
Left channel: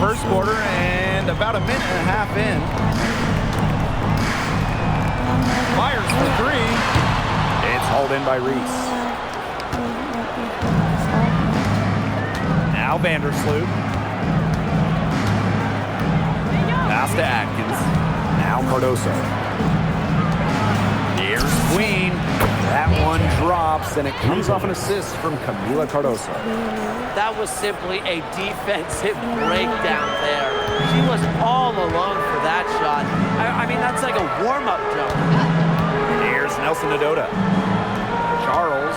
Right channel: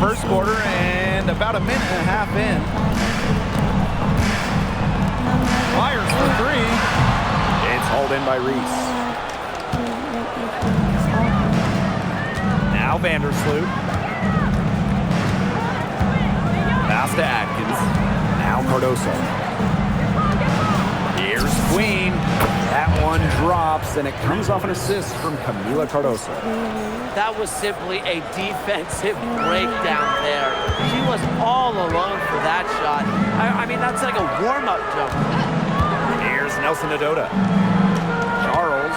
First quarter and about a minute and a half in. Fires for three. It's hauled in by Reese. Now Vandersloot. Pass to Atkins. Now Cardoso. Here's Queen. That one drops, and it comes off an assist from Camila Cardoso. That was simply a defensive breakdown there. She was all alone for that shot. I mean, that's like a warm-up jumper. Here's Nelson Adota. Charles.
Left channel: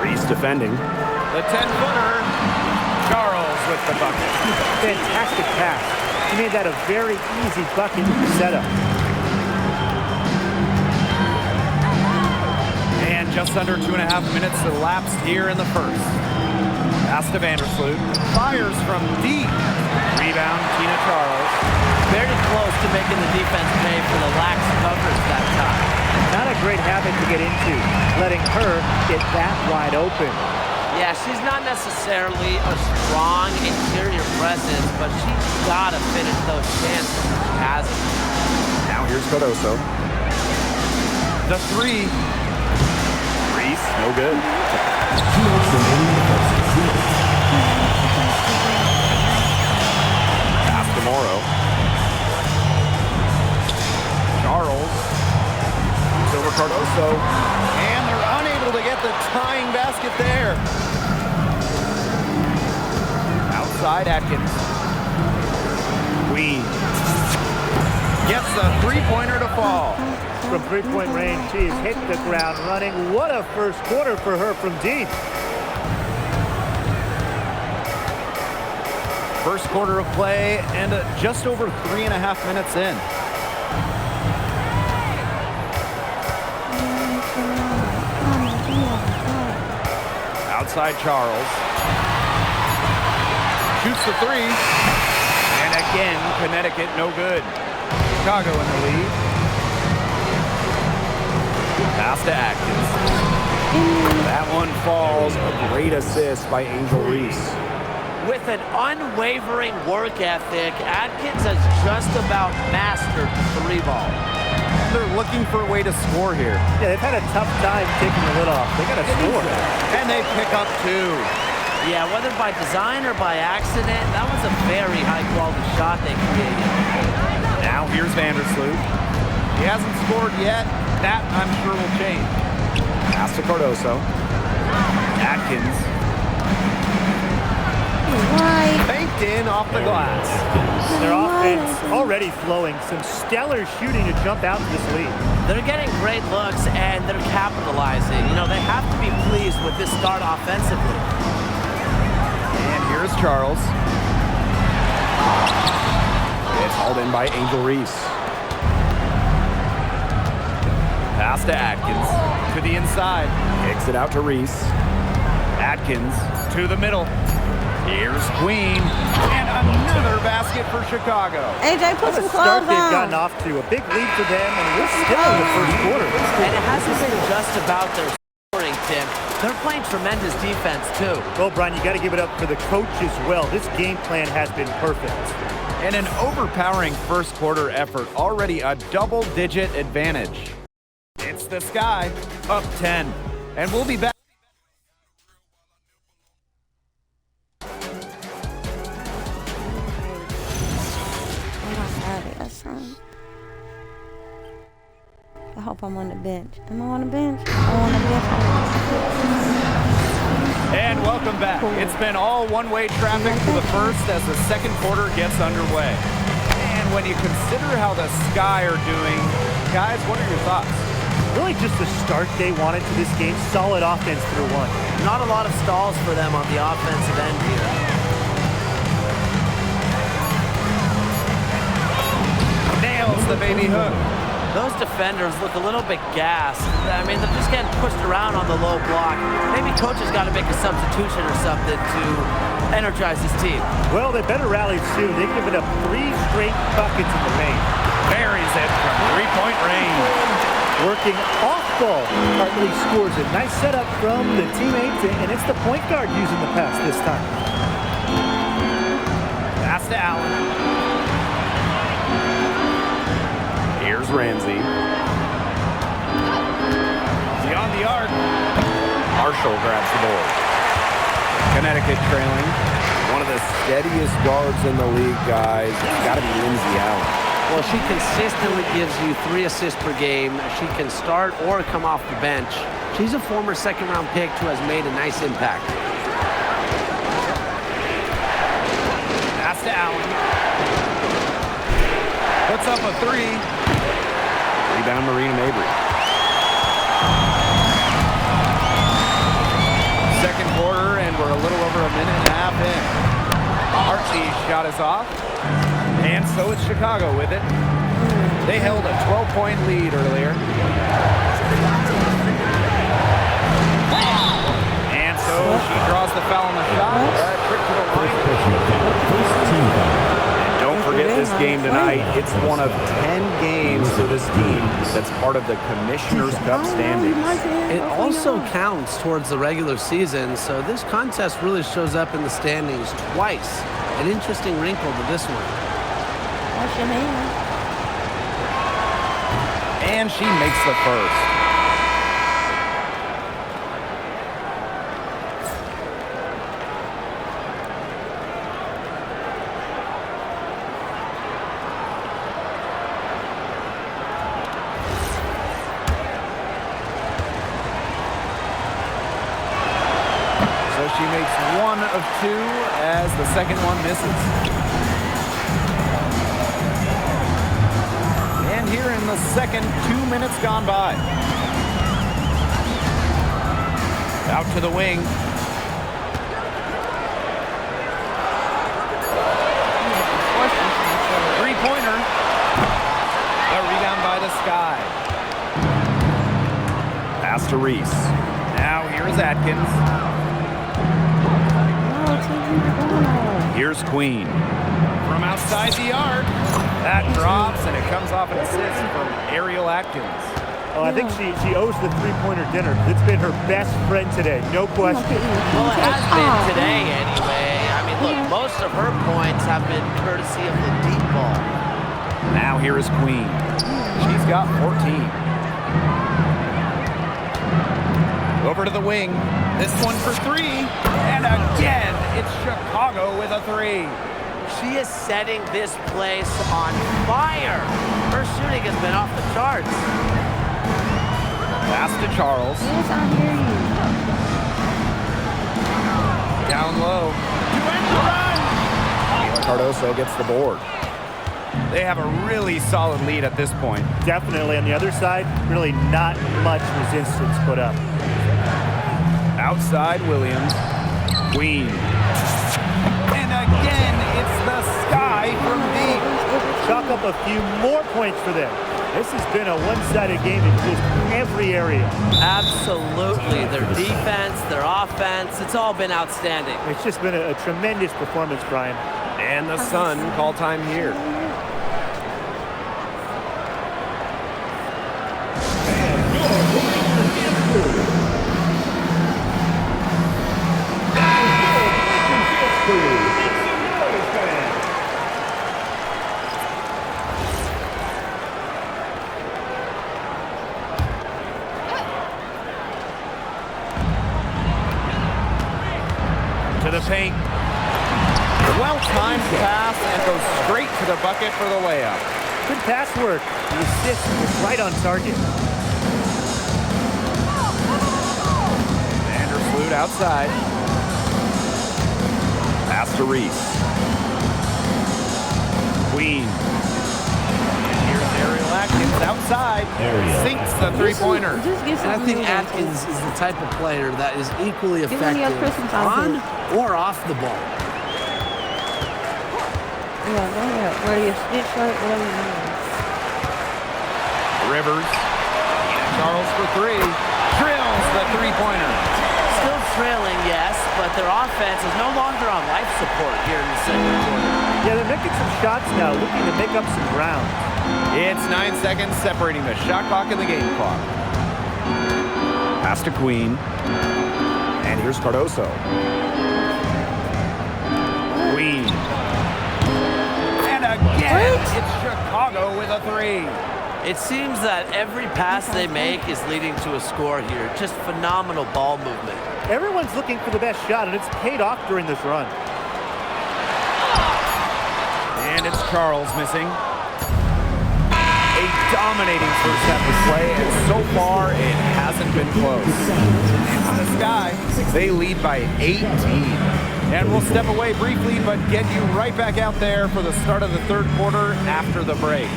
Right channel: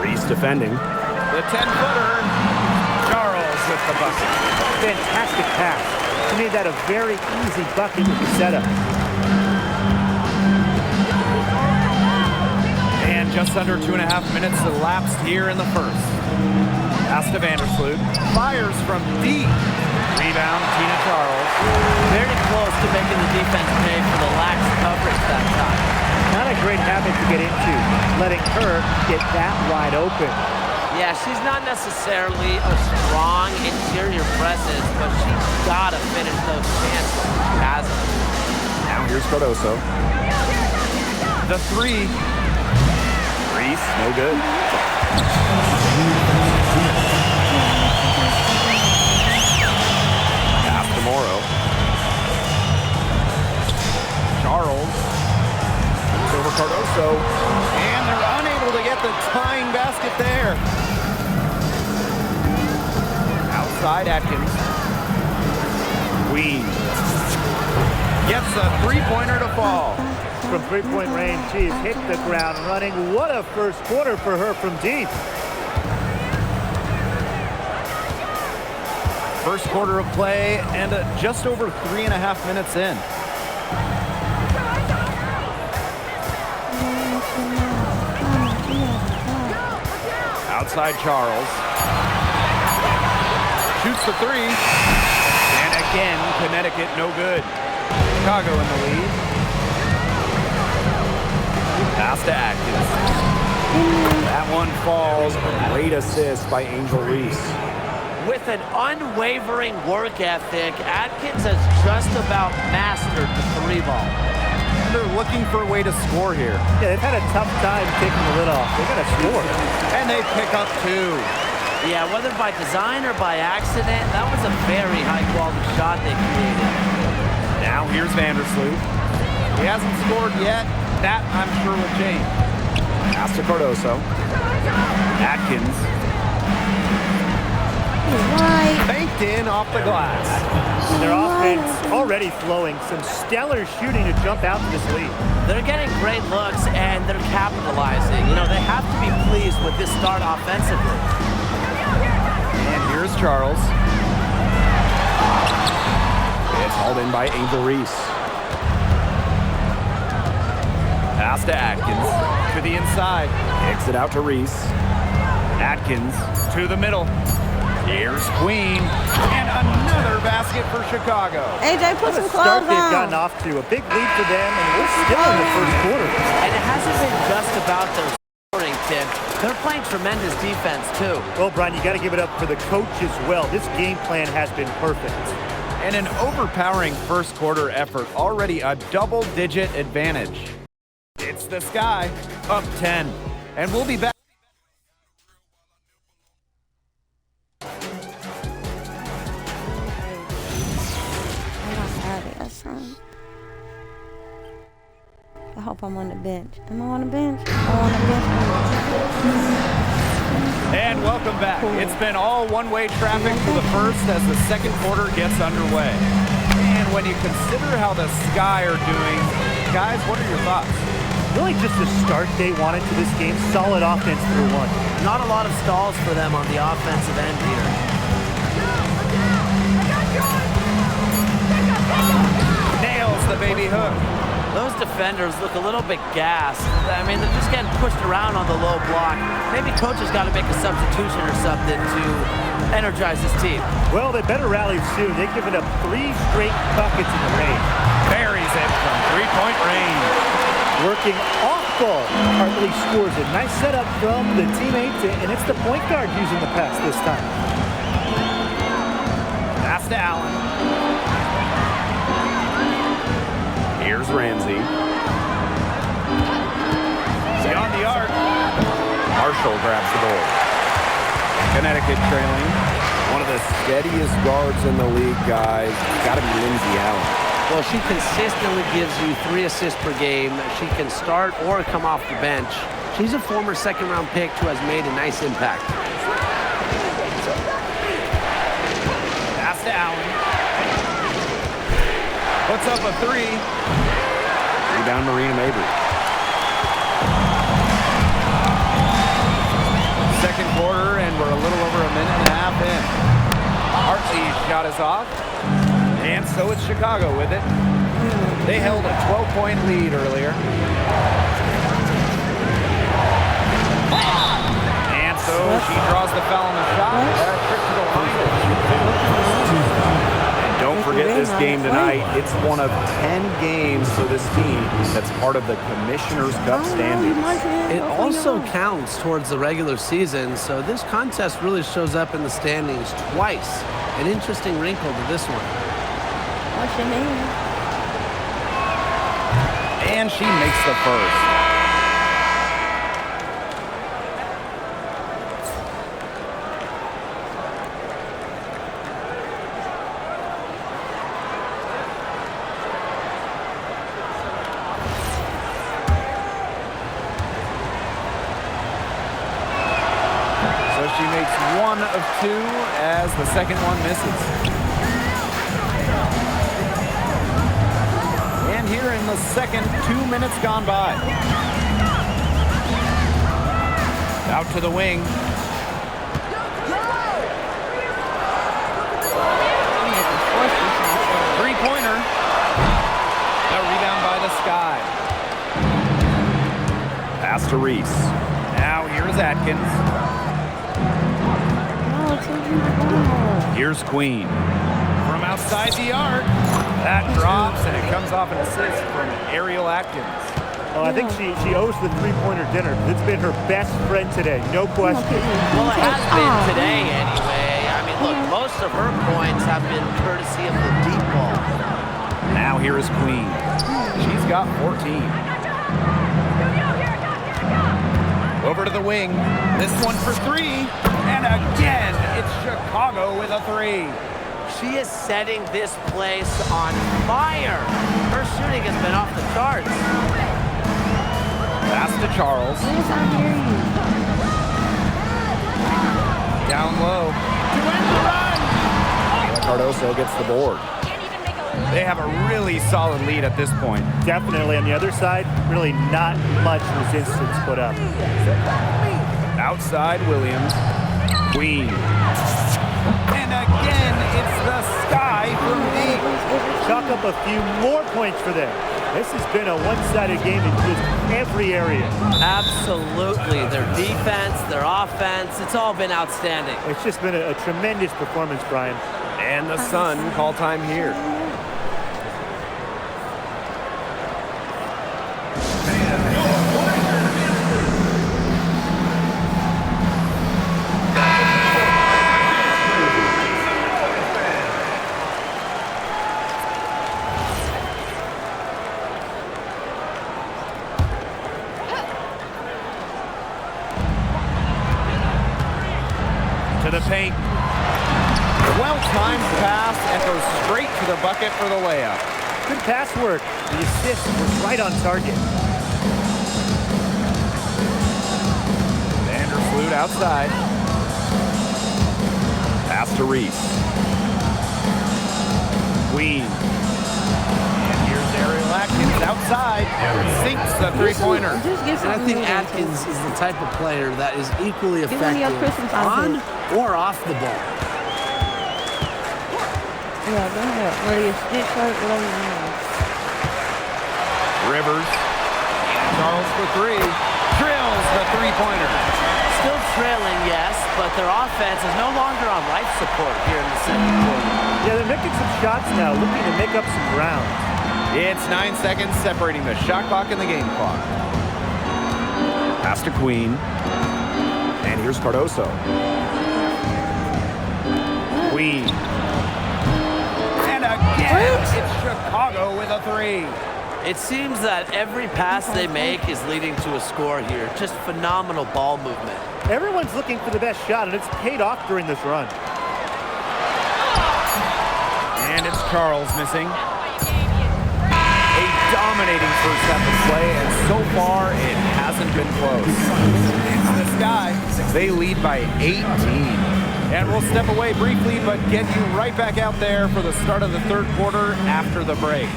Reese defending. The 10-footer. Charles with the bucket. Fantastic pass. She made that a very easy bucket with the setup. And just under 2.5 minutes elapsed here in the first. Pass to Vandersloot. Fires from deep. Rebound, Tina Charles. Very close to making the defense pay for the lax coverage that time. Not a great habit to get into, letting her get that wide open. Yeah, she's not necessarily a strong interior presence, but she's got to finish those chances when she has them. Now here's Cardoso. The three. Reese, no good. Pass to Morrow. Charles. Shoots over Cardoso. And they're unable to get the tying basket there. Outside Atkins. Queen. Gets a three-pointer to fall. From three-point range, she's hit the ground running. What a first quarter for her from deep. First quarter of play and just over 3.5 minutes in. Outside Charles. Shoots the three. And again, Connecticut no good. Chicago in the lead. Pass to Atkins. That one falls. A great assist by Angel Reese. With an unwavering work ethic, Atkins has just about mastered the three ball. And they're looking for a way to score here. Yeah, they've had a tough time taking the lid off. They got to score. And they pick up two. Yeah, whether by design or by accident, that was a very high-quality shot they created. Now here's Vandersloot. She hasn't scored yet. That, I'm sure, will change. Pass to Cardoso. Atkins. Right. Banked in off the glass. Their offense already flowing. Some stellar shooting to jump out to this lead. They're getting great looks, and they're capitalizing. You know, they have to be pleased with this start offensively. And here's Charles. It's hauled in by Angel Reese. Pass to Atkins. To the inside. Kicks it out to Reese. Atkins to the middle. Here's Queen. And another basket for Chicago. AJ, put some Start clothes they've on. gotten off to. A big lead for them, and we're still in the first quarter. And it hasn't been just about their scoring, Tim. They're playing tremendous defense, too. Well, Brian, you got to give it up for the coach as well. This game plan has been perfect. and an overpowering first quarter effort, already a double-digit advantage. It's the Sky, up 10, and we'll be back. I hope I'm on the bench. Am I on the bench? I'm on the bench. And welcome back. It's been all one-way traffic for the first as the second quarter gets underway. And when you consider how the Sky are doing, guys, what are your thoughts? Really just the start they wanted to this game. Solid offense through one. Not a lot of stalls for them on the offensive end here. Nails the baby hook. Those defenders look a little bit gassed. I mean, they're just getting pushed around on the low block. Maybe coach has got to make a substitution or something to energize his team. Well, they better rally soon. They've given up 3 straight buckets in the paint. Buries it from three-point range. Working off ball. Hartley scores a nice setup from the teammates, and it's the point guard using the pass this time. Pass to Allen. Here's Ramsey. Beyond the arc. Marshall grabs the board. Connecticut trailing. One of the steadiest guards in the league, guys. It's got to be Lindsey Allen. Well, she consistently gives you 3 assists per game. She can start or come off the bench. She's a former second-round pick who has made a nice impact. Pass to Allen. Puts up a 3. Rebound, Marina Mabry. Second quarter, and we're a little over a minute and a half in. Hartley's shot is off, and so it's Chicago with it. They held a 12-point lead earlier. And so she draws the foul on the shot. Trip to the line to shoot two. Don't forget this game tonight. It's one of 10 games for this team that's part of the Commissioner's Cup standings. It also counts towards the regular season, so this contest really shows up in the standings twice. An interesting wrinkle to this one. Wash your hands. And she makes the first. So she makes 1 of 2 as the second one misses. And here in the second, 2 minutes gone by. Out to the wing. Three-pointer. The rebound by the Sky. Pass to Reese. Now here's Atkins. Here's Queen. From outside the arc. That drops, and it comes off an assist from Ariel Atkins. Oh, I think she owes the three-pointer dinner. It's been her best friend today, no question. Well, it has been today anyway. I mean, look, most of her points have been courtesy of the deep ball. Now here is Queen. She's got 14. Over to the wing. This one for 3. And again, it's Chicago with a 3. She is setting this place on fire. Her shooting has been off the charts. Pass to Charles. Yes, I hear you. Down low. To end the run. Mila Cardoso gets the board. They have a really solid lead at this point. Definitely. On the other side, really not much resistance put up. Outside Williams. Queen. And again, it's the Sky from deep. Chalk up a few more points for them. This has been a one-sided game in just every area. Absolutely. Their defense, their offense, it's all been outstanding. It's just been a tremendous performance, Brian. And the Sun call time here. into the paint. Well-timed pass and goes straight to the bucket for the layup. Good pass work. The assist was right on target. Vandersloot outside. Pass to Reese. Queen. And here's Ariel Atkins outside. Sinks the three-pointer. Just get And I something think new Atkins is the type of player that is equally Give me your effective Christmas on outfit. or off the ball. Yeah, go ahead. Wear your stitch shirt, whatever you want. Rivers. Keenan Charles for three. Drills the three-pointer. Still trailing, yes, but their offense is no longer on life support here in the second quarter. Yeah, they're making some shots now, looking to make up some ground. It's 9 seconds separating the shot clock and the game clock. Pass to Queen. And here's Cardoso. Queen. And again, it's Chicago with a three. It seems that every pass they make is leading to a score here. Just phenomenal ball movement. Everyone's looking for the best shot, and it's paid off during this run. And it's Charles missing. A dominating first half of play, and so far it hasn't been close. It's the Sky. They lead by 18. And we'll step away briefly, but get you right back out there for the start of the third quarter after the break.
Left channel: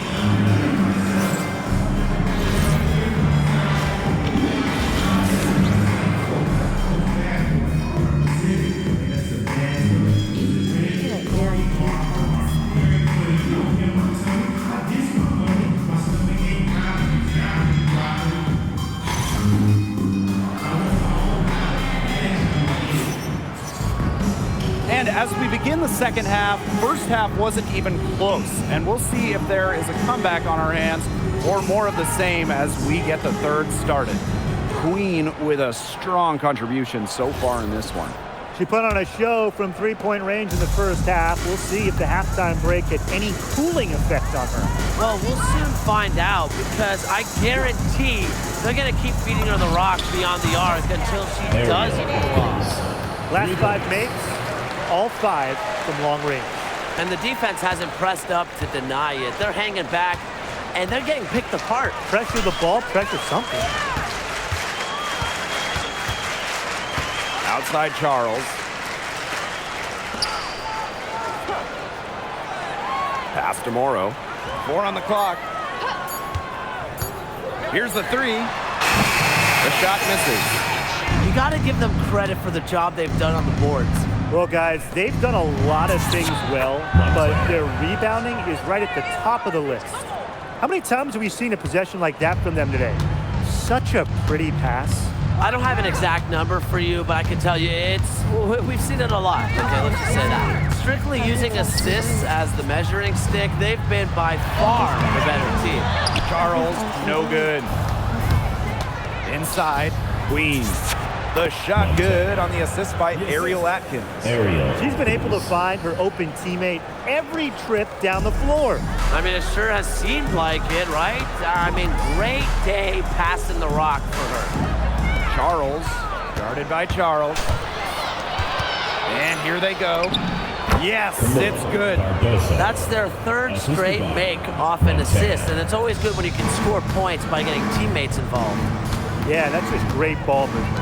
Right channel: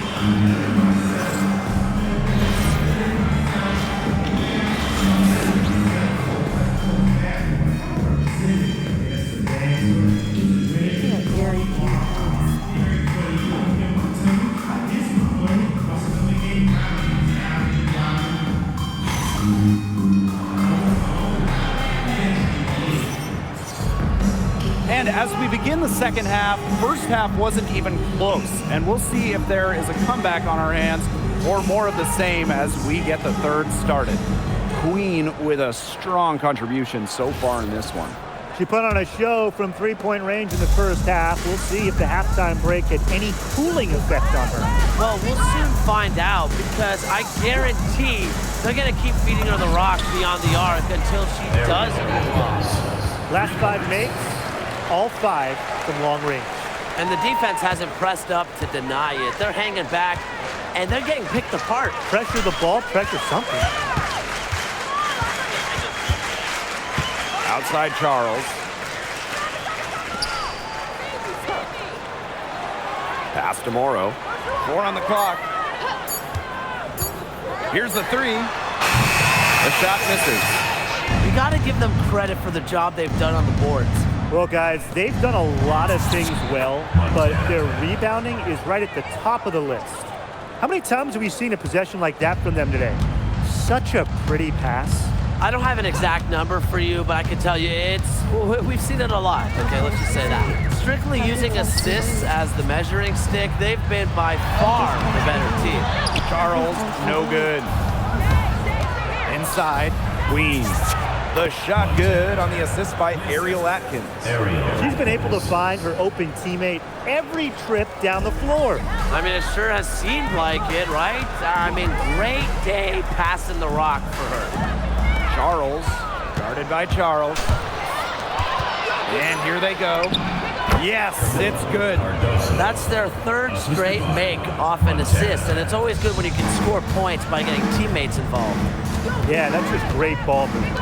And as we begin the second half, first half wasn't even close. And we'll see if there is a comeback on our hands or more of the same as we get the third started. Queen with a strong contribution so far in this one. She put on a show from three-point range in the first half. We'll see if the halftime break had any cooling effect on her. Well, we'll soon find out because I guarantee they're going to keep feeding her the rock beyond the arc until she does cool off. Last 5 makes, all 5 from long range. And the defense hasn't pressed up to deny it. They're hanging back, and they're getting picked apart. Pressure the ball, pressure something. Outside Charles. Pass to Morrow. 4 on the clock. Here's the three. The shot misses. You got to give them credit for the job they've done on the boards. Well, guys, they've done a lot of things well, but their rebounding is right at the top of the list. How many times have we seen a possession like that from them today? Such a pretty pass. I don't have an exact number for you, but I can tell you we've seen it a lot. Okay, let's just say that. Strictly using assists as the measuring stick, they've been by far the better team. Charles, no good. Inside, Queen. The shot good on the assist by Ariel Atkins. She's been able to find her open teammate every trip down the floor. I mean, it sure has seemed like it, right? I mean, great day passing the rock for her. Charles, guarded by Charles. And here they go. Yes, it's good. That's their third straight make off an assist, and it's always good when you can score points by getting teammates involved. Yeah, that's just great ball movement.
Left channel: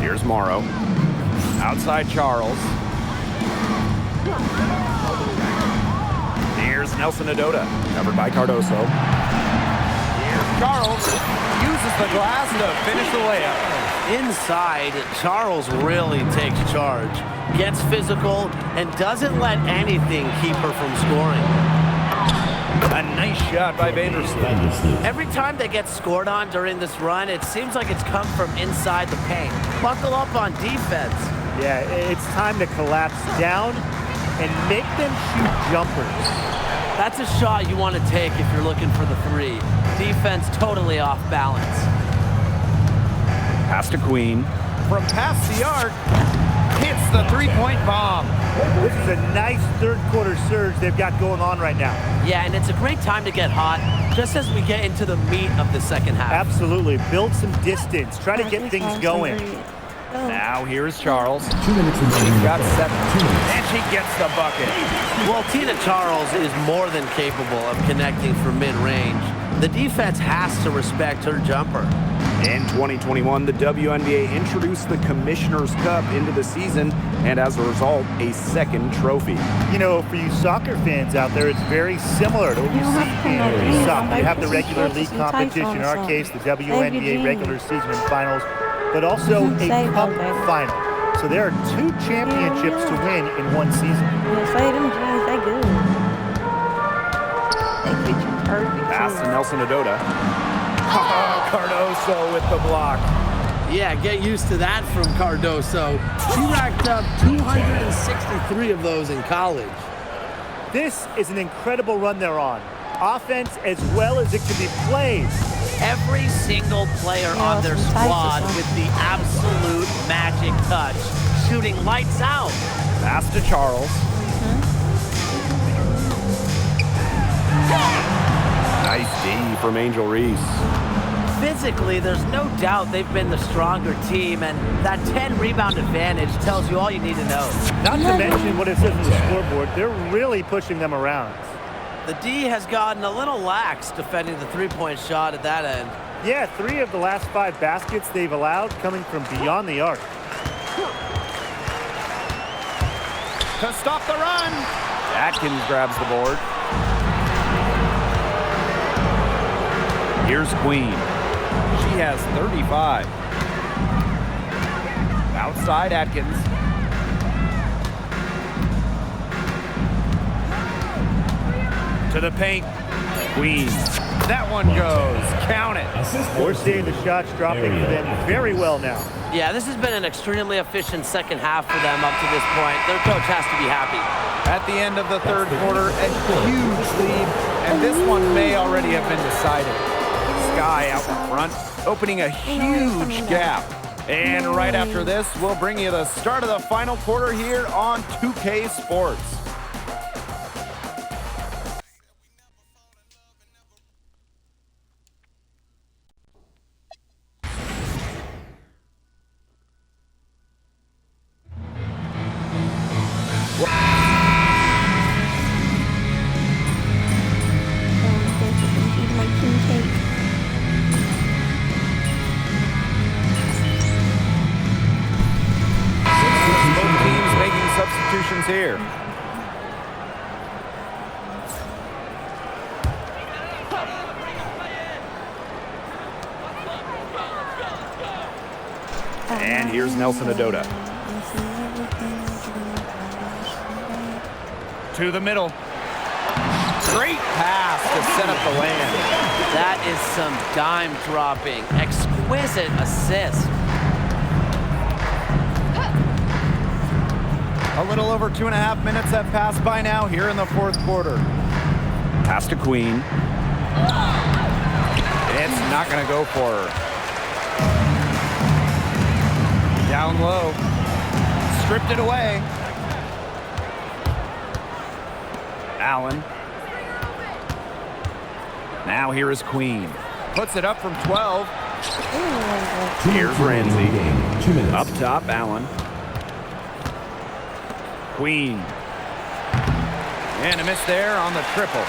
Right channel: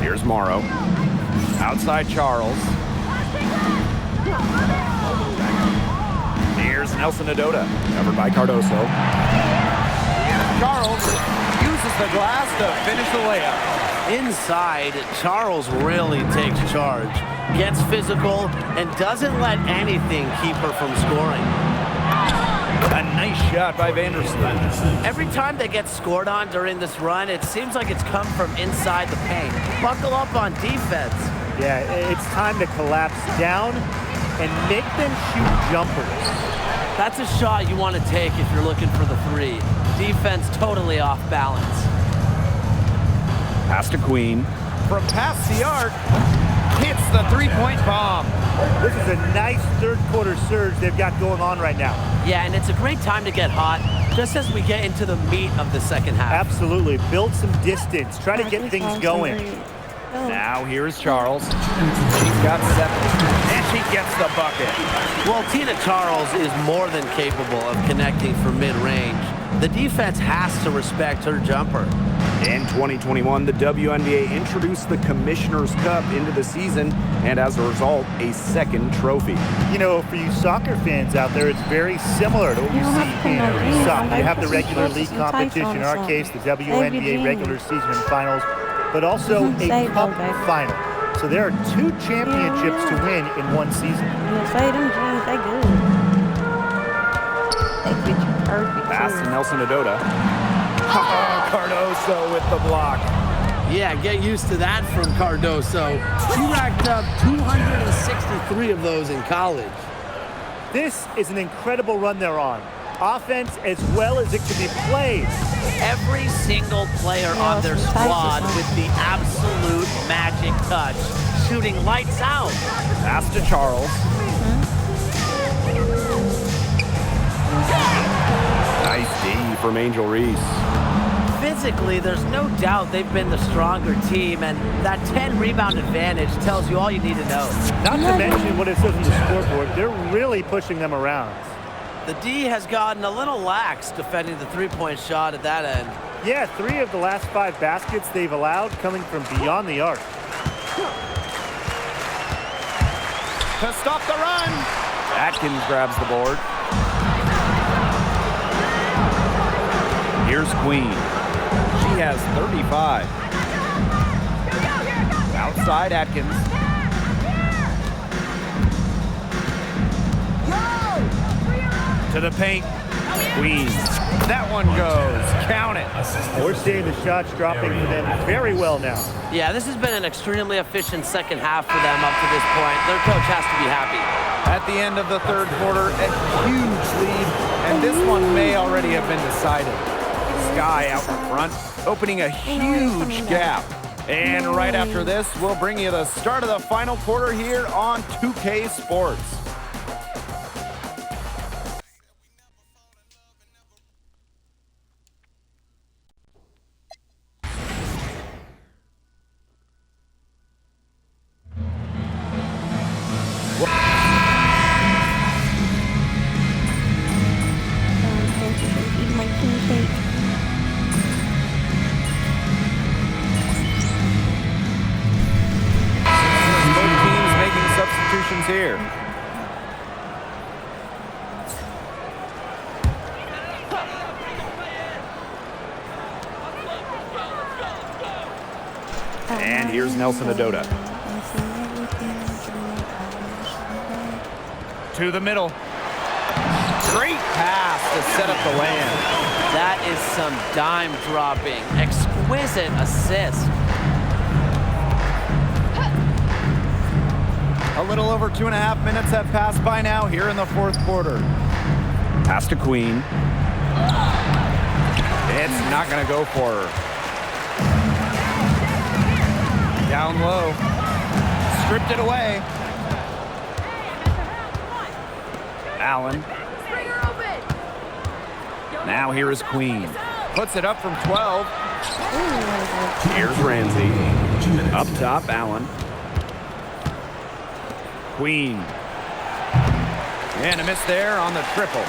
Here's Morrow. Outside Charles. Here's Nelson Adota, covered by Cardoso. Here's Charles. Uses the glass to finish the layup. Inside, Charles really takes charge, gets physical, and doesn't let anything keep her from scoring. A nice shot by Vandersloot. Every time they get scored on during this run, it seems like it's come from inside the paint. Buckle up on defense. Yeah, it's time to collapse down and make them shoot jumpers. That's a shot you want to take if you're looking for the three. Defense totally off balance. Pass to Queen. From past the arc, hits the three-point bomb. This is a nice third-quarter surge they've got going on right now. Yeah, and it's a great time to get hot, just as we get into the meat of the second half. Absolutely. Build some distance. Try to get things going. Now here's Charles. She's got 7. And she gets the bucket. Well, Tina Charles is more than capable of connecting from mid-range. The defense has to respect her jumper. In 2021, the WNBA introduced the Commissioner's Cup into the season, and as a result, a second trophy. You know, for you soccer fans out there, it's very similar to what you see in soccer. You have the regular league competition, in our case, the WNBA regular season and finals, but also a cup final. So there are 2 championships to win in one season. Say them jeans, they good. They fit you perfect. Pass to Nelson Adota. Cardoso with the block. Yeah, get used to that from Cardoso. She racked up 263 of those in college. This is an incredible run they're on. Offense as well as it can be played. Every single player on their squad with the absolute magic touch, shooting lights out. Pass to Charles. Nice D from Angel Reese. Physically, there's no doubt they've been the stronger team, and that 10 rebound advantage tells you all you need to know. Not to mention what it says on the scoreboard, they're really pushing them around. The D has gotten a little lax defending the three-point shot at that end. Yeah, 3 of the last 5 baskets they've allowed coming from beyond the arc. To stop the run, Atkins grabs the board. Here's Queen. She has 35. Outside Atkins. To the paint. Queen. That one goes. Count it. We're seeing the shots dropping for them very well now. Yeah, this has been an extremely efficient second half for them up to this point. Their coach has to be happy. At the end of the third quarter, a huge lead, and this one may already have been decided. Sky out in front, opening a huge gap. And right after this, we'll bring you the start of the final quarter here on 2K Sports. Eat my king cake. Both teams making substitutions here. And here's Nelson Adota. To the middle. Great pass to set up the land. That is some dime dropping. Exquisite assist. A little over 2.5 minutes have passed by now here in the fourth quarter. Pass to Queen. It's not going to go for her. Down low. Stripped it away. Allen. Now here is Queen. Puts it up from 12. Here's Ramsey. Up top, Allen. Queen. And a miss there on the triple.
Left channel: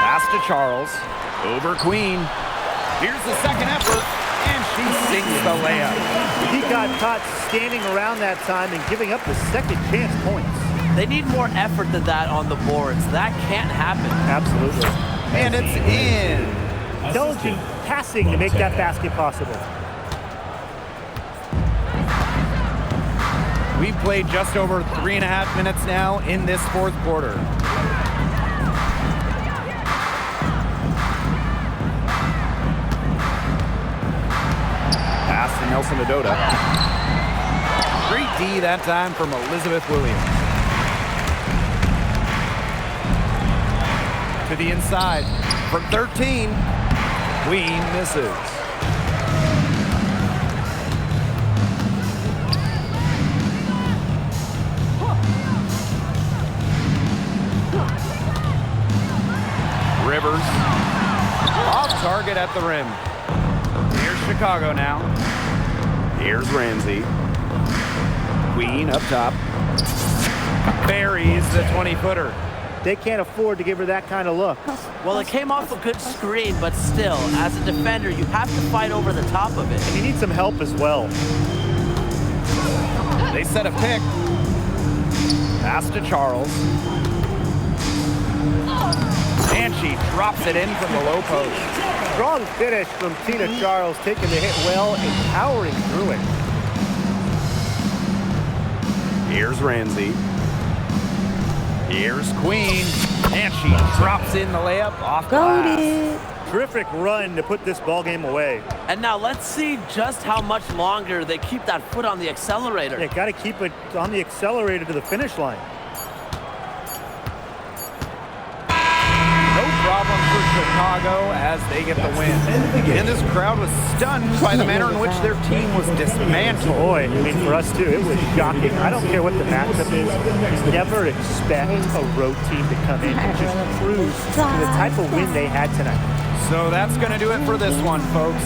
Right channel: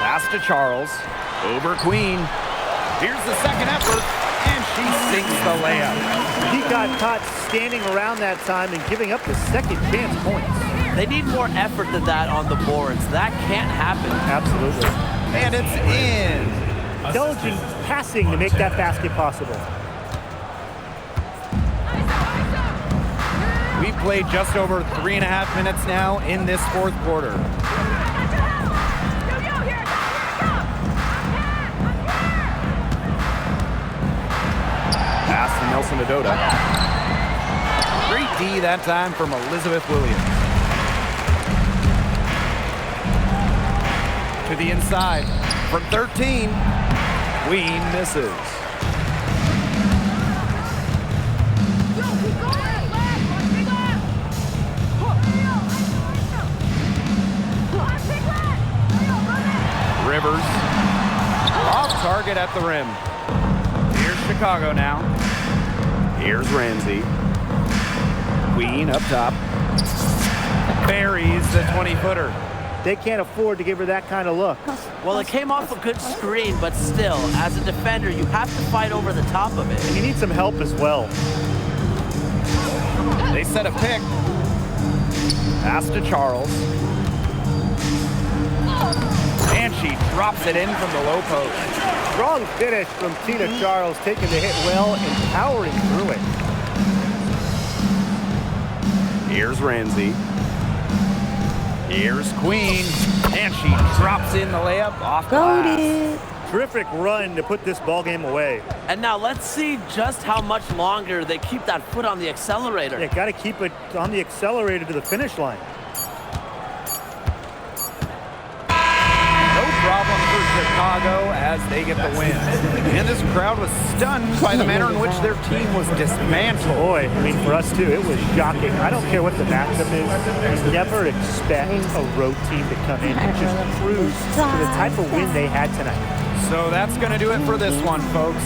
Pass to Charles. Over Queen. Here's the second effort, and she sinks the layup. He got caught standing around that time and giving up the second chance points. They need more effort than that on the boards. That can't happen. Absolutely. And it's in. Intelligent passing to make that basket possible. We've played just over 3.5 minutes now in this fourth quarter. Pass to Nelson Adota. Great D that time from Elizabeth Williams. To the inside. From 13, Queen misses. Rivers. Off target at the rim. Here's Chicago now. Here's Ramsey. Queen up top. Buries the 20-footer. They can't afford to give her that kind of look. Well, it came off a good screen, but still, as a defender, you have to fight over the top of it. And you need some help as well. They set a pick. Pass to Charles. And she drops it in from the low post. Strong finish from Tina Charles, taking the hit well and powering through it. Here's Ramsey. Here's Queen. And she drops in the layup off glass. Terrific run to put this ball game away. And now let's see just how much longer they keep that foot on the accelerator. They got to keep it on the accelerator to the finish line. No problem for Chicago as they get the win. And this crowd was stunned by the manner in which their team was dismantled. Boy, I mean, for us too, it was shocking. I don't care what the matchup is. You never expect a road team to come in and just cruise to the type of win they had tonight. So that's going to do it for this one, folks.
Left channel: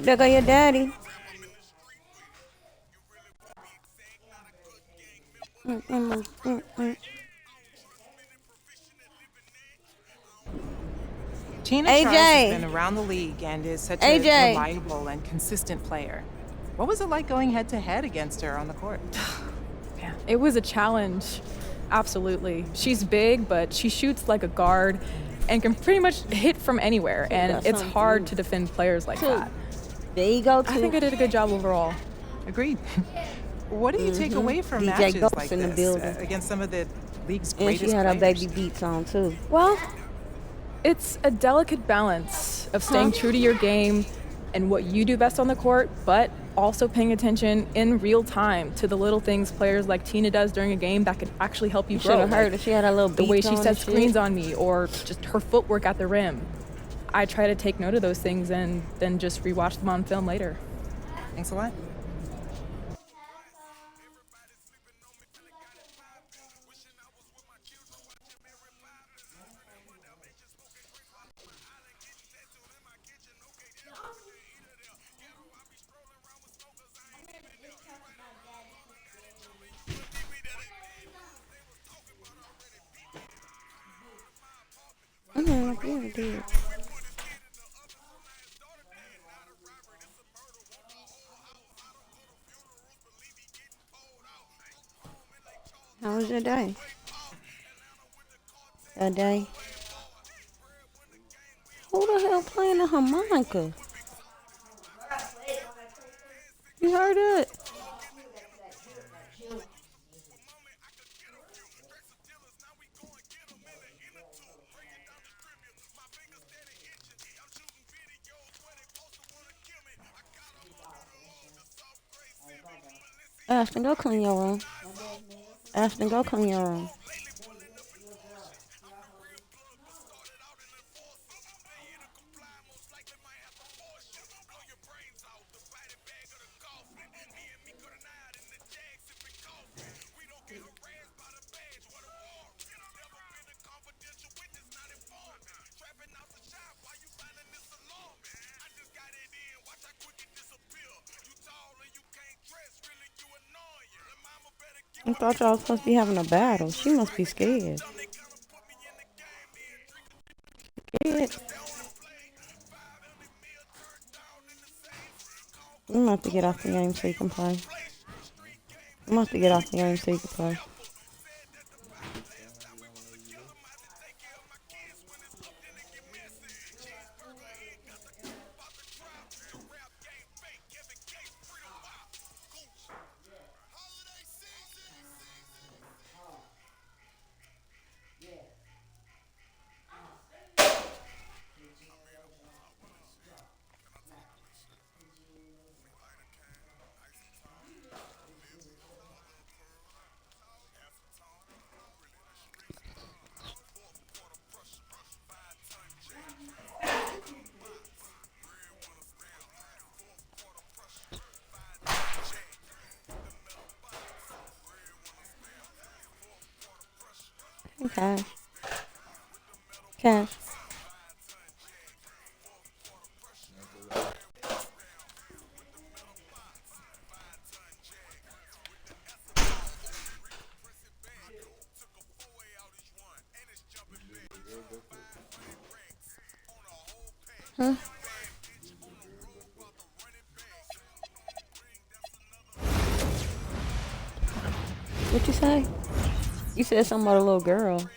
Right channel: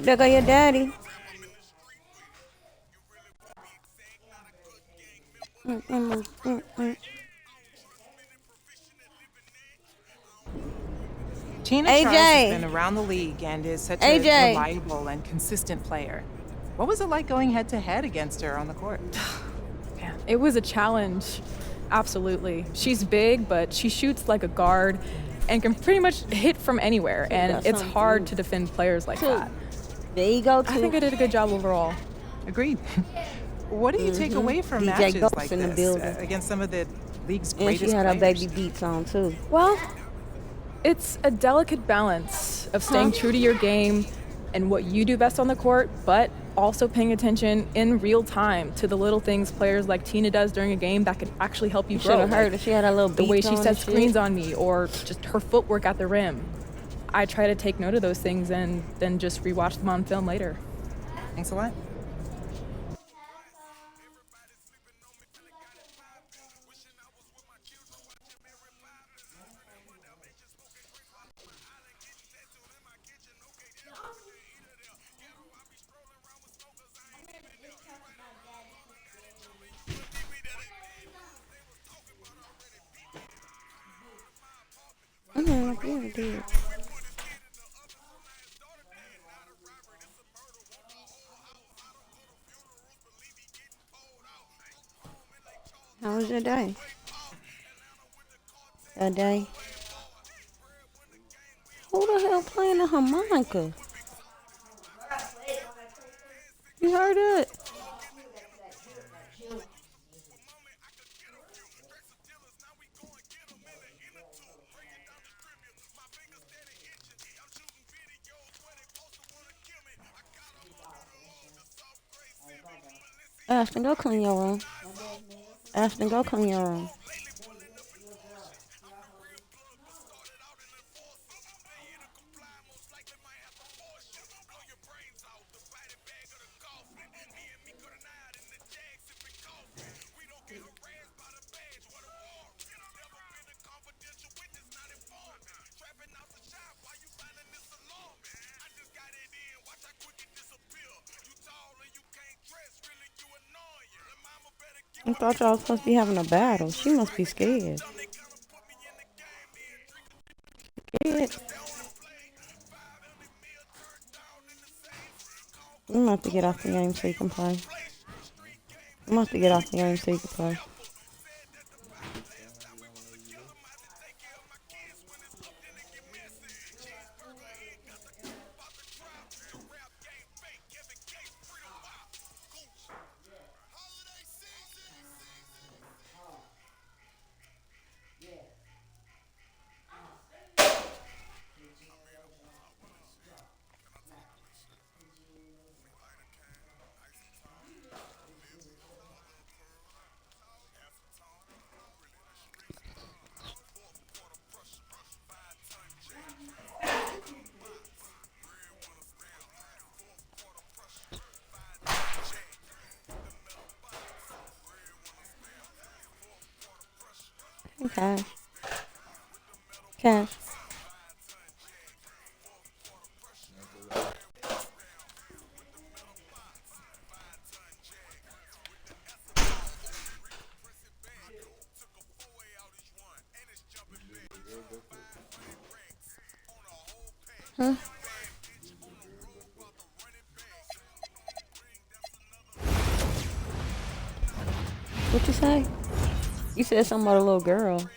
There go your daddy. Tina AJ. Charles has been around the league and is such a reliable and consistent player. What was it like going head-to-head against her on the court? Man, it was a challenge. Absolutely. She's big, but she shoots like a guard and can pretty much hit from anywhere, and it's hard to defend players like that. There you go, I think I did a good job overall. Agreed. What do you take away from DJ matches Ghost like in the this building. against some of the league's And greatest she had her players? baby beats on too. Well, it's a delicate balance of staying true to your game and what you do best on the court, but also paying attention in real time to the little things players like Tina does during a game that could actually help you You grow. should have heard her. She had a little beats The way she on and sets screens shit. on me, or just her footwork at the rim. I try to take note of those things and then just rewatch them on film later. Thanks a lot. How was your day? Your day? Who the hell playing the harmonica? You heard it? Ashton, go clean your room. Ashton, go clean your room. I thought y'all was supposed to be having a battle. She must be scared. Scared. You must have to get off the game so you can play. You must have to get off the game so you can play. Cash. Cash. Huh? What you say? You said something about a little girl.